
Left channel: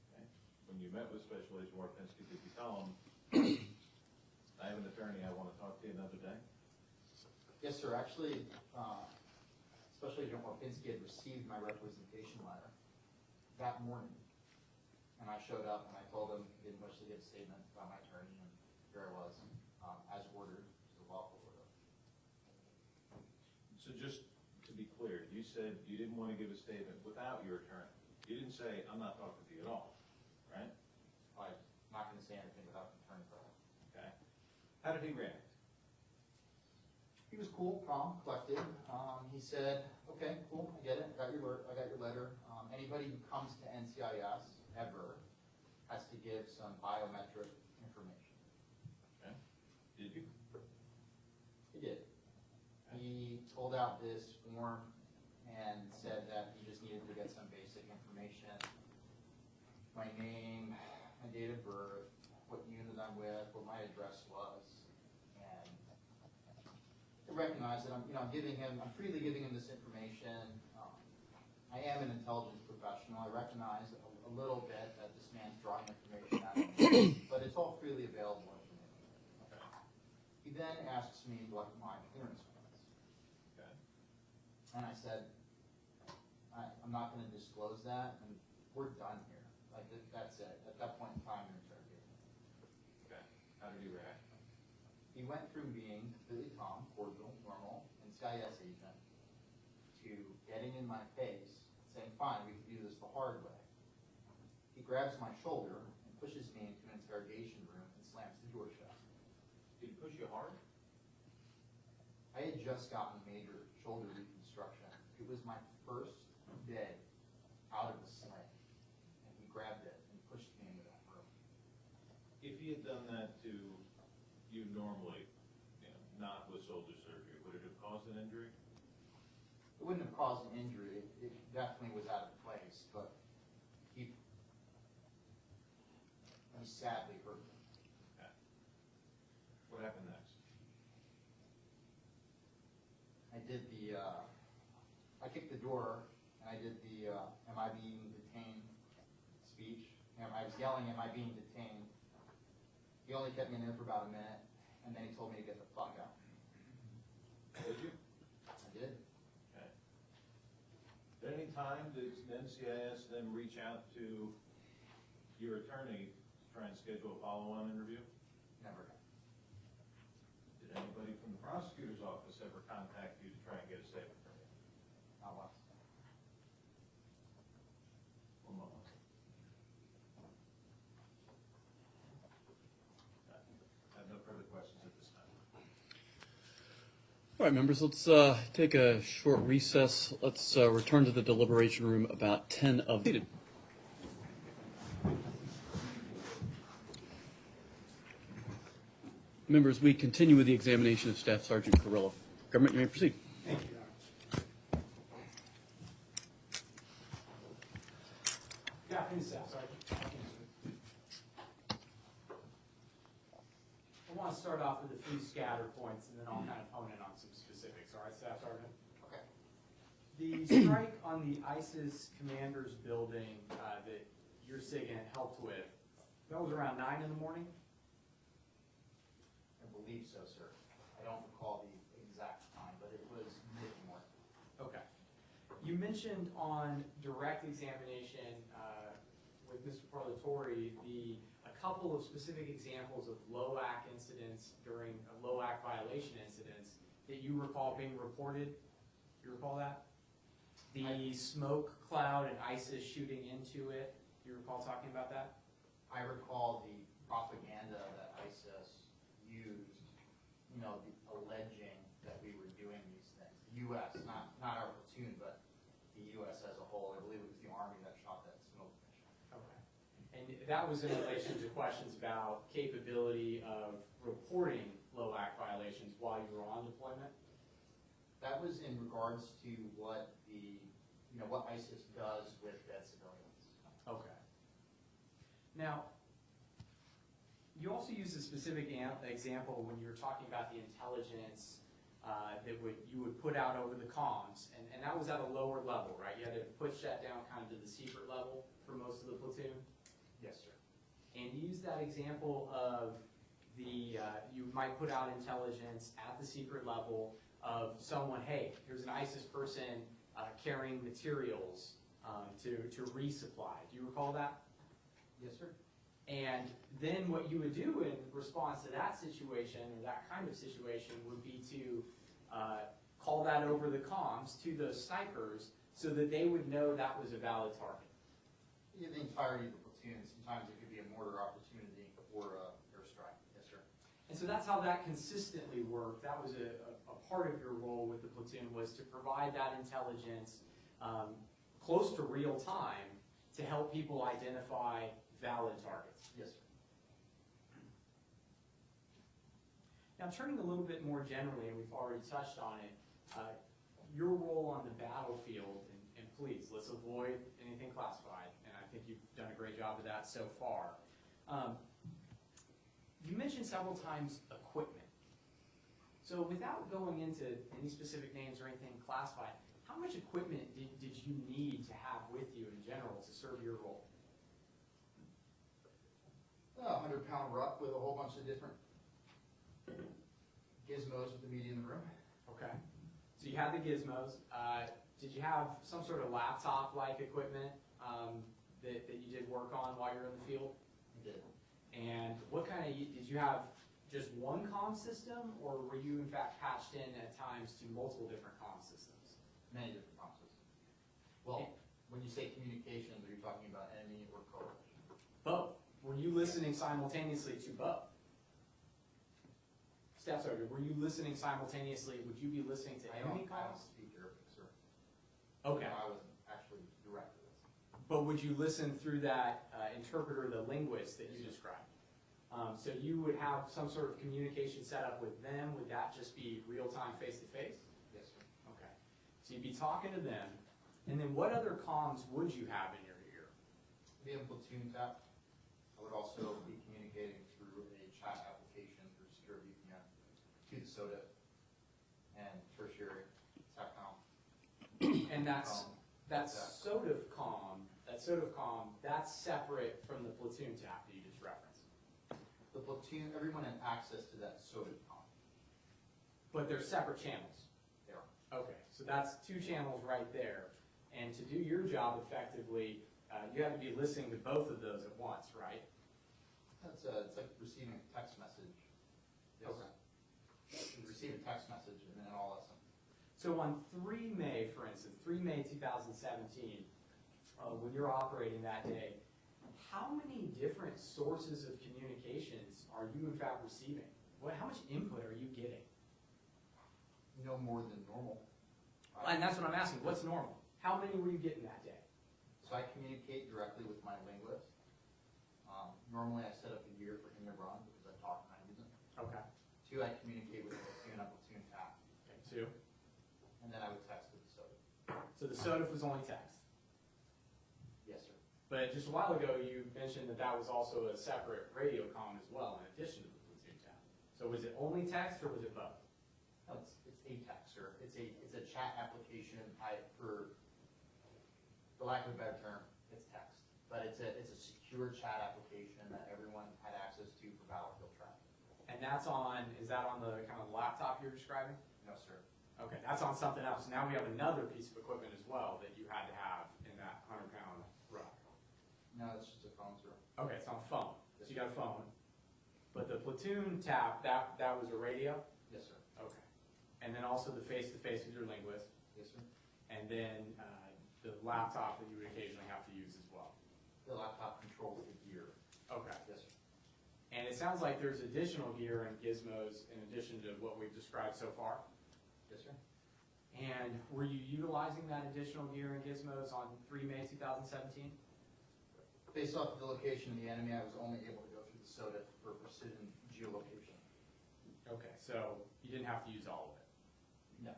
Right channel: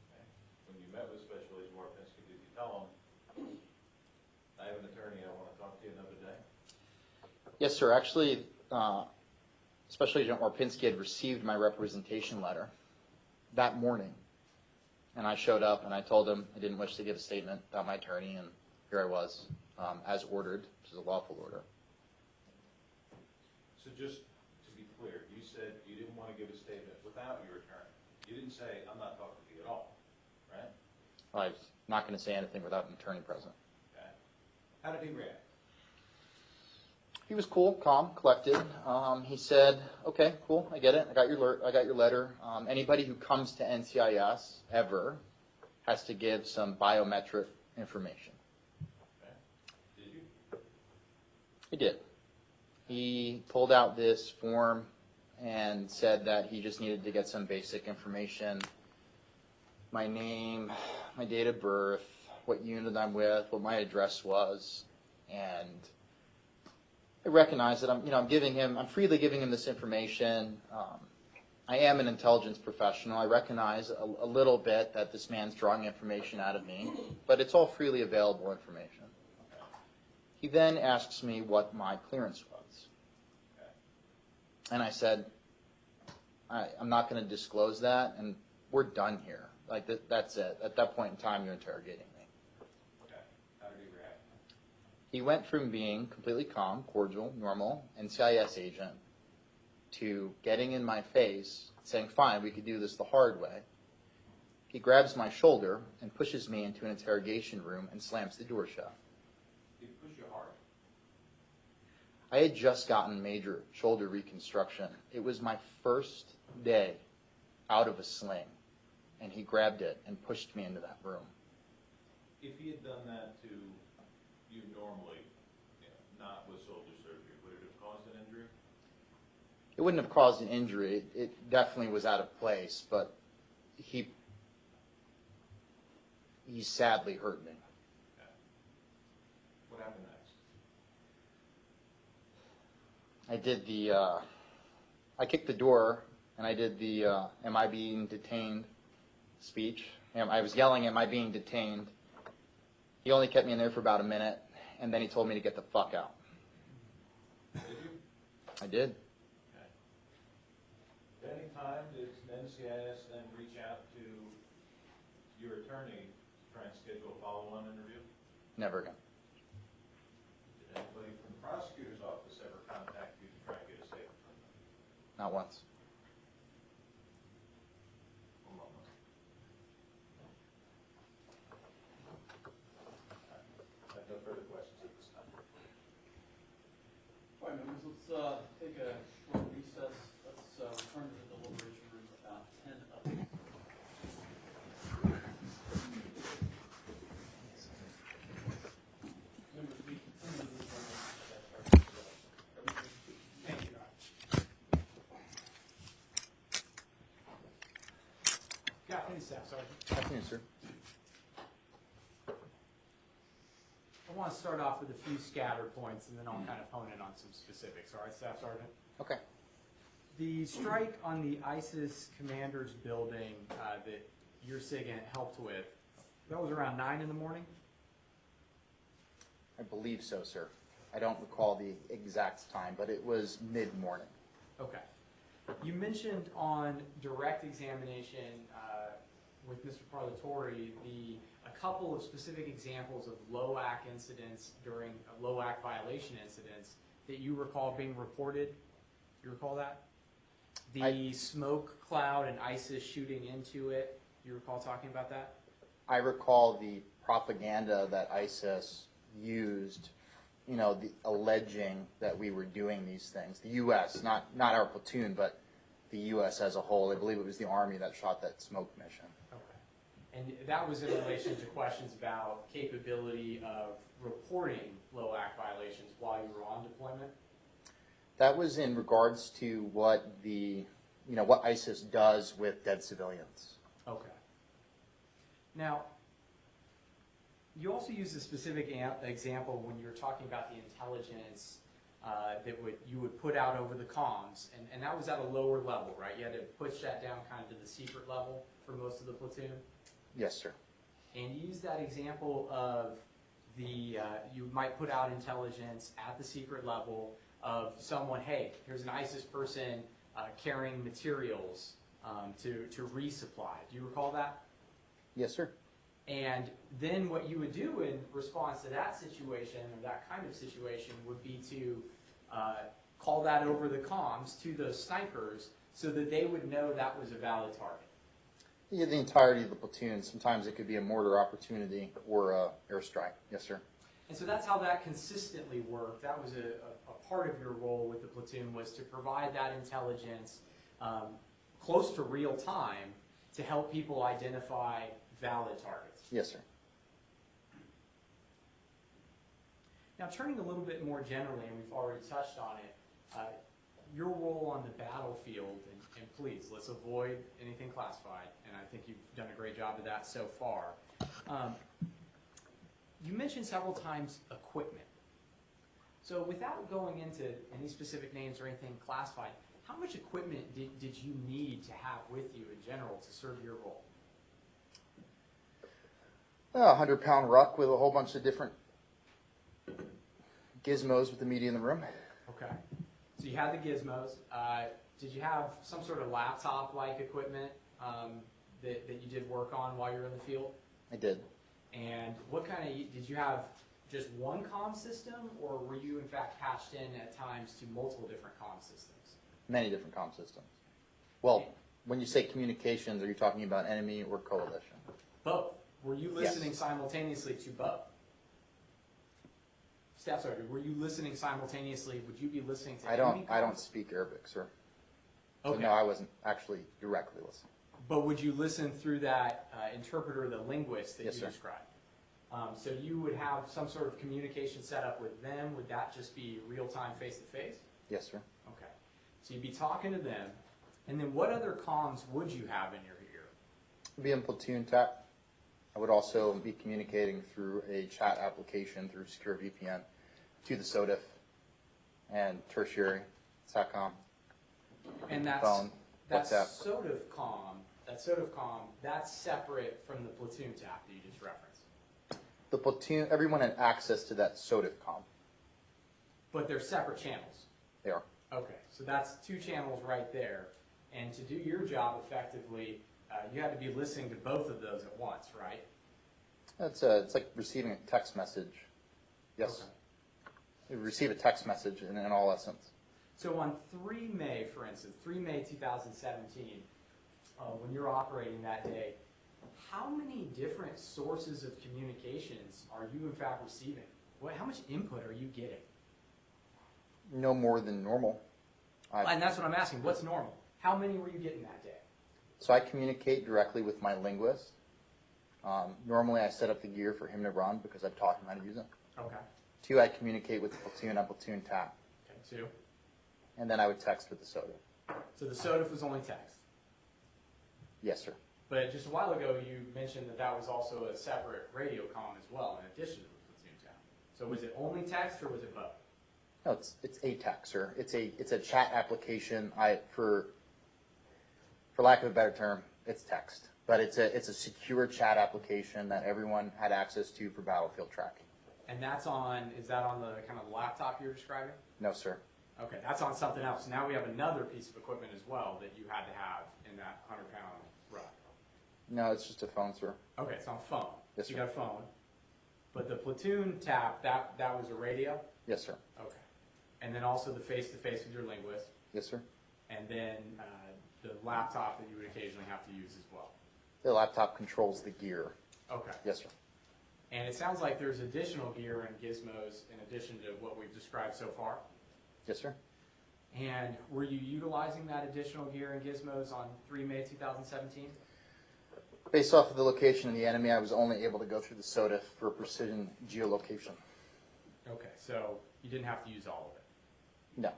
Okay. When you met with Special Agent Warpinski, did you tell him, I have an attorney, I want to talk to you another day? Yes, sir. Actually, Special Agent Marpinski had received my representation letter that morning. And I showed up and I told him I didn't wish to give a statement about my attorney, and here I was, as ordered, which is a lawful order. So just to be clear, you said you didn't want to give a statement without your attorney. You didn't say, I'm not talking to you at all, right? I was not going to say anything without an attorney present. Okay. How did he react? He was cool, calm, collected. He said, "Okay, cool, I get it. I got your letter. Anybody who comes to NCIS ever has to give some biometric information." Okay. Did you? He did. He pulled out this form and said that he just needed to get some basic information: my name, my date of birth, what unit I'm with, what my address was, and I recognize that I'm freely giving him this information. I am an intelligence professional. I recognize a little bit that this man's drawing information out of me, but it's all freely available information. He then asks me what my clearance was. Okay. And I said, I'm not going to disclose that, and we're done here. Like, that's it. At that point in time, you're interrogating me. Okay. How did he react? He went from being completely calm, cordial, normal, NCIS agent, to getting in my face, saying, "Fine, we could do this the hard way." He grabs my shoulder and pushes me into an interrogation room and slams the door shut. Did he push you hard? I had just gotten major shoulder reconstruction. It was my first day out of a sling, and he grabbed it and pushed me into that room. If he had done that to you normally, not with shoulder surgery, would it have caused an injury? It wouldn't have caused an injury. It definitely was out of place, but he sadly hurt me. Okay. What happened next? I kicked the door and I did the "Am I being detained?" speech. I was yelling, "Am I being detained?" He only kept me in there for about a minute, and then he told me to get the fuck out. Did you? I did. Okay. At any time, did NCIS then reach out to your attorney to try and schedule a follow-on interview? Never again. Did anybody from the prosecutor's office ever contact you to try and get a statement from you? Not once. One moment. I have no further questions at this time. All right, members, let's take a short recess. Let's return to the deliberation room about 10 of the... Members, we continue with the examination of Staff Sergeant Kirylo. Government, you may proceed. Thank you, Your Honor. Good afternoon, Staff Sergeant. Thank you, sir. I want to start off with a few scatter points, and then I'll kind of hone in on some specifics. All right, Staff Sergeant? Okay. The strike on the ISIS commander's building that your SIGINT helped with, that was around 9 in the morning? I believe so, sir. I don't recall the exact time, but it was mid-morning. Okay. You mentioned on direct examination with Mr. Parlatore a couple of specific examples of LOAC incidents during LOAC violation incidents that you recall being reported. You recall that? The smoke cloud and ISIS shooting into it. Do you recall talking about that? I recall the propaganda that ISIS used, alleging that we were doing these things. The U.S., not our platoon, but the U.S. as a whole. I believe it was the Army that shot that smoke mission. Okay. And that was in relation to questions about capability of reporting LOAC violations while you were on deployment? That was in regards to what what ISIS does with dead civilians. Okay. Now, you also used a specific example when you were talking about the intelligence that you would put out over the comms, and that was at a lower level, right? You had to push that down kind of to the secret level for most of the platoon? Yes, sir. And you used that example of you might put out intelligence at the secret level of someone, hey, here's an ISIS person carrying materials to resupply. Do you recall that? Yes, sir. And then what you would do in response to that situation, or that kind of situation, would be to call that over the comms to those snipers so that they would know that was a valid target. Yeah, the entirety of the platoon. Sometimes it could be a mortar opportunity or a airstrike. Yes, sir. And so that's how that consistently worked. That was a part of your role with the platoon, was to provide that intelligence close to real time to help people identify valid targets. Yes, sir. Now, turning a little bit more generally, and we've already touched on it, your role on the battlefield, and please, let's avoid anything classified, and I think you've done a great job of that so far. You mentioned several times equipment. So without going into any specific names or anything classified, how much equipment did you need to have with you in general to serve your role? A 100-pound ruck with a whole bunch of different gizmos with the media in the room. Okay. So you had the gizmos. Did you have some sort of laptop-like equipment that you did work on while you were in the field? I did. And what kind of, did you have just one comm system, or were you in fact patched in at times to multiple different comm systems? Many different comm systems. Well, when you say communications, are you talking about enemy or coalition? Both. Were you listening simultaneously to both? Staff Sergeant, were you listening simultaneously? Would you be listening to enemy comms? I don't speak Arabic, sir. Okay. So no, I wasn't actually directly listening. But would you listen through that interpreter, the linguist that Yes, you sir. described? So you would have some sort of communication set up with them. Would that just be real-time, face-to-face? Yes, sir. Okay. So you'd be talking to them. And then what other comms would you have in your ear? I'd be in platoon tap. I would also be communicating through a chat application through Secure VPN to the SODIF and tertiary SATCOM And that's phone. That What's that? SOTFCOM, that's separate from the platoon tap that you just referenced. The platoon, everyone had access to that SOTFCOM. But they're separate channels. They are. Okay, so that's two channels right there. And to do your job effectively, you had to be listening to both of those at once, right? It's like receiving a text message. Yes. Okay. You receive a text message in all essence. So on 3 May, for instance, 3 May 2017, when you're operating that day, how many different sources of communications are you in fact receiving? How much input are you getting? No more than normal. And that's what I'm asking. What's normal? How many were you getting that day? So I communicate directly with my linguist. Normally I set up the gear for him to run because I've taught him how to use it. Okay. 2, I communicate with the platoon on platoon tap. Okay, 2. And then I would text with the SOTA. So the SOTF was only text. Yes, sir. But just a while ago, you mentioned that that was also a separate radio comm as well, in addition to the platoon tap. So was it only text or was it both? No, it's a text, sir. It's a chat application. For lack of a better term, it's text. But it's a secure chat application that everyone had access to for battlefield tracking. And is that on the kind of laptop you're describing? No, sir. Okay, that's on something else. Now we have another piece of equipment as well that you had to have in that 100-pound ruck. No, it's just a phone, sir. Okay, it's on phone. Yes, So you sir. got a phone. But the platoon tap, that was a radio? Yes, sir. Okay. And then also the face-to-face with your linguist. Yes, sir. And then the laptop that you would occasionally have to use as well. The laptop controls the gear. Okay. Yes, sir. And it sounds like there's additional gear and gizmos in addition to what we've described so far. Yes, sir. And were you utilizing that additional gear and gizmos on 3 May 2017? Based off of the location of the enemy, I was only able to go through the SOTA for precision geolocation. Okay, so you didn't have to use all of it. No.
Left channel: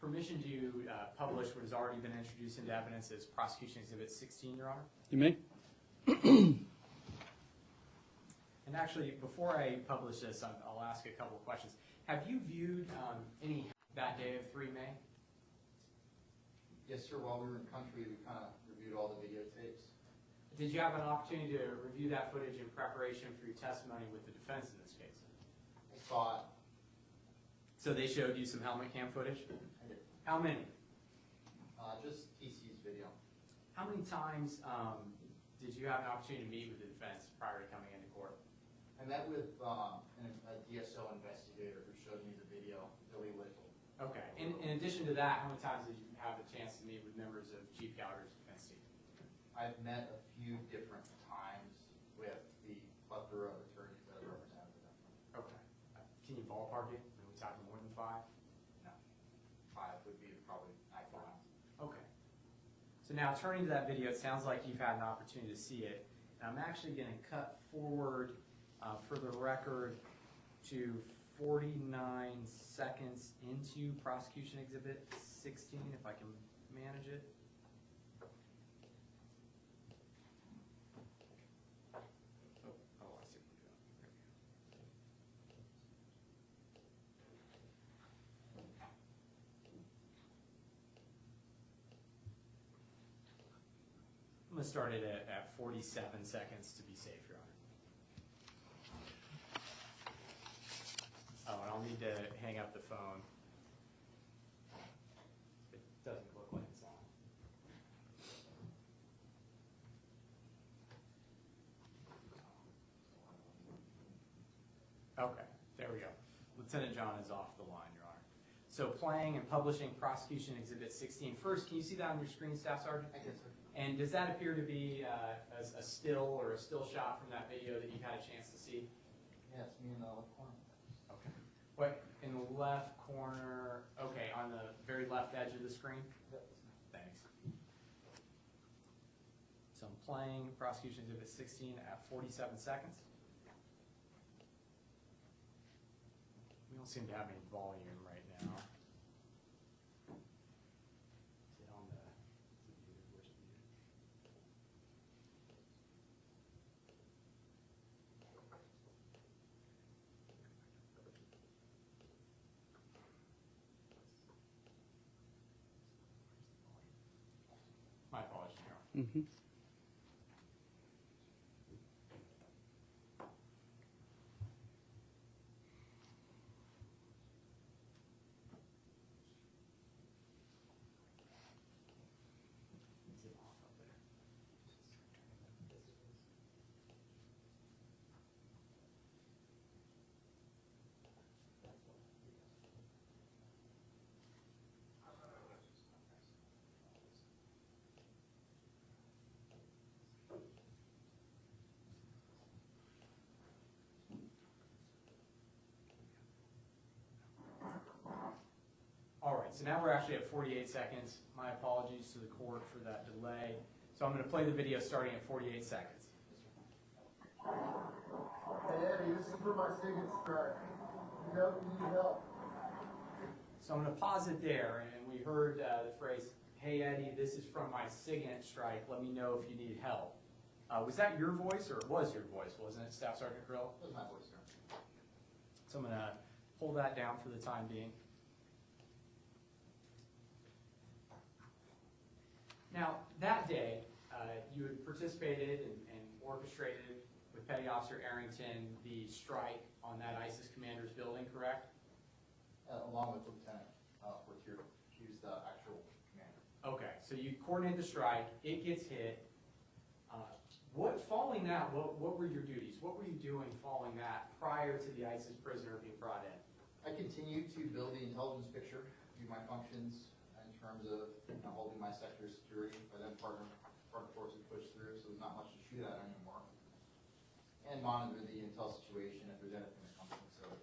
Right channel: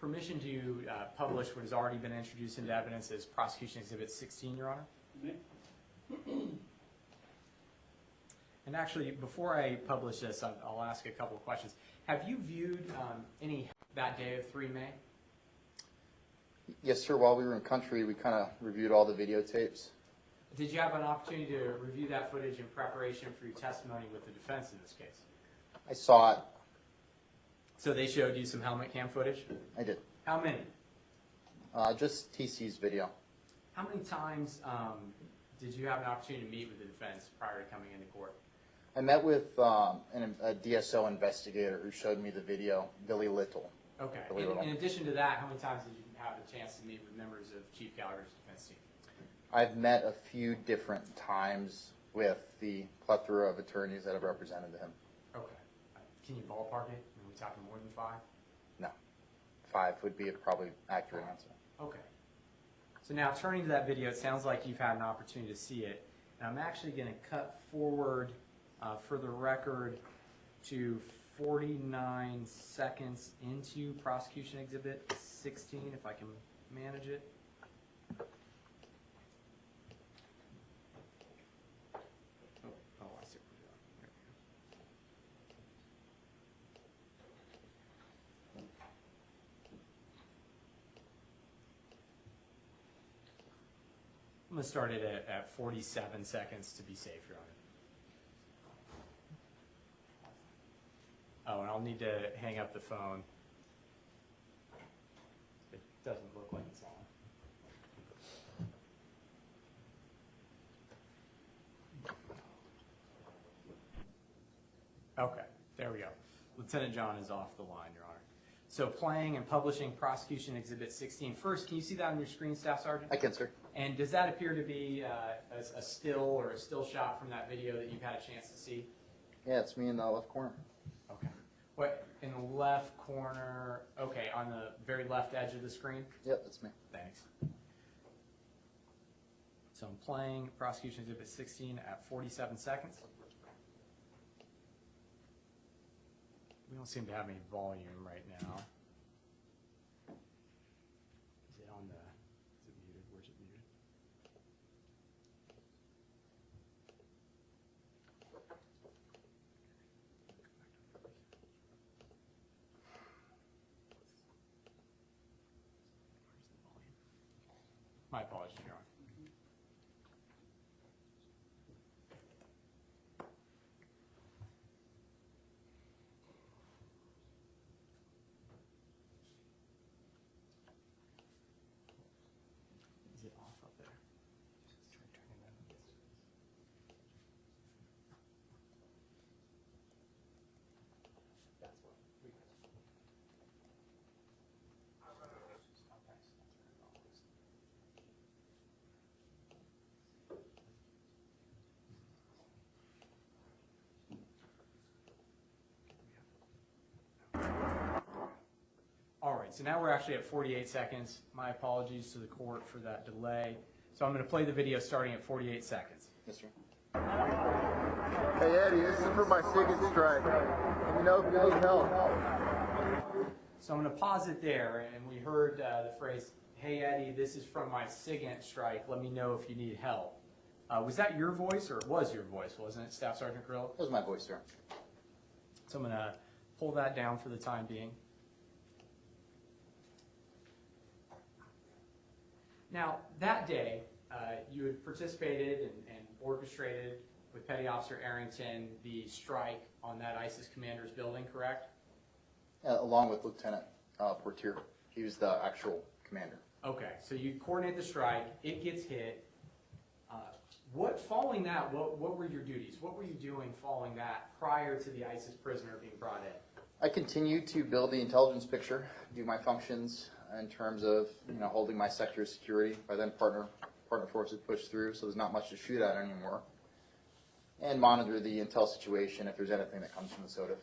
Permission to publish what has already been introduced into evidence as Prosecution Exhibit 16, Your Honor? You may. And actually, before I publish this, I'll ask a couple of questions. Have you viewed any that day of 3 May? Yes, sir. While we were in country, we kind of reviewed all the videotapes. Did you have an opportunity to review that footage in preparation for your testimony with the defense in this case? I saw it. So they showed you some helmet cam footage? I did. How many? Just TC's video. How many times did you have an opportunity to meet with the defense prior to coming into court? I met with a DSO investigator who showed me the video, Billy Little. Okay. Billy Little. In addition to that, how many times did you have the chance to meet with members of Chief Gallagher's defense team? I've met a few different times with the plethora of attorneys that have represented him. Okay. Can you ballpark it? Are we talking more than 5? No. 5 would be a probably accurate answer. Okay. So now turning to that video, it sounds like you've had an opportunity to see it. And I'm actually going to cut forward for the record to 49 seconds into Prosecution Exhibit 16, if I can manage it. Oh, I see what we're doing. There we go. I'm going to start it at 47 seconds to be safe, Your Honor. Oh, and I'll need to hang up the phone. It doesn't look like it's on. Okay, there we go. Lieutenant John is off the line, Your Honor. So playing and publishing Prosecution Exhibit 16. First, can you see that on your screen, Staff Sergeant? I can, sir. And does that appear to be a still or a still shot from that video that you've had a chance to see? Yeah, it's me in the left corner. Okay. What, in the left corner, okay, on the very left edge of the screen? Yep, that's me. Thanks. So I'm playing Prosecution Exhibit 16 at 47 seconds. We don't seem to have any volume right now. Is it on the, is it muted? Where's it muted? Mhm. Is it off up there? All right, so now we're actually at 48 seconds. My apologies to the court for that delay. So I'm going to play the video starting at 48 seconds. Yes, sir. Hey Eddie, this is for my SIGINT strike. Let me know if you need help. So I'm going to pause it there, and we heard the phrase, "Hey Eddie, this is from my SIGINT strike. Let me know if you need help." Was that your voice, or it was your voice, wasn't it, Staff Sergeant Kirylo? That was my voice, sir. So I'm going to pull that down for the time being. Now, that day, you had participated and orchestrated with Petty Officer Arrington the strike on that ISIS commander's building, correct? Along with Lieutenant Portier. He was the actual commander. Okay, so you coordinate the strike, it gets hit. Following that, what were your duties? What were you doing following that prior to the ISIS prisoner being brought in? I continued to build the intelligence picture, do my functions in terms of holding my sector of security. By then, partner forces pushed through, so there's not much to shoot at anymore. And monitor the intel situation if there's anything that comes from the SOTF.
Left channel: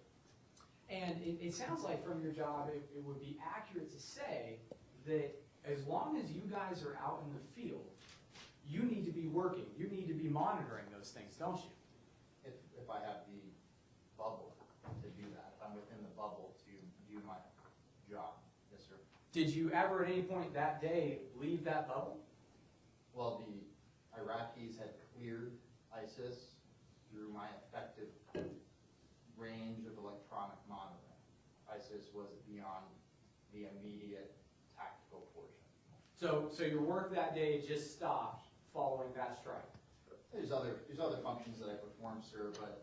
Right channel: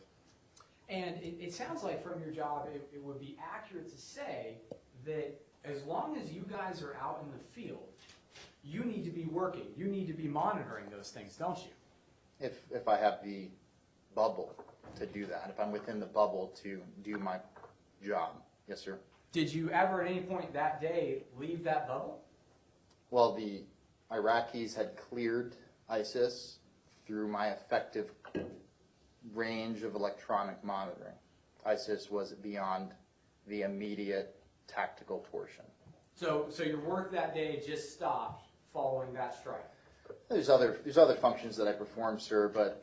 And it sounds like from your job, it would be accurate to say that as long as you guys are out in the field, you need to be working. You need to be monitoring those things, don't you? If I have the bubble to do that, if I'm within the bubble to do my job. Yes, sir. Did you ever at any point that day leave that bubble? Well, the Iraqis had cleared ISIS through my effective range of electronic monitoring. ISIS was beyond the immediate tactical portion. So your work that day just stopped following that strike? There's other functions that I perform, sir, but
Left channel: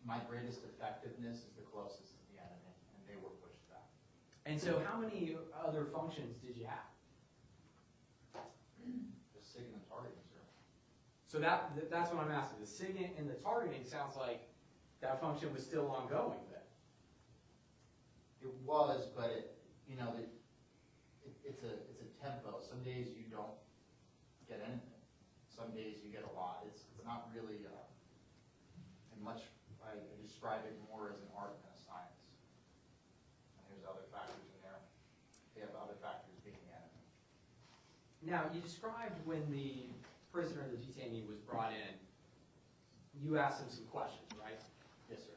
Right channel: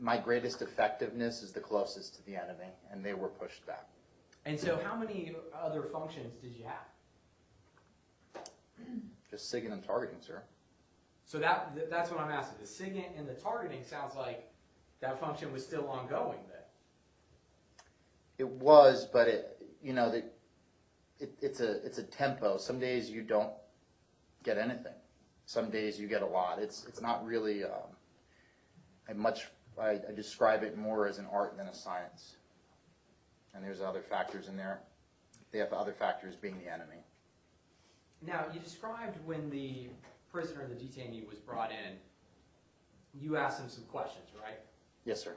my greatest effectiveness is the closest to the enemy, and they were pushed back. And so how many other functions did you have? Just SIGINT and targeting, sir. So that's what I'm asking. The SIGINT and the targeting sounds like that function was still ongoing then. It was, but it's a tempo. Some days you don't get anything. Some days you get a lot. It's not really I describe it more as an art than a science. And there's other factors in there. The other factors being the enemy. Now, you described when the prisoner, the detainee, was brought in, you asked him some questions, right? Yes, sir.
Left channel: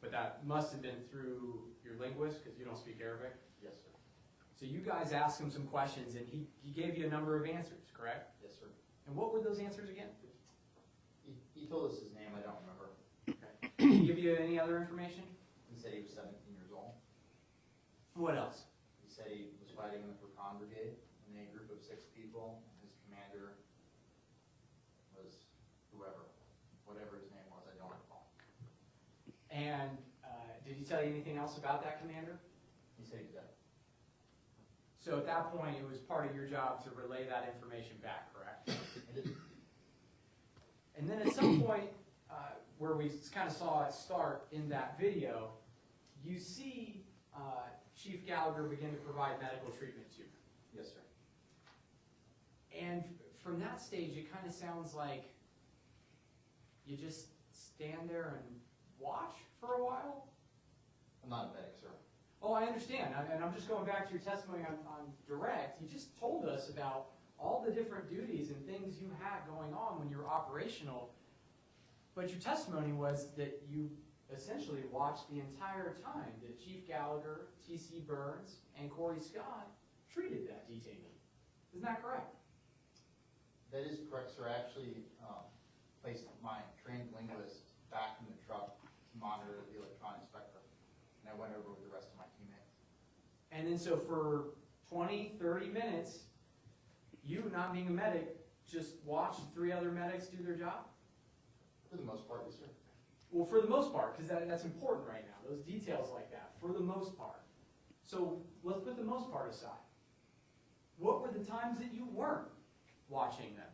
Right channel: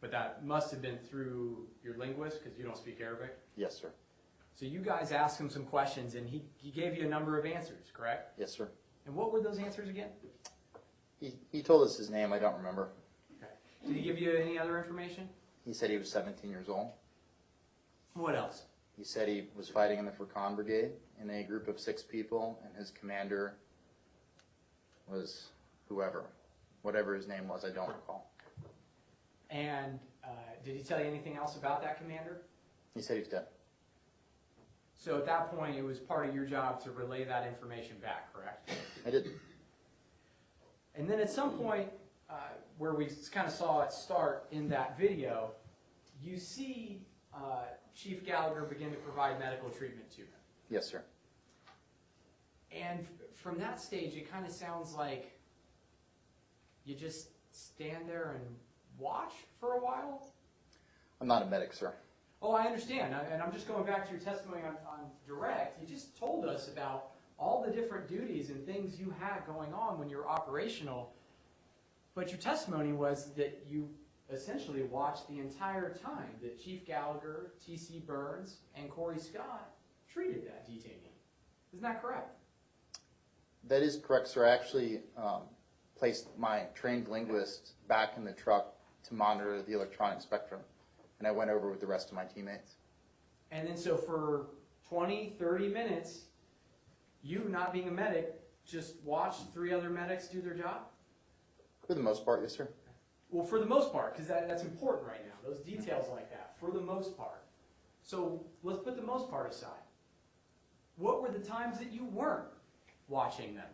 But that must have been through your linguist, because you don't speak Arabic? Yes, sir. So you guys asked him some questions, and he gave you a number of answers, correct? Yes, sir. And what were those answers again? He told us his name. I don't remember. Okay. Did he give you any other information? He said he was 17 years old. What else? He said he was fighting in the Furqan Brigade in a group of 6 people, and his commander was whatever his name was, I don't recall. And did he tell you anything else about that commander? He said he was dead. So at that point, it was part of your job to relay that information back, correct? I did. And then at some point, where we kind of saw it start in that video, you see Chief Gallagher begin to provide medical treatment to him. Yes, sir. And from that stage, it kind of sounds like you just stand there and watch for a while? I'm not a medic, sir. Oh, I understand. And I'm just going back to your testimony on direct. You just told us about all the different duties and things you had going on when you were operational. But your testimony was that you essentially watched the entire time that Chief Gallagher, T.C. Burns, and Corey Scott treated that detainee. Isn't that correct? That is correct, sir. I actually placed my trained linguist back in the truck to monitor the electronic spectrum, and I went over with the rest of my teammates. And then so for 20, 30 minutes, you, not being a medic, just watched 3 other medics do their job? For the most part, yes, sir. Well, for the most part, because that's important right now, those details like that, for the most part. So let's put the most part aside. What were the times that you weren't watching them?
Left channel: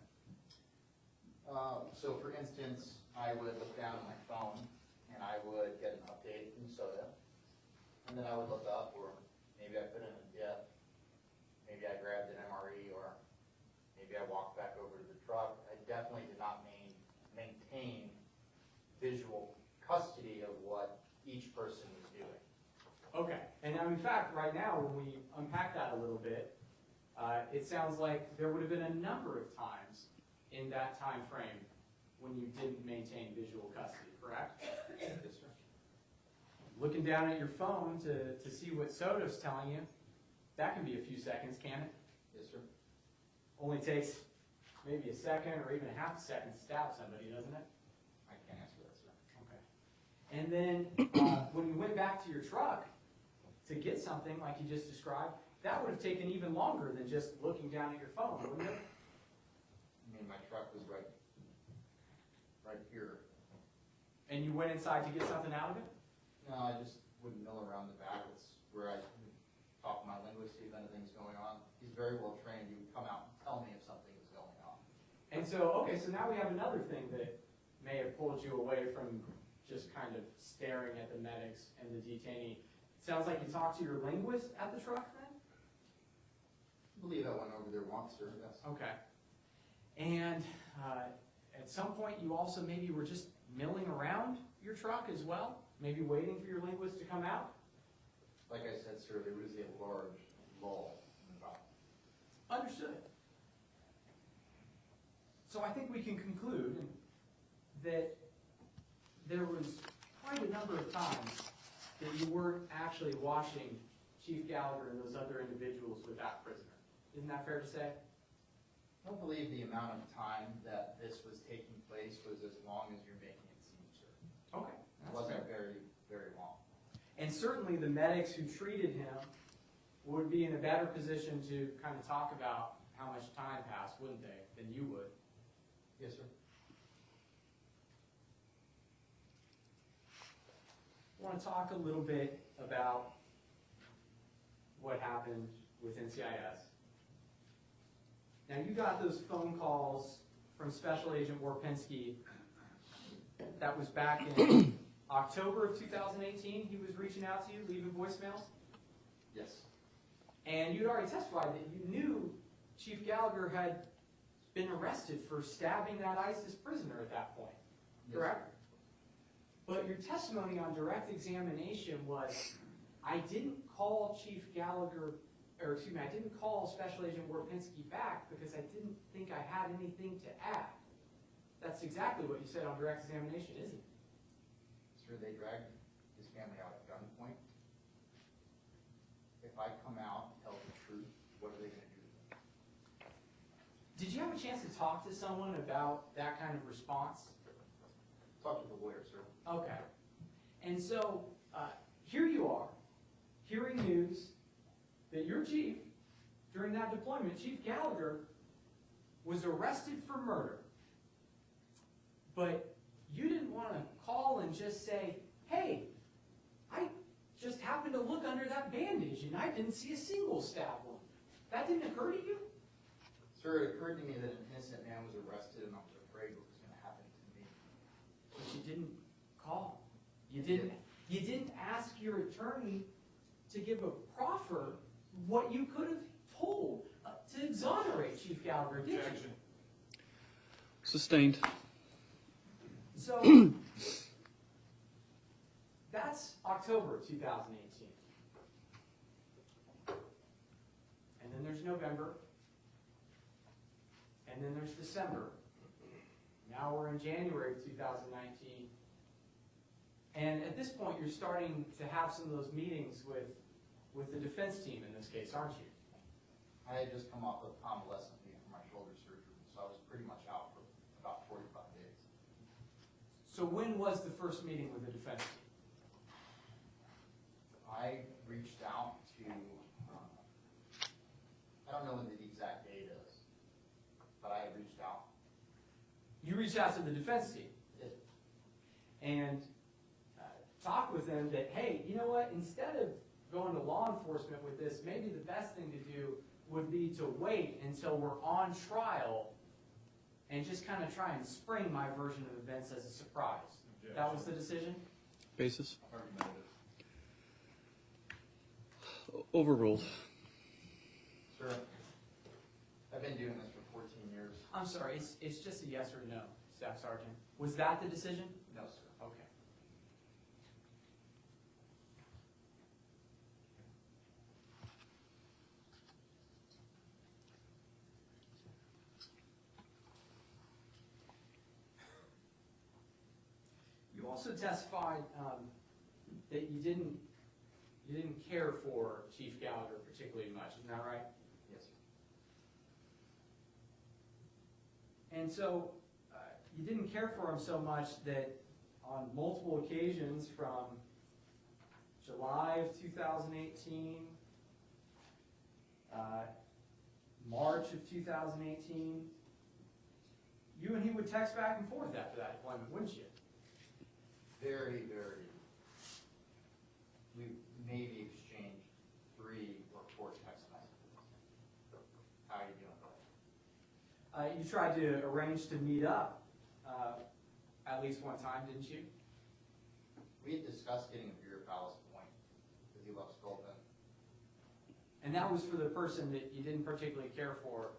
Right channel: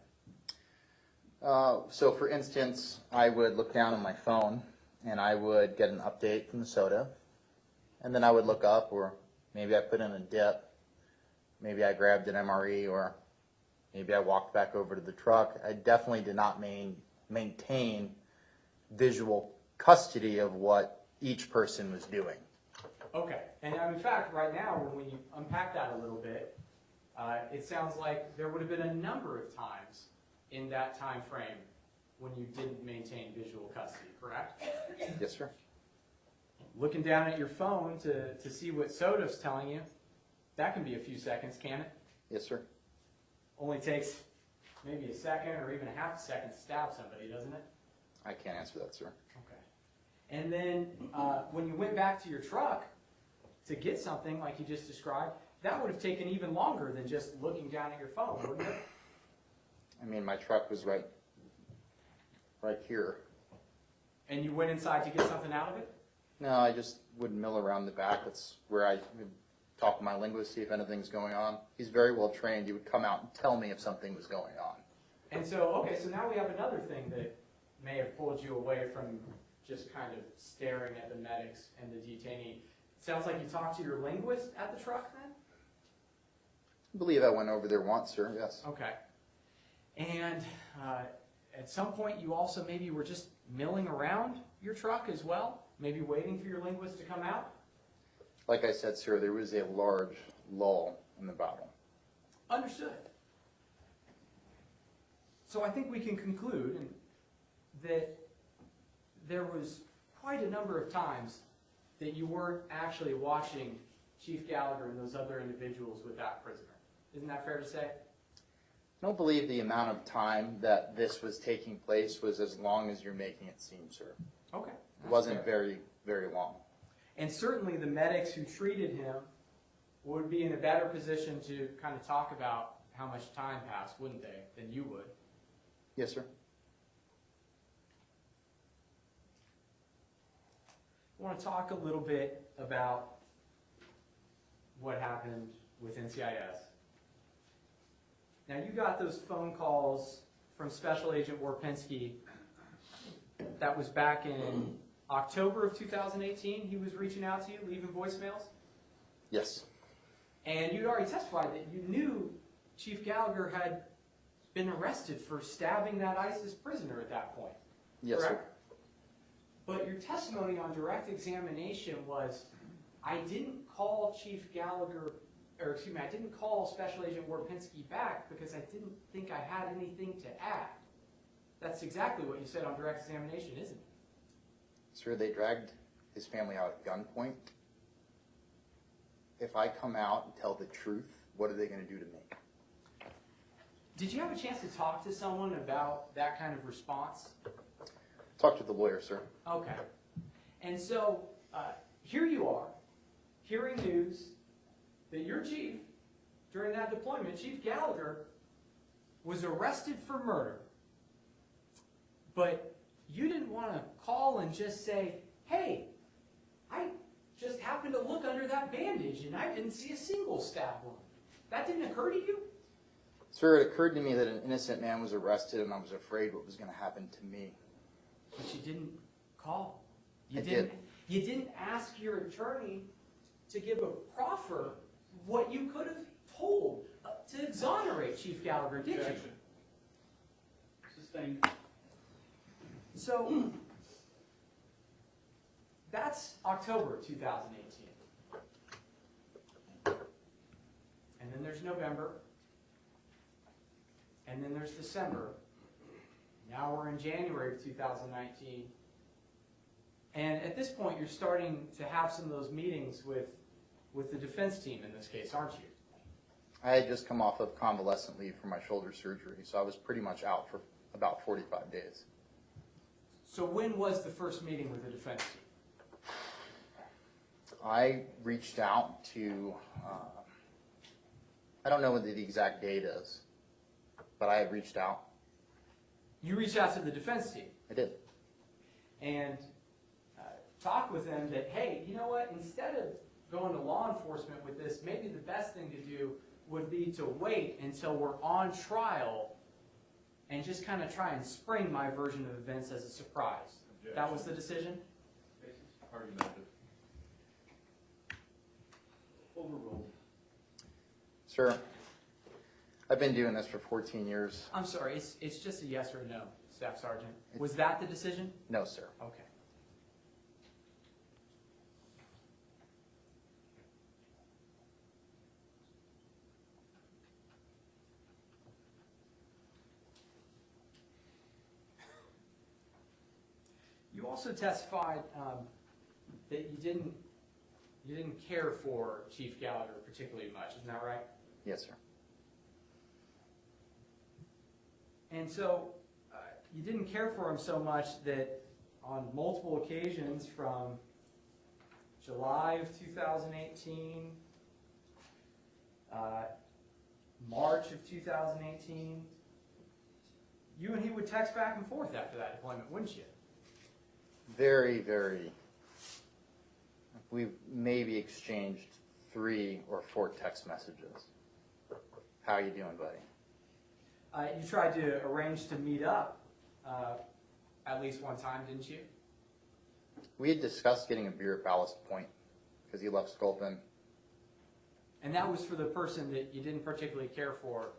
So for instance, I would look down on my phone and I would get an update from the soda, and then I would look up, or maybe I put in a dip, maybe I grabbed an MRE, or maybe I walked back over to the truck. I definitely did not maintain visual custody of what each person was doing. Okay, and in fact, right now, when we unpack that a little bit, it sounds like there would have been a number of times in that time frame when you didn't maintain visual custody, correct? Yes, sir. Looking down at your phone to see what SOTA's telling you, that can be a few seconds, can it? Yes, sir. Only takes maybe a second or even a half a second to stab somebody, doesn't it? I can't answer that, sir. Okay. And then when you went back to your truck to get something like you just described, that would have taken even longer than just looking down at your phone, wouldn't it? I mean, my truck was right here. And you went inside to get something out of it? No, I just would mill around the back. That's where I would talk to my linguist, see if anything's going on. He's very well trained. He would come out and tell me if something was going on. And so, okay, so now we have another thing that may have pulled you away from just kind of staring at the medics and the detainee. It sounds like you talked to your linguist at the truck then? I believe I went over there once, sir, yes. Okay. And at some point you also maybe were just milling around your truck as well? Maybe waiting for your linguist to come out? Like I said, sir, there was a large lull in the battle. Understood. So I think we can conclude that there was quite a number of times that you weren't actually watching Chief Gallagher and those other individuals with that prisoner. Isn't that fair to say? I don't believe the amount of time that this was taking place was as long as you're making it seem, sir. Okay. It wasn't very, very long. And certainly the medics who treated him would be in a better position to kind of talk about how much time passed, wouldn't they, than you would? Yes, sir. I want to talk a little bit about what happened with NCIS. Now, you got those phone calls from Special Agent Warpinski. That was back in October of 2018. He was reaching out to you, leaving voicemails. Yes. And you'd already testified that you knew Chief Gallagher had been arrested for stabbing that ISIS prisoner at that point. Yes, correct? sir. But your testimony on direct examination was, I didn't call Chief Gallagher, or excuse me, I didn't call Special Agent Warpinski back because I didn't think I had anything to add. That's exactly what you said on direct examination, isn't it? Sir, they dragged his family out at gunpoint. If I come out and tell the truth, what are they going to do to me? Did you have a chance to talk to someone about that kind of response? Talk to the lawyer, sir. Okay. And so, here you are, hearing news that your chief, during that deployment, Chief Gallagher, was arrested for murder. But you didn't want to call and just say, hey, I just happened to look under that bandage and I didn't see a single stab wound. That didn't occur to you? Sir, it occurred to me that an innocent man was arrested and I was afraid what was going to happen to me. But you didn't call. I did. You didn't ask your attorney to give a proffer what you could have told to exonerate Chief Gallagher, did you? Objection. Sustained. So, that's October 2018. And then there's November. And then there's December. Now we're in January of 2019. And at this point, you're starting to have some of those meetings with the defense team in this case, aren't you? I had just come off of convalescent leave for my shoulder surgery, so I was pretty much out for about 45 days. So when was the first meeting with the defense team? I reached out to, I don't know what the exact date is, but I had reached out. You reached out to the defense team I did. and talked with them that, hey, you know what, instead of going to law enforcement with this, maybe the best thing to do would be to wait until we're on trial and just kind of try and spring my version of events as a surprise. Objection. That was the decision? Basis? Argumentative. Overruled. Sir, I've been doing this for 14 years. I'm sorry, it's just a yes or no, Staff Sergeant. Was that the decision? No, sir. Okay. You also testified that you didn't care for Chief Gallagher particularly much. Isn't that right? Yes, sir. And so you didn't care for him so much that on multiple occasions from July of 2018, March of 2018, you and he would text back and forth after that deployment, wouldn't you? Very, very. We maybe exchanged 3 or 4 text messages. How you doing, buddy? You tried to arrange to meet up at least one time, didn't you? We had discussed getting a beer at Ballast Point because he left Sculpin. And that was for the person that you didn't particularly care for,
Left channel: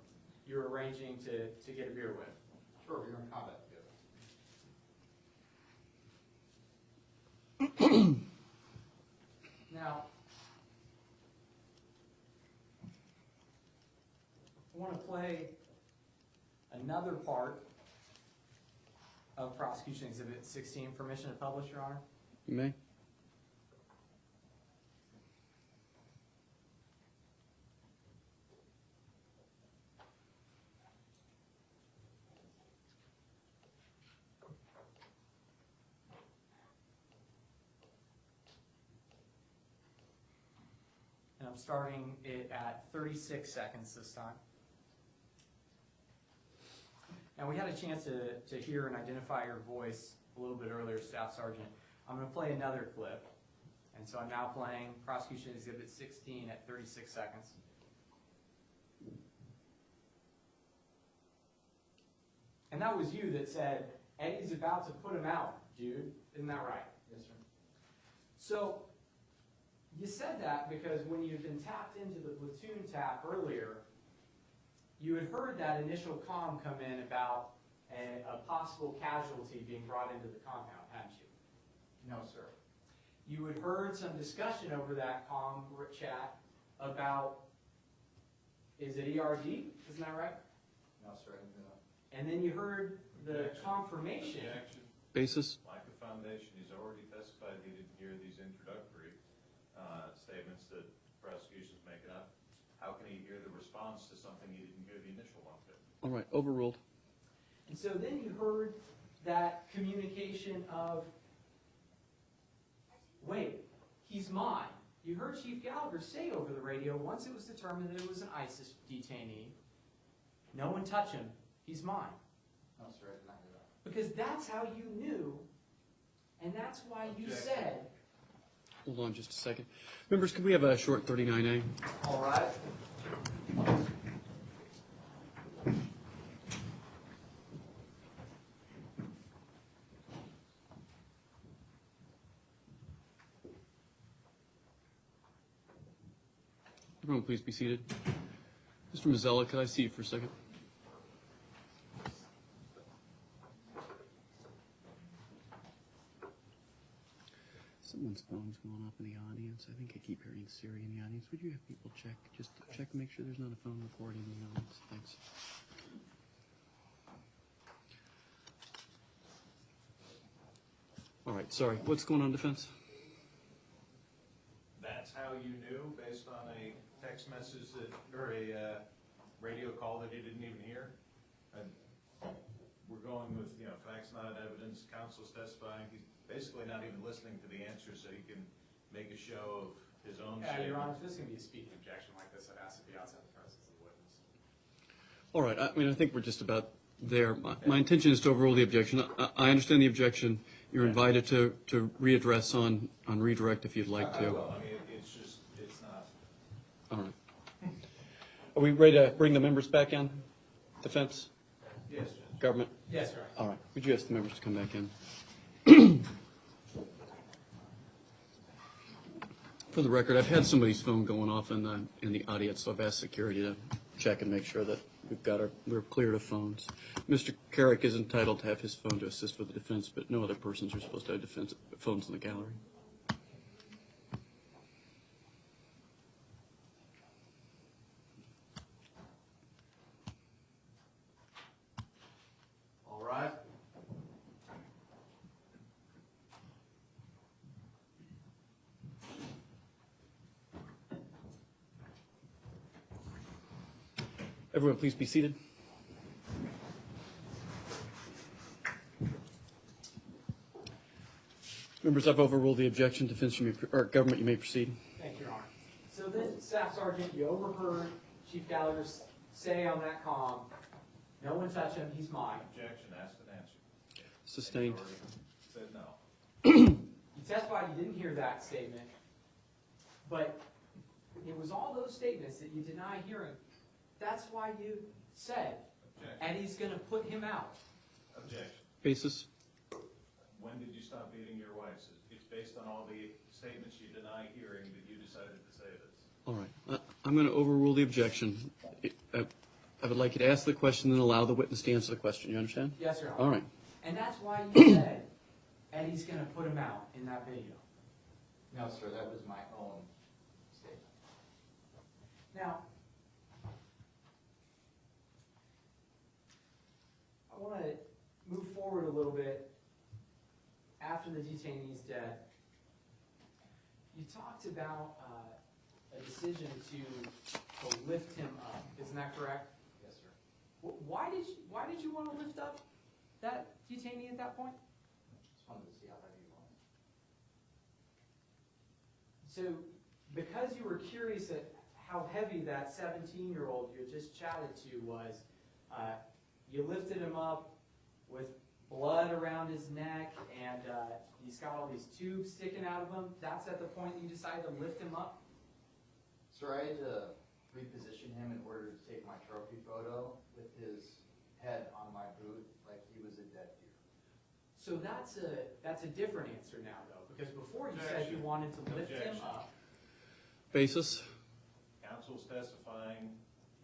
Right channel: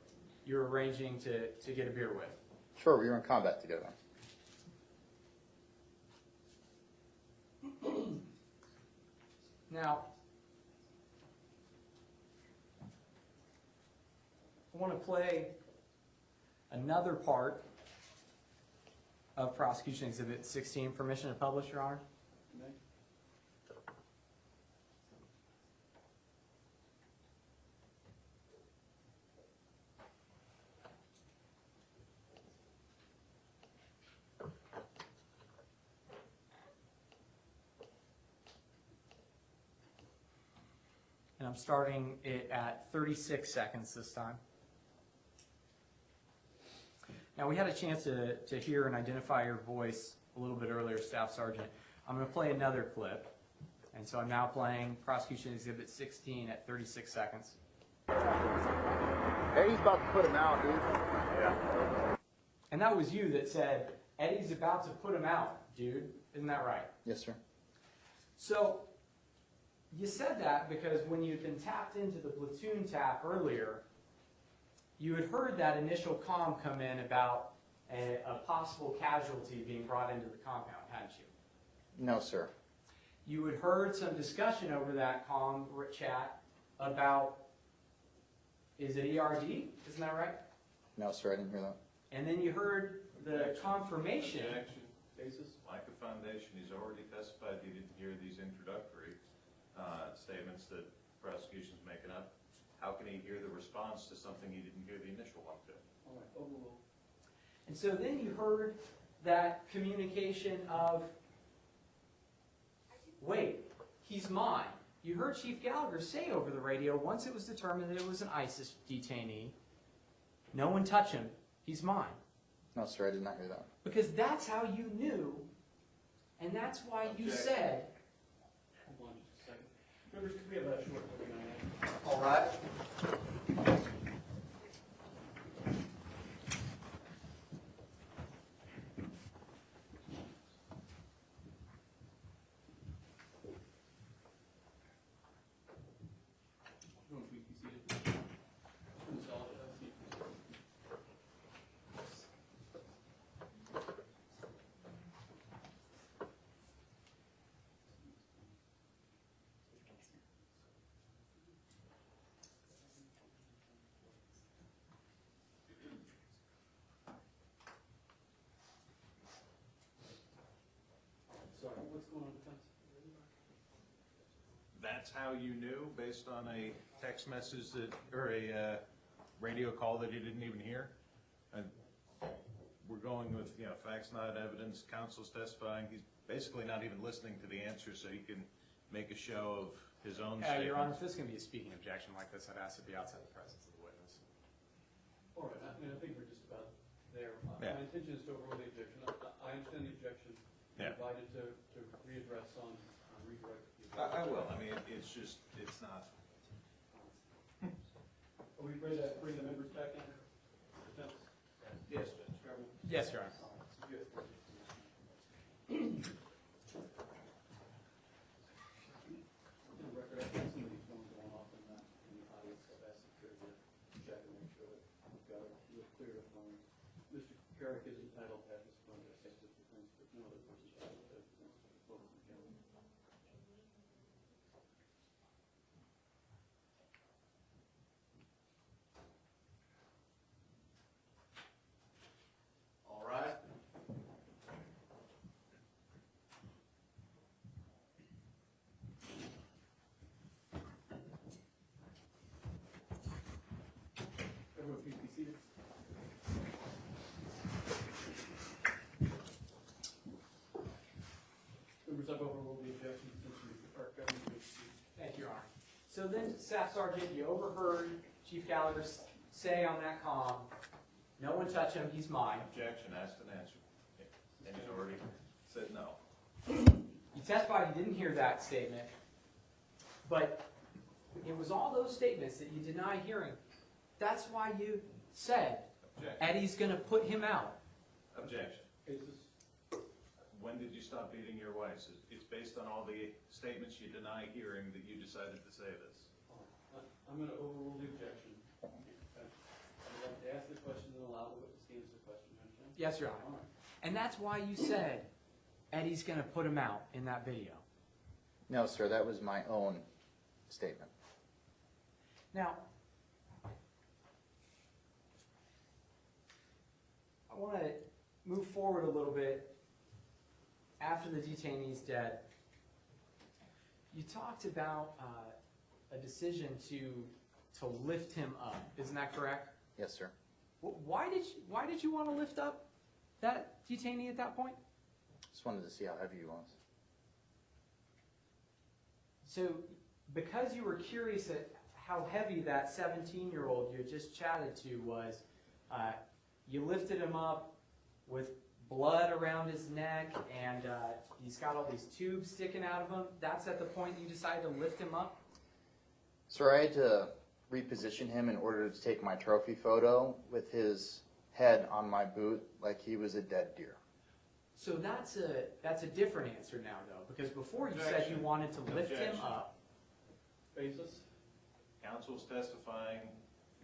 you were arranging to get a beer with. Sure, we were in combat together. Now, I want to play another part of Prosecution Exhibit 16. Permission to publish, Your Honor? You may. And I'm starting it at 36 seconds this time. Now, we had a chance to hear and identify your voice a little bit earlier, Staff Sergeant. I'm going to play another clip. And so I'm now playing Prosecution Exhibit 16 at 36 seconds. Eddie's about to put him out, dude. Yeah. And that was you that said, Eddie's about to put him out, dude. Isn't that right? Yes, sir. So you said that because when you'd been tapped into the platoon tap earlier, you had heard that initial comm come in about a possible casualty being brought into the compound, hadn't you? No, sir. You had heard some discussion over that comm chat about, is it ERD? Isn't that right? No, sir, I didn't hear that. And then you heard the confirmation. Objection. Basis? Micah Foundation, he's already testified he didn't hear these introductory statements that prosecution's making up. How can he hear the response to something he didn't hear the initial one to? All right, overruled. And so then you heard that communication of, wait, he's mine. You heard Chief Gallagher say over the radio, once it was determined that it was an ISIS detainee, no one touch him, he's mine. No, sir, I did not hear that. Because that's how you knew, and that's why you Objection. said, Hold on just a second. Members, could we have a short 39A? all right. Everyone, please be seated. Mr. Mazzella, could I see you for a second? Someone's phone's going off in the audience. I think I keep hearing Siri in the audience. Would you have people check? Just check and make sure there's not a phone recording in the audience. Thanks. All right, sorry. What's going on, defense? That's how you knew, based on a text message that, or a radio call that he didn't even hear? And we're going with, facts not evidence, counsel's testifying. He's basically not even listening to the answer so he can make a show of his own Your Honor, statement. if this is going to be a speaking objection like this, I'd ask at the outset the presence of the witness. All right, I mean, I think we're just about there. My intention is to overrule the objection. I understand the objection. You're invited to readdress on redirect if you'd like I to. will. I mean, it's just, it's not. All right. Are we ready to bring the members back in? Defense? Yes, Judge. Government? Yes, Your Honor. All right. Would you ask the members to come back in? For the record, I've had somebody's phone going off in the audience, so I've asked security to check and make sure that we're clear of phones. Mr. Carrick is entitled to have his phone to assist with the defense, but no other persons are supposed to have phones in the gallery. All right. Everyone, please be seated. Members, I've overruled the objection. Defense, or government, you may proceed. Thank you, Your Honor. So then, Staff Sergeant, you overheard Chief Gallagher say on that comm, no one touch him, he's mine. Objection, asked and answered. Sustained. And you already said no. You testified you didn't hear that statement, but it was all those statements that you deny hearing. That's why you said Objection. Eddie's going to put him out. Objection. Basis? When did you stop beating your wife? It's based on all the statements you deny hearing that you decided to say this. All right. I'm going to overrule the objection. I would like you to ask the question and allow the witness to answer the question. You understand? Yes, Your Honor. All right. And that's why you said Eddie's going to put him out in that video. No, sir, that was my own statement. Now, I want to move forward a little bit after the detainee's dead. You talked about a decision to lift him up. Isn't that correct? Yes, sir. Why did you want to lift up that detainee at that point? Just wanted to see how heavy he was. So, because you were curious at how heavy that 17-year-old you had just chatted to was, you lifted him up with blood around his neck, and he's got all these tubes sticking out of him. That's at the point that you decided to lift him up? Sir, I had to reposition him in order to take my trophy photo with his head on my boot like he was a dead deer. So that's a different answer now, though, because before you said you wanted to lift him up. Basis? Counsel's testifying,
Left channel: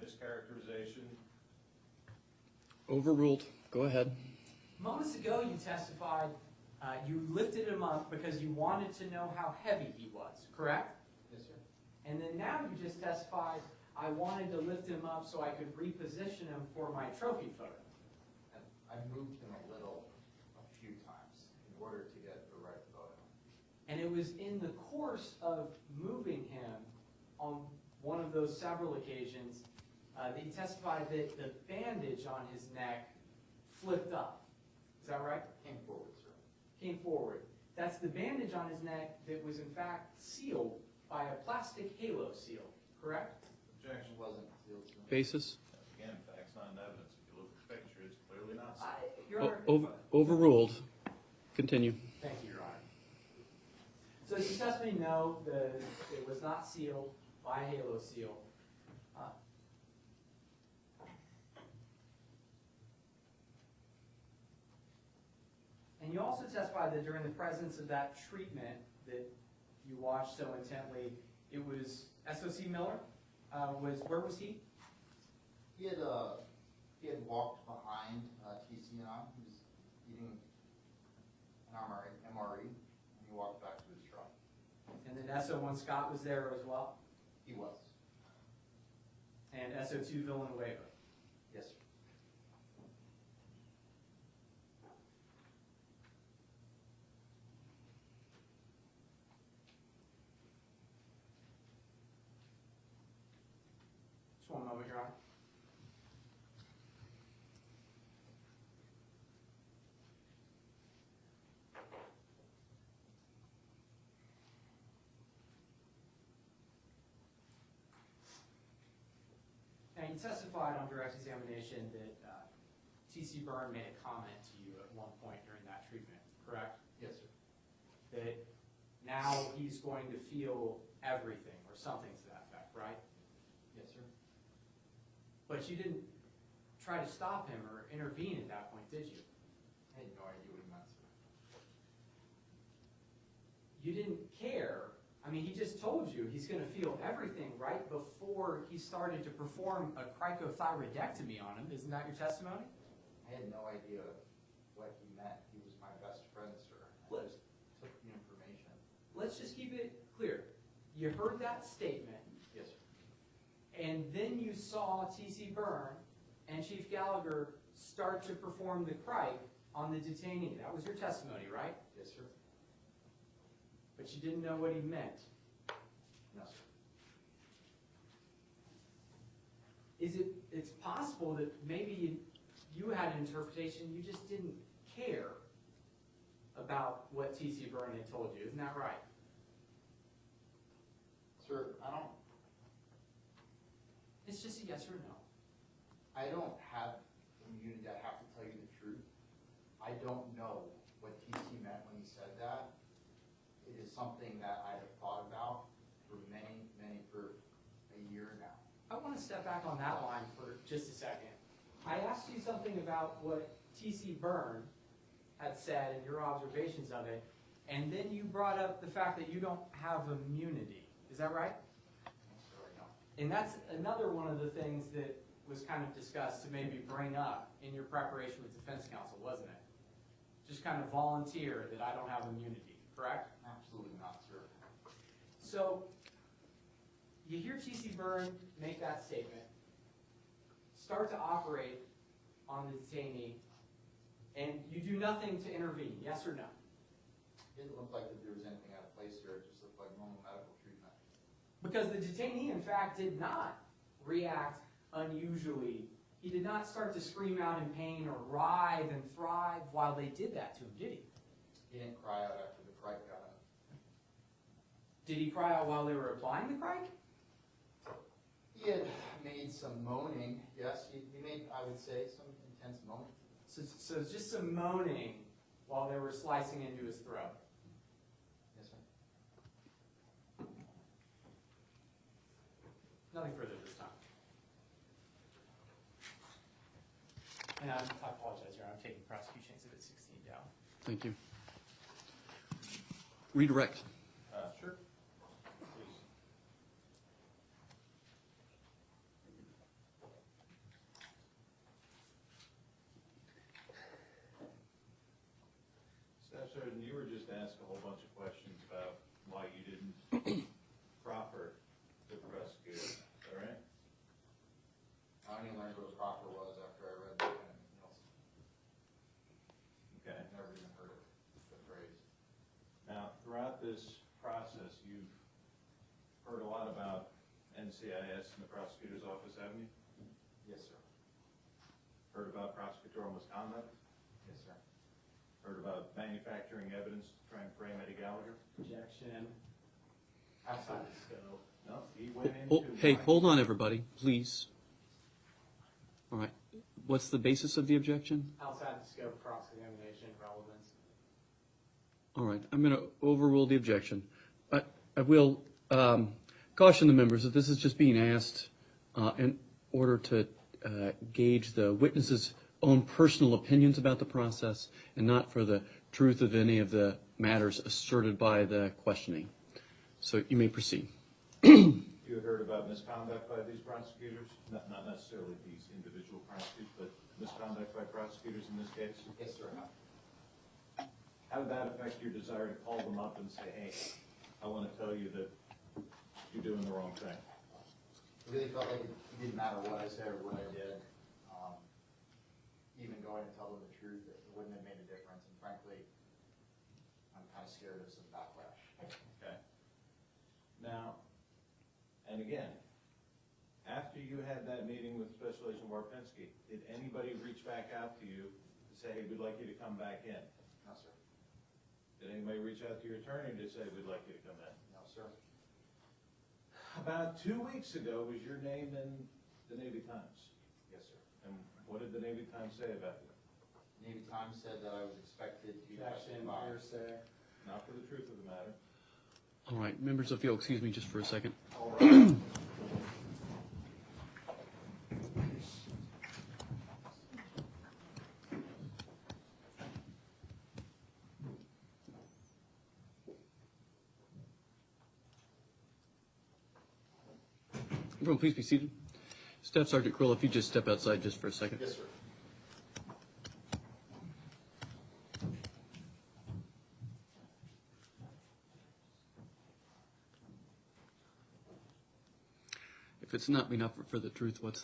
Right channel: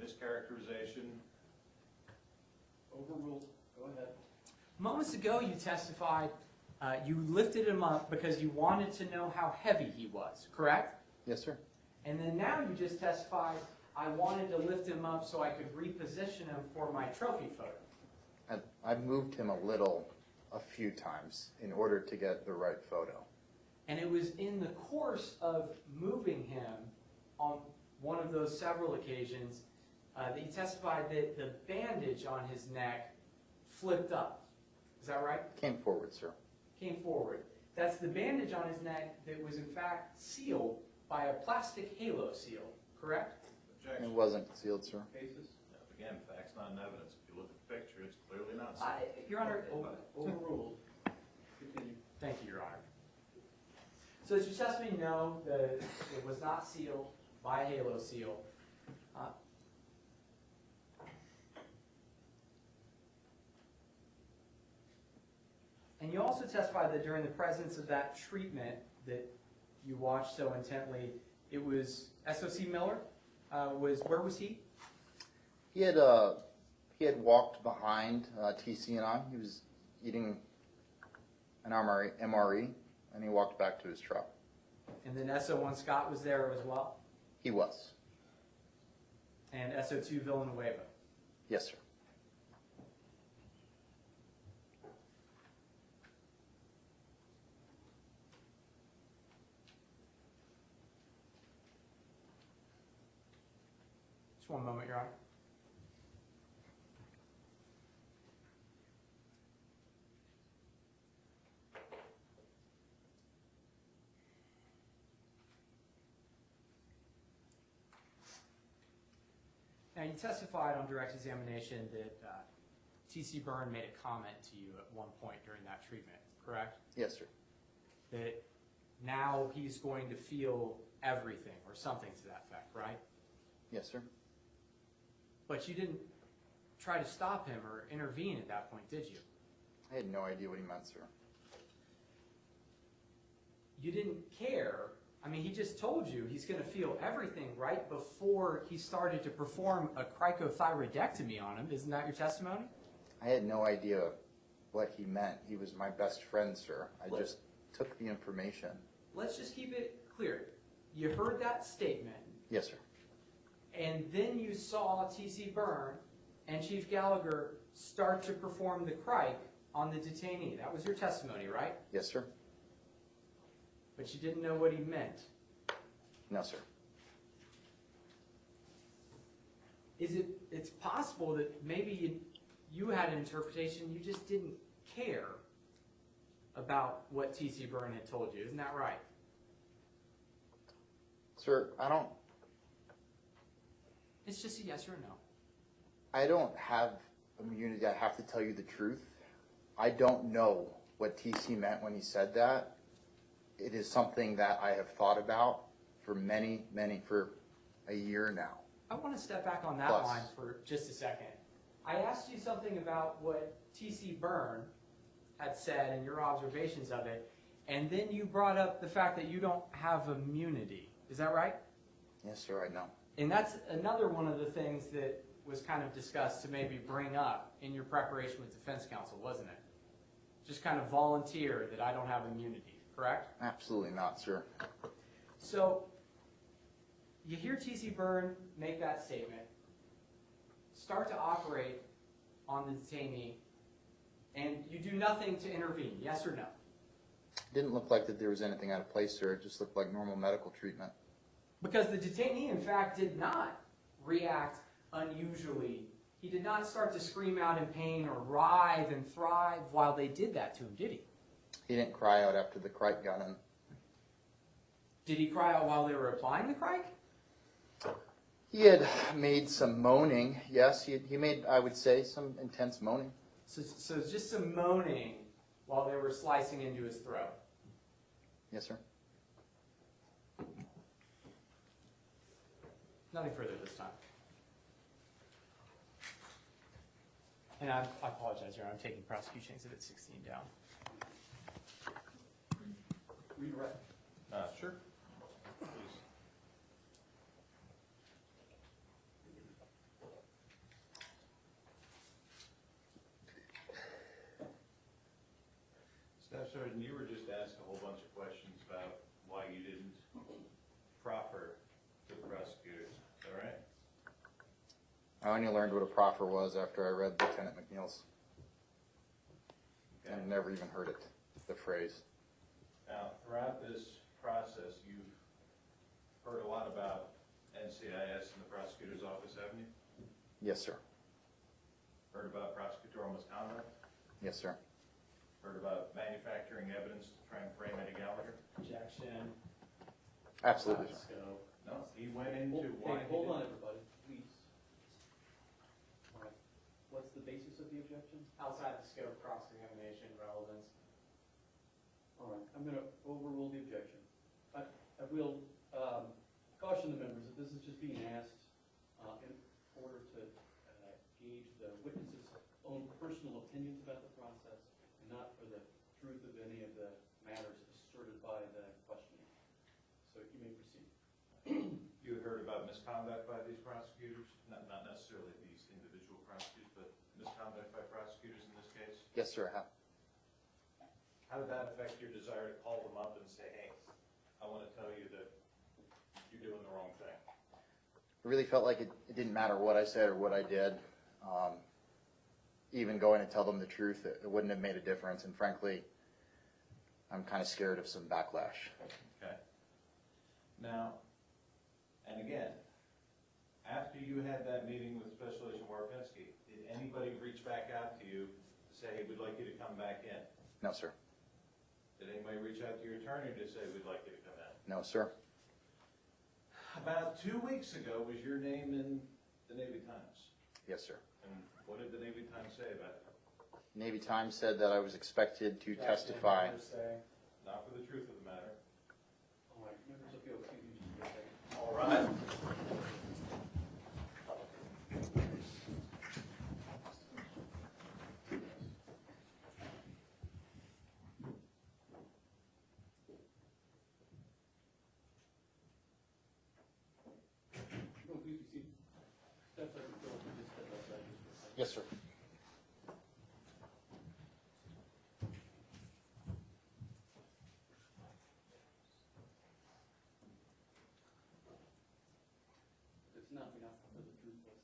mischaracterization. Overruled. Go ahead. Moments ago, you testified you lifted him up because you wanted to know how heavy he was, correct? Yes, sir. And then now you just testified, I wanted to lift him up so I could reposition him for my trophy photo. I moved him a few times in order to get the right photo. And it was in the course of moving him on one of those several occasions that he testified that the bandage on his neck flipped up. Is that right? Came forward, sir. Came forward. That's the bandage on his neck that was in fact sealed by a plastic halo seal, correct? Objection. It wasn't sealed, sir. Basis? Again, facts, not in evidence. If you look at the picture, it's clearly not so. Your Honor. Overruled. Continue. Thank you, Your Honor. So as you testimony know, it was not sealed by a halo seal. And you also testified that during the presence of that treatment that you watched so intently, it was SOC Miller. Where was he? He had walked behind TC and I. He was eating an MRE, and he walked back to his truck. And then SO1 Scott was there as well? He was. And SO2 Villanueva? Yes, sir. Just one moment, Your Honor. Now, Now, you testified on direct examination that T.C. Byrne made a comment to you at one point during that treatment, correct? Yes, sir. That now he's going to feel everything or something to that effect, right? Yes, sir. But you didn't try to stop him or intervene at that point, did you? I had no idea what he meant, sir. You didn't care. I mean, he just told you he's going to feel everything right before he started to perform a cricothyroidectomy on him. Isn't that your testimony? I had no idea what he meant. He was my best friend, sir. I just took the information. Let's just keep it clear. You heard that statement, Yes, sir. and then you saw T.C. Byrne and Chief Gallagher start to perform the cric on the detainee. That was your testimony, right? Yes, sir. But you didn't know what he meant. No, sir. It's possible that maybe you had an interpretation, you just didn't care about what T.C. Byrne had told you. Isn't that right? Sir, It's just a yes or a no. I don't have immunity. I have to tell you the truth. I don't know what TC meant when he said that. It is something that I have thought about for for a year now. I want to step back on that Plus. line for just a second. I asked you something about what T.C. Byrne had said and your observations of it, and then you brought up the fact that you don't have immunity. Is that right? Yes, sir, I know. And that's another one of the things that was kind of discussed to maybe bring up in your preparation with defense counsel, wasn't it? Just kind of volunteer that I don't have immunity, correct? Absolutely not, sir. So you hear T.C. Byrne make that statement, start to operate on the detainee, and you do nothing to intervene, yes or no? Didn't look like that there was anything out of place, sir. It just looked like normal medical treatment. Because the detainee, in fact, did not react unusually. He did not start to scream out in pain or writhe and thrive while they did that to him, did he? He didn't cry out after the cric got in. Did he cry out while they were applying the cric? He had made some moaning. Yes, he made, I would say, some intense moaning. So just some moaning while they were slicing into his throat. Yes, sir. Nothing further this time. And I apologize, Your Honor. I'm taking prosecution exhibit 16 down. Thank you. Redirect. Sure. Please. Staff Sergeant, you were just asked a whole bunch of questions about why you didn't proffer to the prosecutor. Is that right? I only learned what a proffer was after I read Lieutenant McNeil's. Okay. I never even heard it, the phrase. Now, throughout this process, you've heard a lot about NCIS in the prosecutor's office, haven't you? Yes, sir. Heard about prosecutorial misconduct? Yes, sir. Heard about manufacturing evidence to try and frame Eddie Gallagher? Objection. Absolutely. Let's go. No, he went into... Hey, hold on, everybody, please. All right. What's the basis of the objection? Outside the scope of cross-examination relevance. All right, I'm going to overrule the objection. I will caution the members that this is just being asked in order to gauge the witness's own personal opinions about the process and not for the truth of any of the matters asserted by the questioning. So you may proceed. You heard about misconduct by these prosecutors? Not necessarily these individual prosecutors, but misconduct by prosecutors in this case? Yes, sir, I have. How did that affect your desire to call them up and say, hey, I want to tell you that you're doing the wrong thing? It really felt like it didn't matter what I said or what I did. Even going to tell them the truth, it wouldn't have made a difference. And frankly, I'm kind of scared of some backlash. Okay. Now, and again, after you had that meeting with Special Agent Warpinski, did anybody reach back out to you to say, hey, we'd like you to come back in? No, sir. Did anybody reach out to your attorney to say, we'd like you to come in? No, sir. About 2 weeks ago, was your name in the Navy Times. Yes, sir. And what did the Navy Times say about you? Navy Times said that I was expected to Objection, testify. hearsay. Not for the truth of the matter. All right, members, if you'll excuse me just for a second. All right. Everyone, please be seated. Staff Sergeant Kirylo, if you just step outside just for a second. Yes, sir. If it's not enough for the truth, what's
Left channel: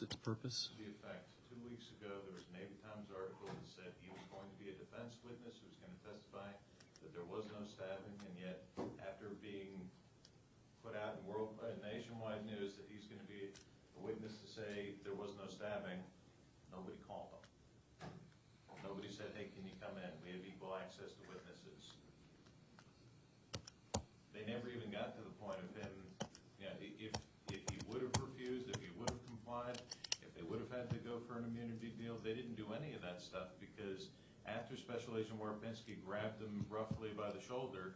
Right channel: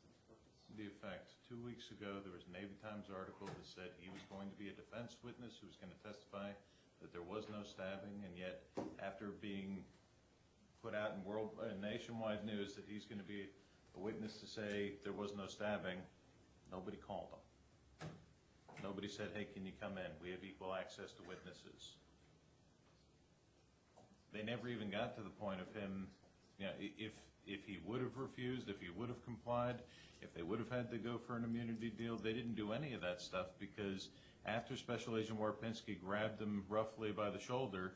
its purpose? The effect, 2 weeks ago, there was a Navy Times article that said he was going to be a defense witness who was going to testify that there was no stabbing, and yet after being put out in nationwide news that he's going to be a witness to say there was no stabbing, nobody called him. Nobody said, hey, can you come in? We have equal access to witnesses. They never even got to the point of him, you know, if he would have refused, if he would have complied, if they would have had to go for an immunity deal, they didn't do any of that stuff because after Special Agent Warpinski grabbed him roughly by the shoulder,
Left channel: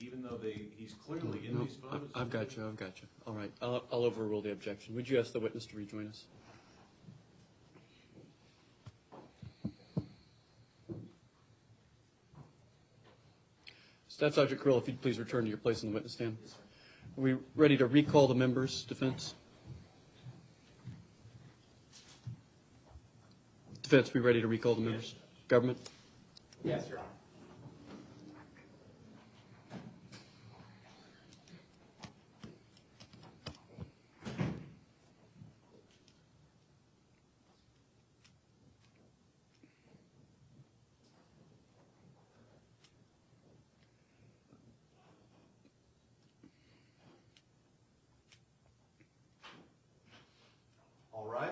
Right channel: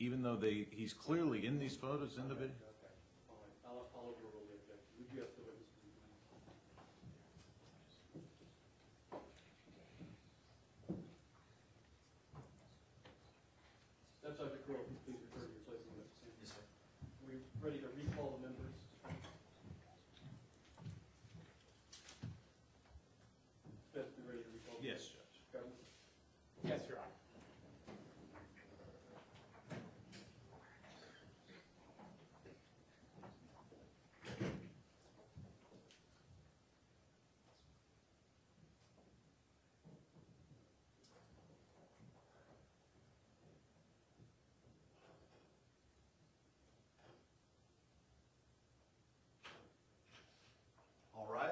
even though he's clearly in these photos. I've got you. All right, I'll overrule the objection. Would you ask the witness to rejoin us? Staff Sergeant Kirylo, if you'd please return to your place on the witness stand. Yes, sir. Are we ready to recall the members' defense? Defense, we ready to recall the members? Government? Yes, Your Honor. All right.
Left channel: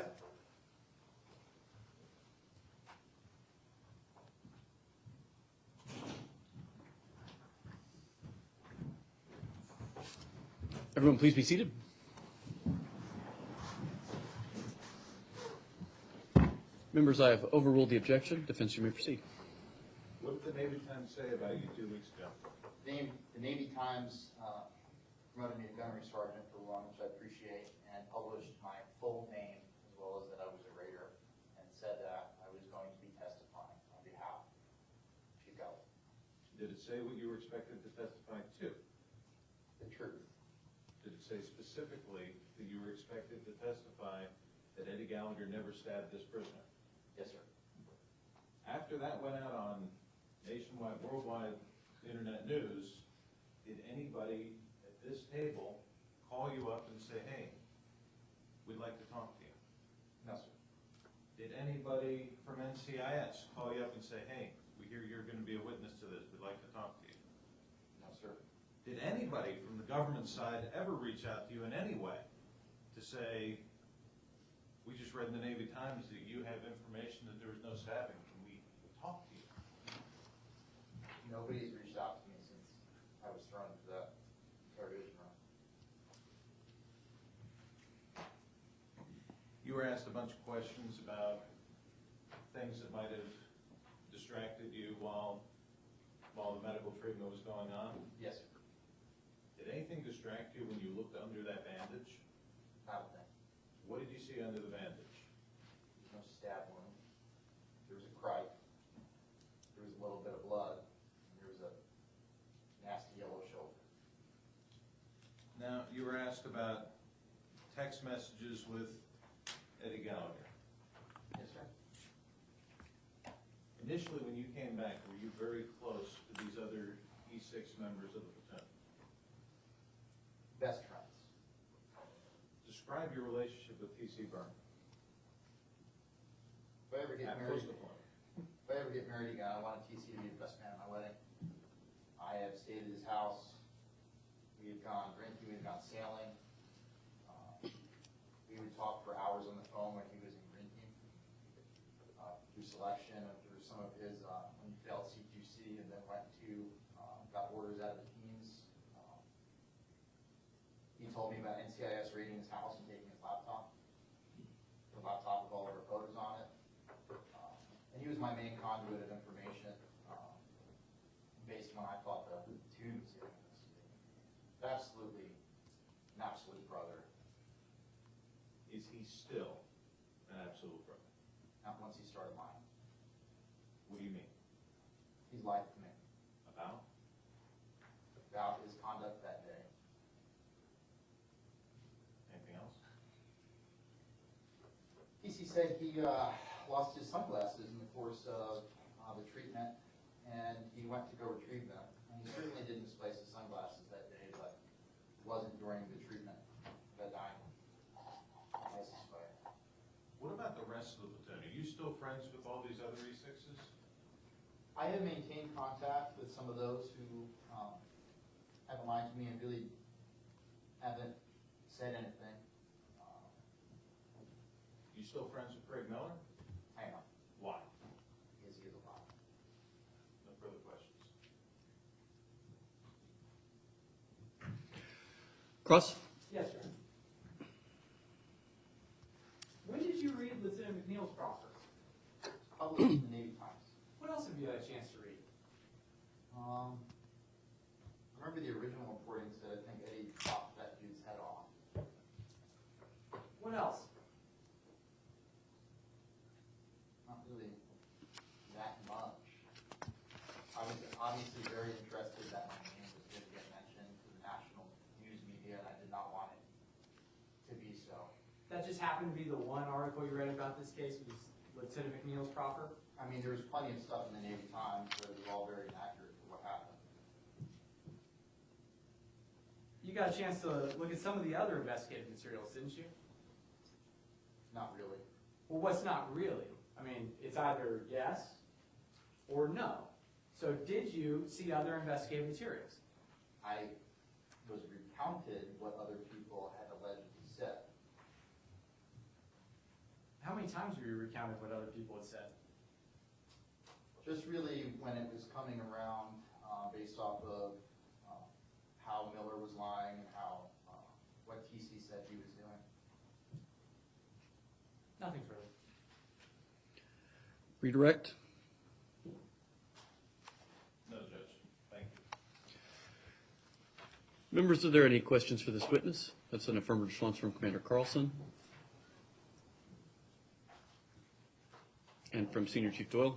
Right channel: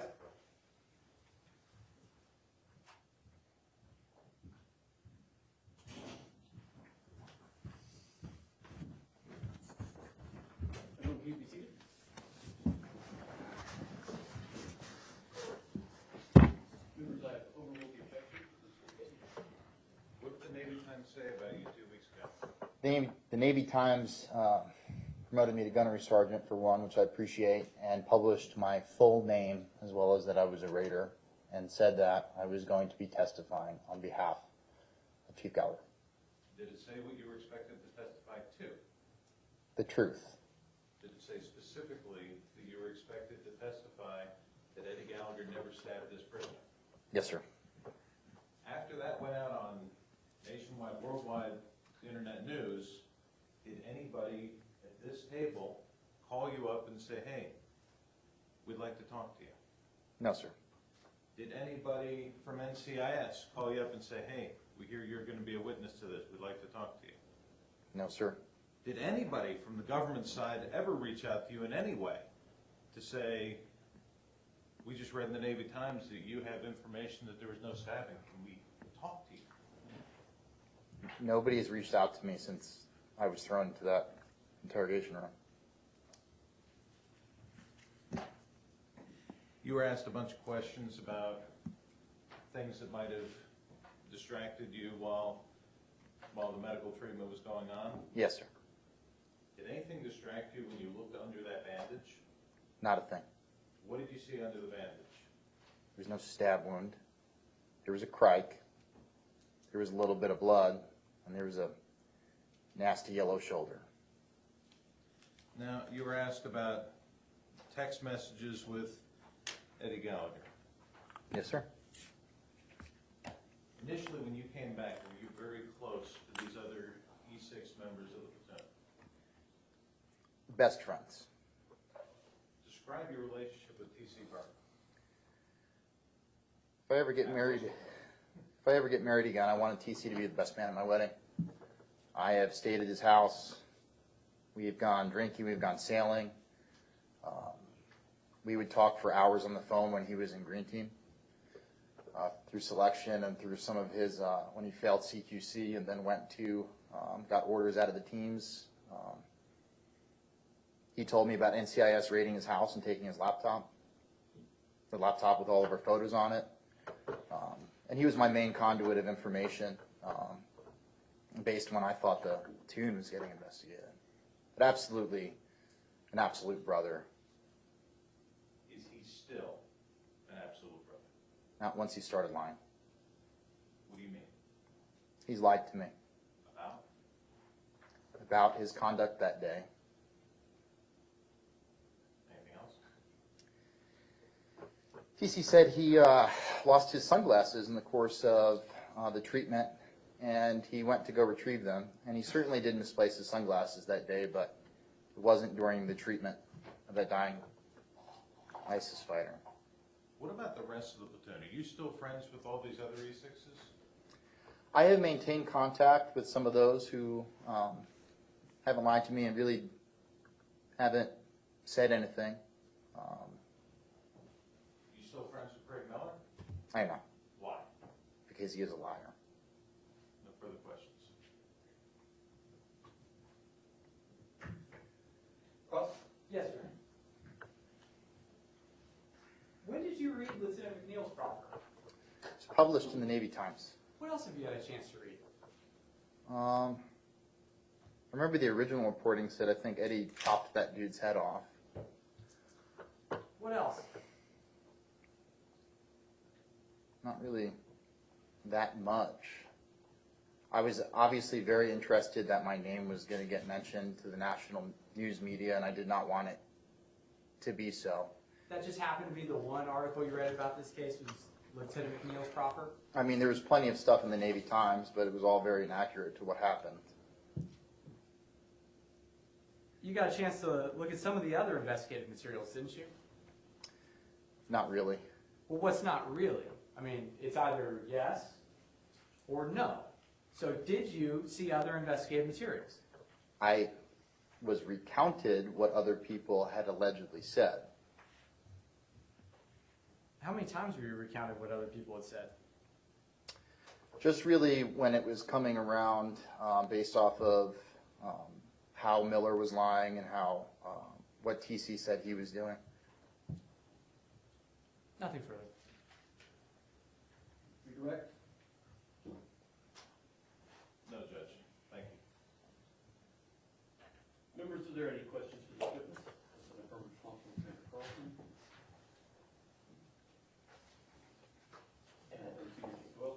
Everyone, please be seated. Members, I have overruled the objection. Defense, you may proceed. What did the Navy Times say about you 2 weeks ago? The Navy Times promoted me to gunnery sergeant for one, which I appreciate, and published my full name as well as that I was a raider, and said that I was going to be testifying on behalf of Chief Gallagher. Did it say what you were expected to testify to? The truth. Did it say specifically that you were expected to testify that Eddie Gallagher never stabbed this prisoner? Yes, sir. After that went out on nationwide, worldwide internet news, did anybody at this table call you up and say, hey, we'd like to talk to you? No, sir. Did anybody from NCIS call you up and say, hey, we hear you're going to be a witness to this, we'd like to talk to you? No, sir. Did anybody from the government side ever reach out to you in any way to say, we just read in the Navy Times that you have information that there was no stabbing, can we talk to you? Nobody has reached out to me since I was thrown into that interrogation room. You were asked a bunch of questions about things that might have distracted you while the medical treatment was going on. Yes, sir. Did anything distract you when you looked under that bandage? Not a thing. What did you see under the bandage? There was no stab wound. There was a crike. There was a little bit of blood, and there was a nasty yellow shoulder. Now, you were asked about text messages with Eddie Gallagher. Yes, sir. Initially, when you came back, were you very close to these other E6 members of the platoon? Best friends. Describe your relationship with T.C. Byrne. If I ever get married again, I wanted TC to be the best man at my wedding. I have stayed at his house. We have gone drinking. We've gone sailing. We would talk for hours on the phone when he was in Green Team, through selection and through some of his, when he failed CQC and then went to, got orders out of the teams. He told me about NCIS raiding his house and taking his laptop, the laptop with all of our photos on it. And he was my main conduit of information based when I thought the platoon was getting investigated. But absolutely, an absolute brother. Is he still an absolute brother? Not once he started lying. What do you mean? He's lied to me About? about his conduct that day. Anything else? TC said he lost his sunglasses in the course of the treatment, and he went to go retrieve them. And he certainly did misplace his sunglasses that day, but it wasn't during the treatment of that dying ISIS fighter. What about the rest of the platoon? Are you still friends with all these other E6s? I have maintained contact with some of those who haven't lied to me and really haven't said anything. You still friends with Craig Miller? I know, Why? because he is a liar. No further questions. Cross? Yes, sir. When did you read Lieutenant McNeil's proffer? It's published in the Navy Times. What else have you had a chance to read? I remember the original reporting said I think Eddie chopped that dude's head off. What else? Not really that much. I was obviously very interested that my name was going to get mentioned to the national news media, and I did not want it to be so. That just happened to be the one article you read about this case was Lieutenant McNeil's proffer? I mean, there was plenty of stuff in the Navy Times, but it was all very inaccurate to what happened. You got a chance to look at some of the other investigative materials, didn't you? Not really. Well, what's not really? I mean, it's either yes or no. So did you see other investigative materials? I was recounted what other people had allegedly said. How many times were you recounted what other people had said? Just really when it was coming around based off of how Miller was lying and how what TC said he was doing. Nothing further. Redirect? No, Judge. Thank you. Members, are there any questions for this witness? That's an affirmative response from Commander Carlson. And from Senior Chief Doyle.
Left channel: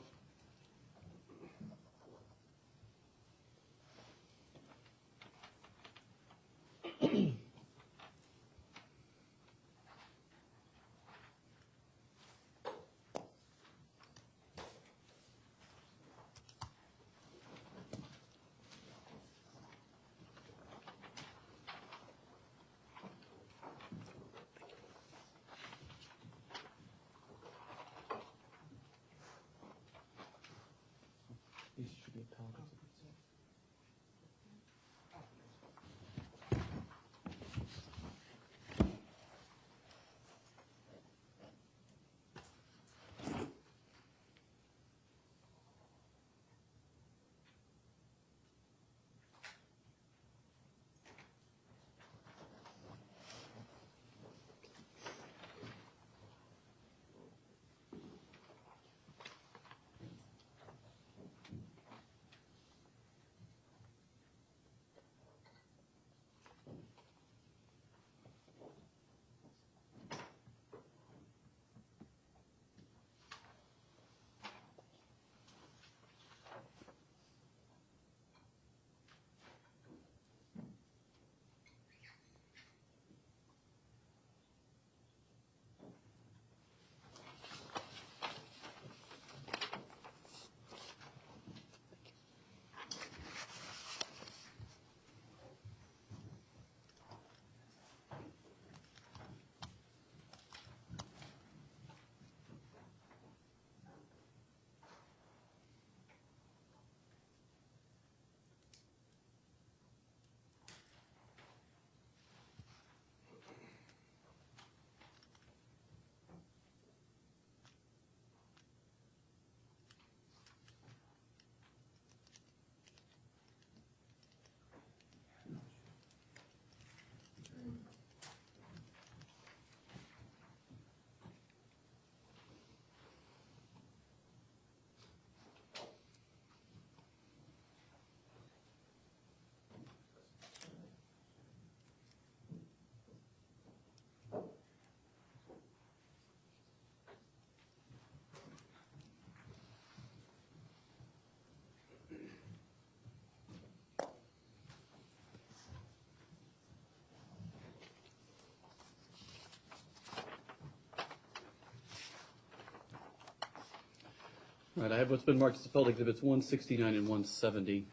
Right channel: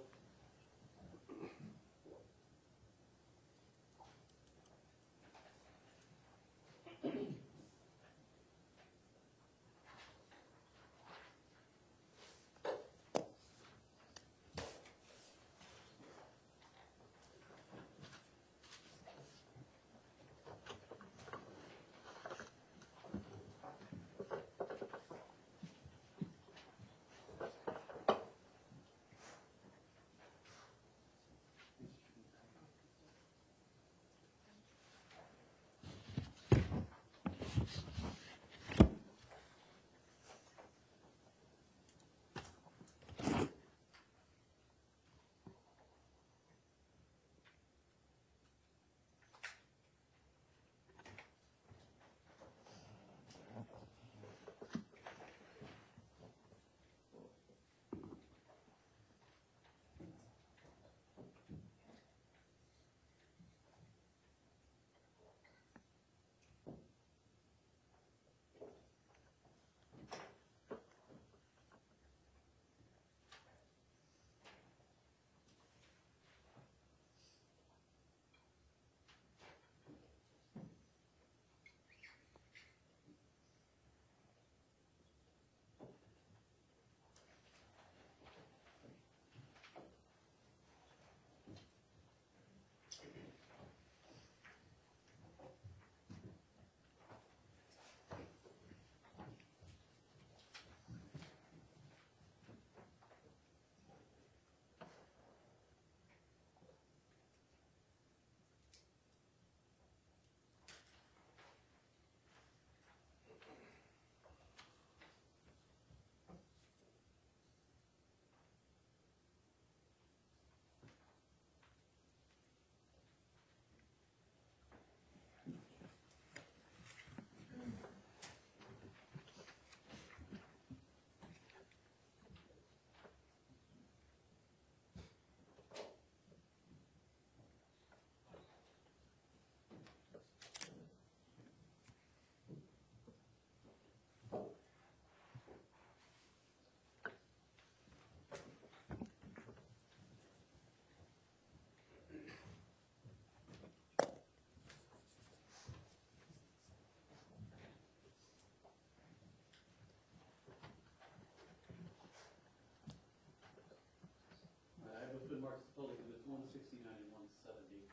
Right, I have what's been marked as appellate exhibits 169 and 170.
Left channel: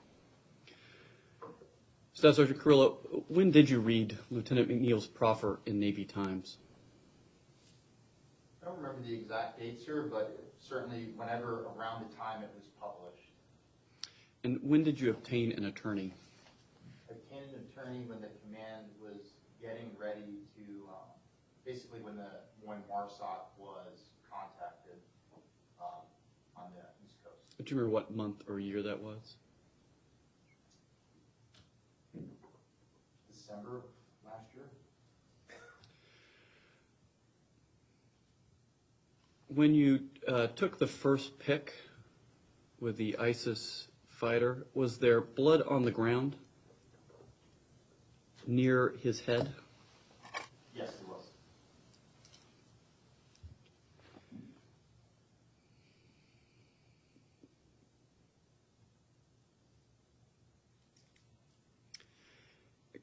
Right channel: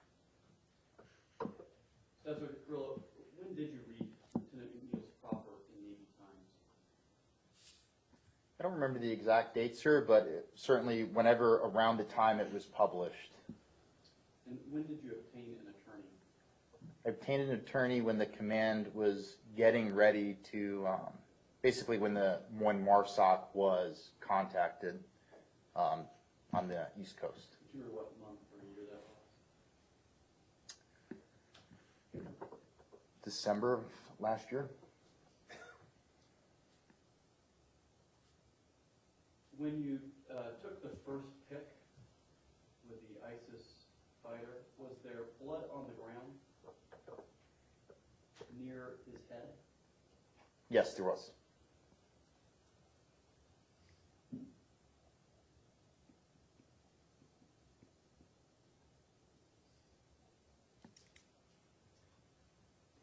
Staff Sergeant Kirylo, when did you read Lieutenant McNeil's proffer in Navy Times? I don't remember the exact date, sir, but certainly whenever around the time it was published. And when did you obtain an attorney? I obtained an attorney when the command was getting ready to, basically when MARSOC was contacted on the East Coast. Do you remember what month or year that was? December of last year. When you took the first pick with the ISIS fighter, was there blood on the ground near his head? Yes, there was.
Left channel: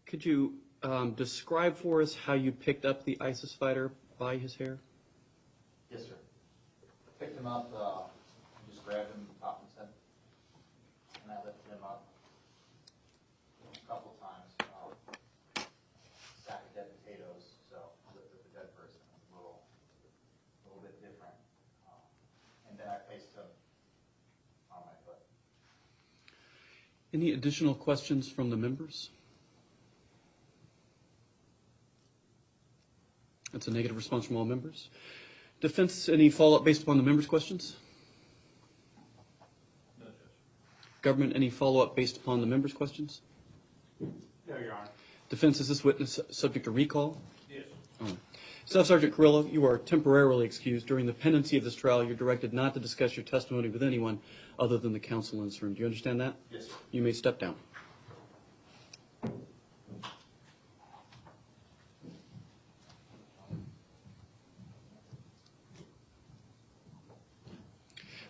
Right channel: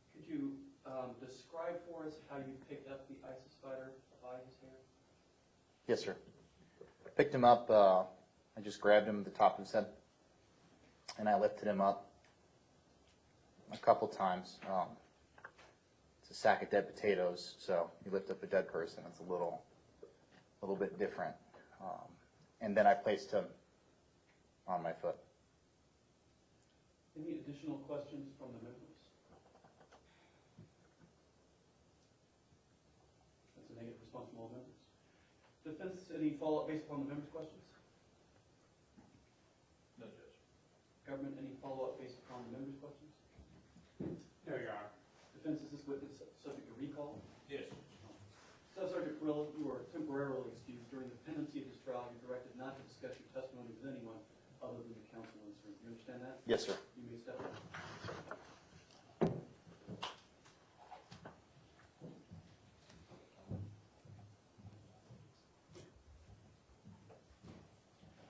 Could you describe for us how you picked up the ISIS fighter by his hair? Yes, sir. I picked him up, I just grabbed him at the top of his head, and I lifted him up a couple times. A sack of dead potatoes, so you lift up a dead person, it's a little bit different. And then I placed him on my foot. Any additional questions from the members? That's a negative response from all members. Defense, any follow-up based upon the members' questions? No, Judge. Government, any follow-up based upon the members' questions? No, Your Honor. Defense, is this witness subject to recall? Yes. All right. Staff Sergeant Kirylo, you are temporarily excused. During the pendency of this trial, you're directed not to discuss your testimony with anyone other than the counsel in this room. Do you understand that? Yes, sir. You may step down.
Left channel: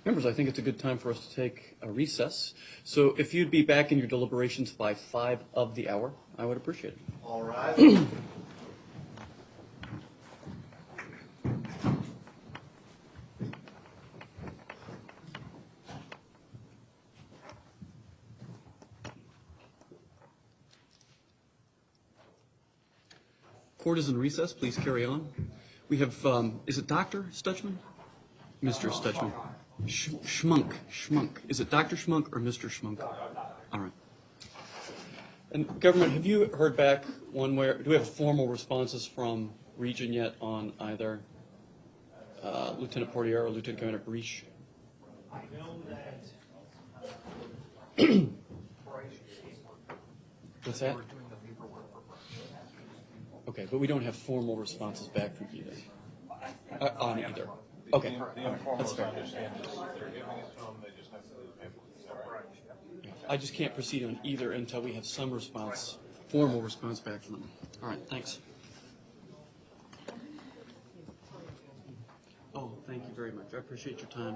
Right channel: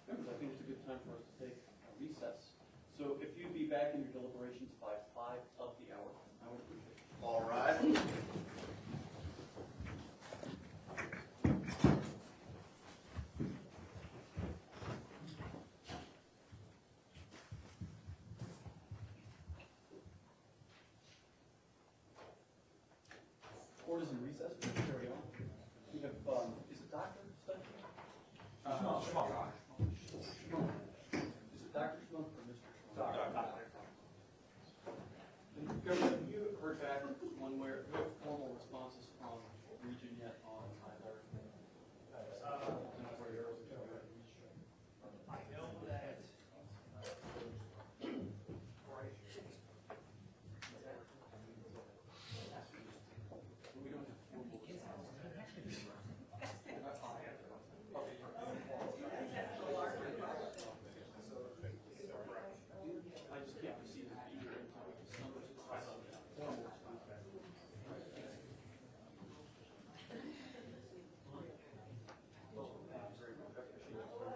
Members, I think it's a good time for us to take a recess. So if you'd be back in your deliberations by 5 of the hour, I would appreciate it. All right. Court is in recess. Please carry on. We have, is it Dr. Stutchman? Mr. Stutchman. Schmunk. Is it Dr. Schmunk or Mr. Schmunk? All right. And government, have you heard back one way, do we have formal responses from Region yet on either Lieutenant Portier or Lieutenant Commander Barish? I know that What's that? Okay, but we don't have formal responses back from either. On either. Okay, that's fair. I just can't proceed on either until we have some response, formal response back from them. All right, thanks. Oh, thank you very much. I appreciate your time.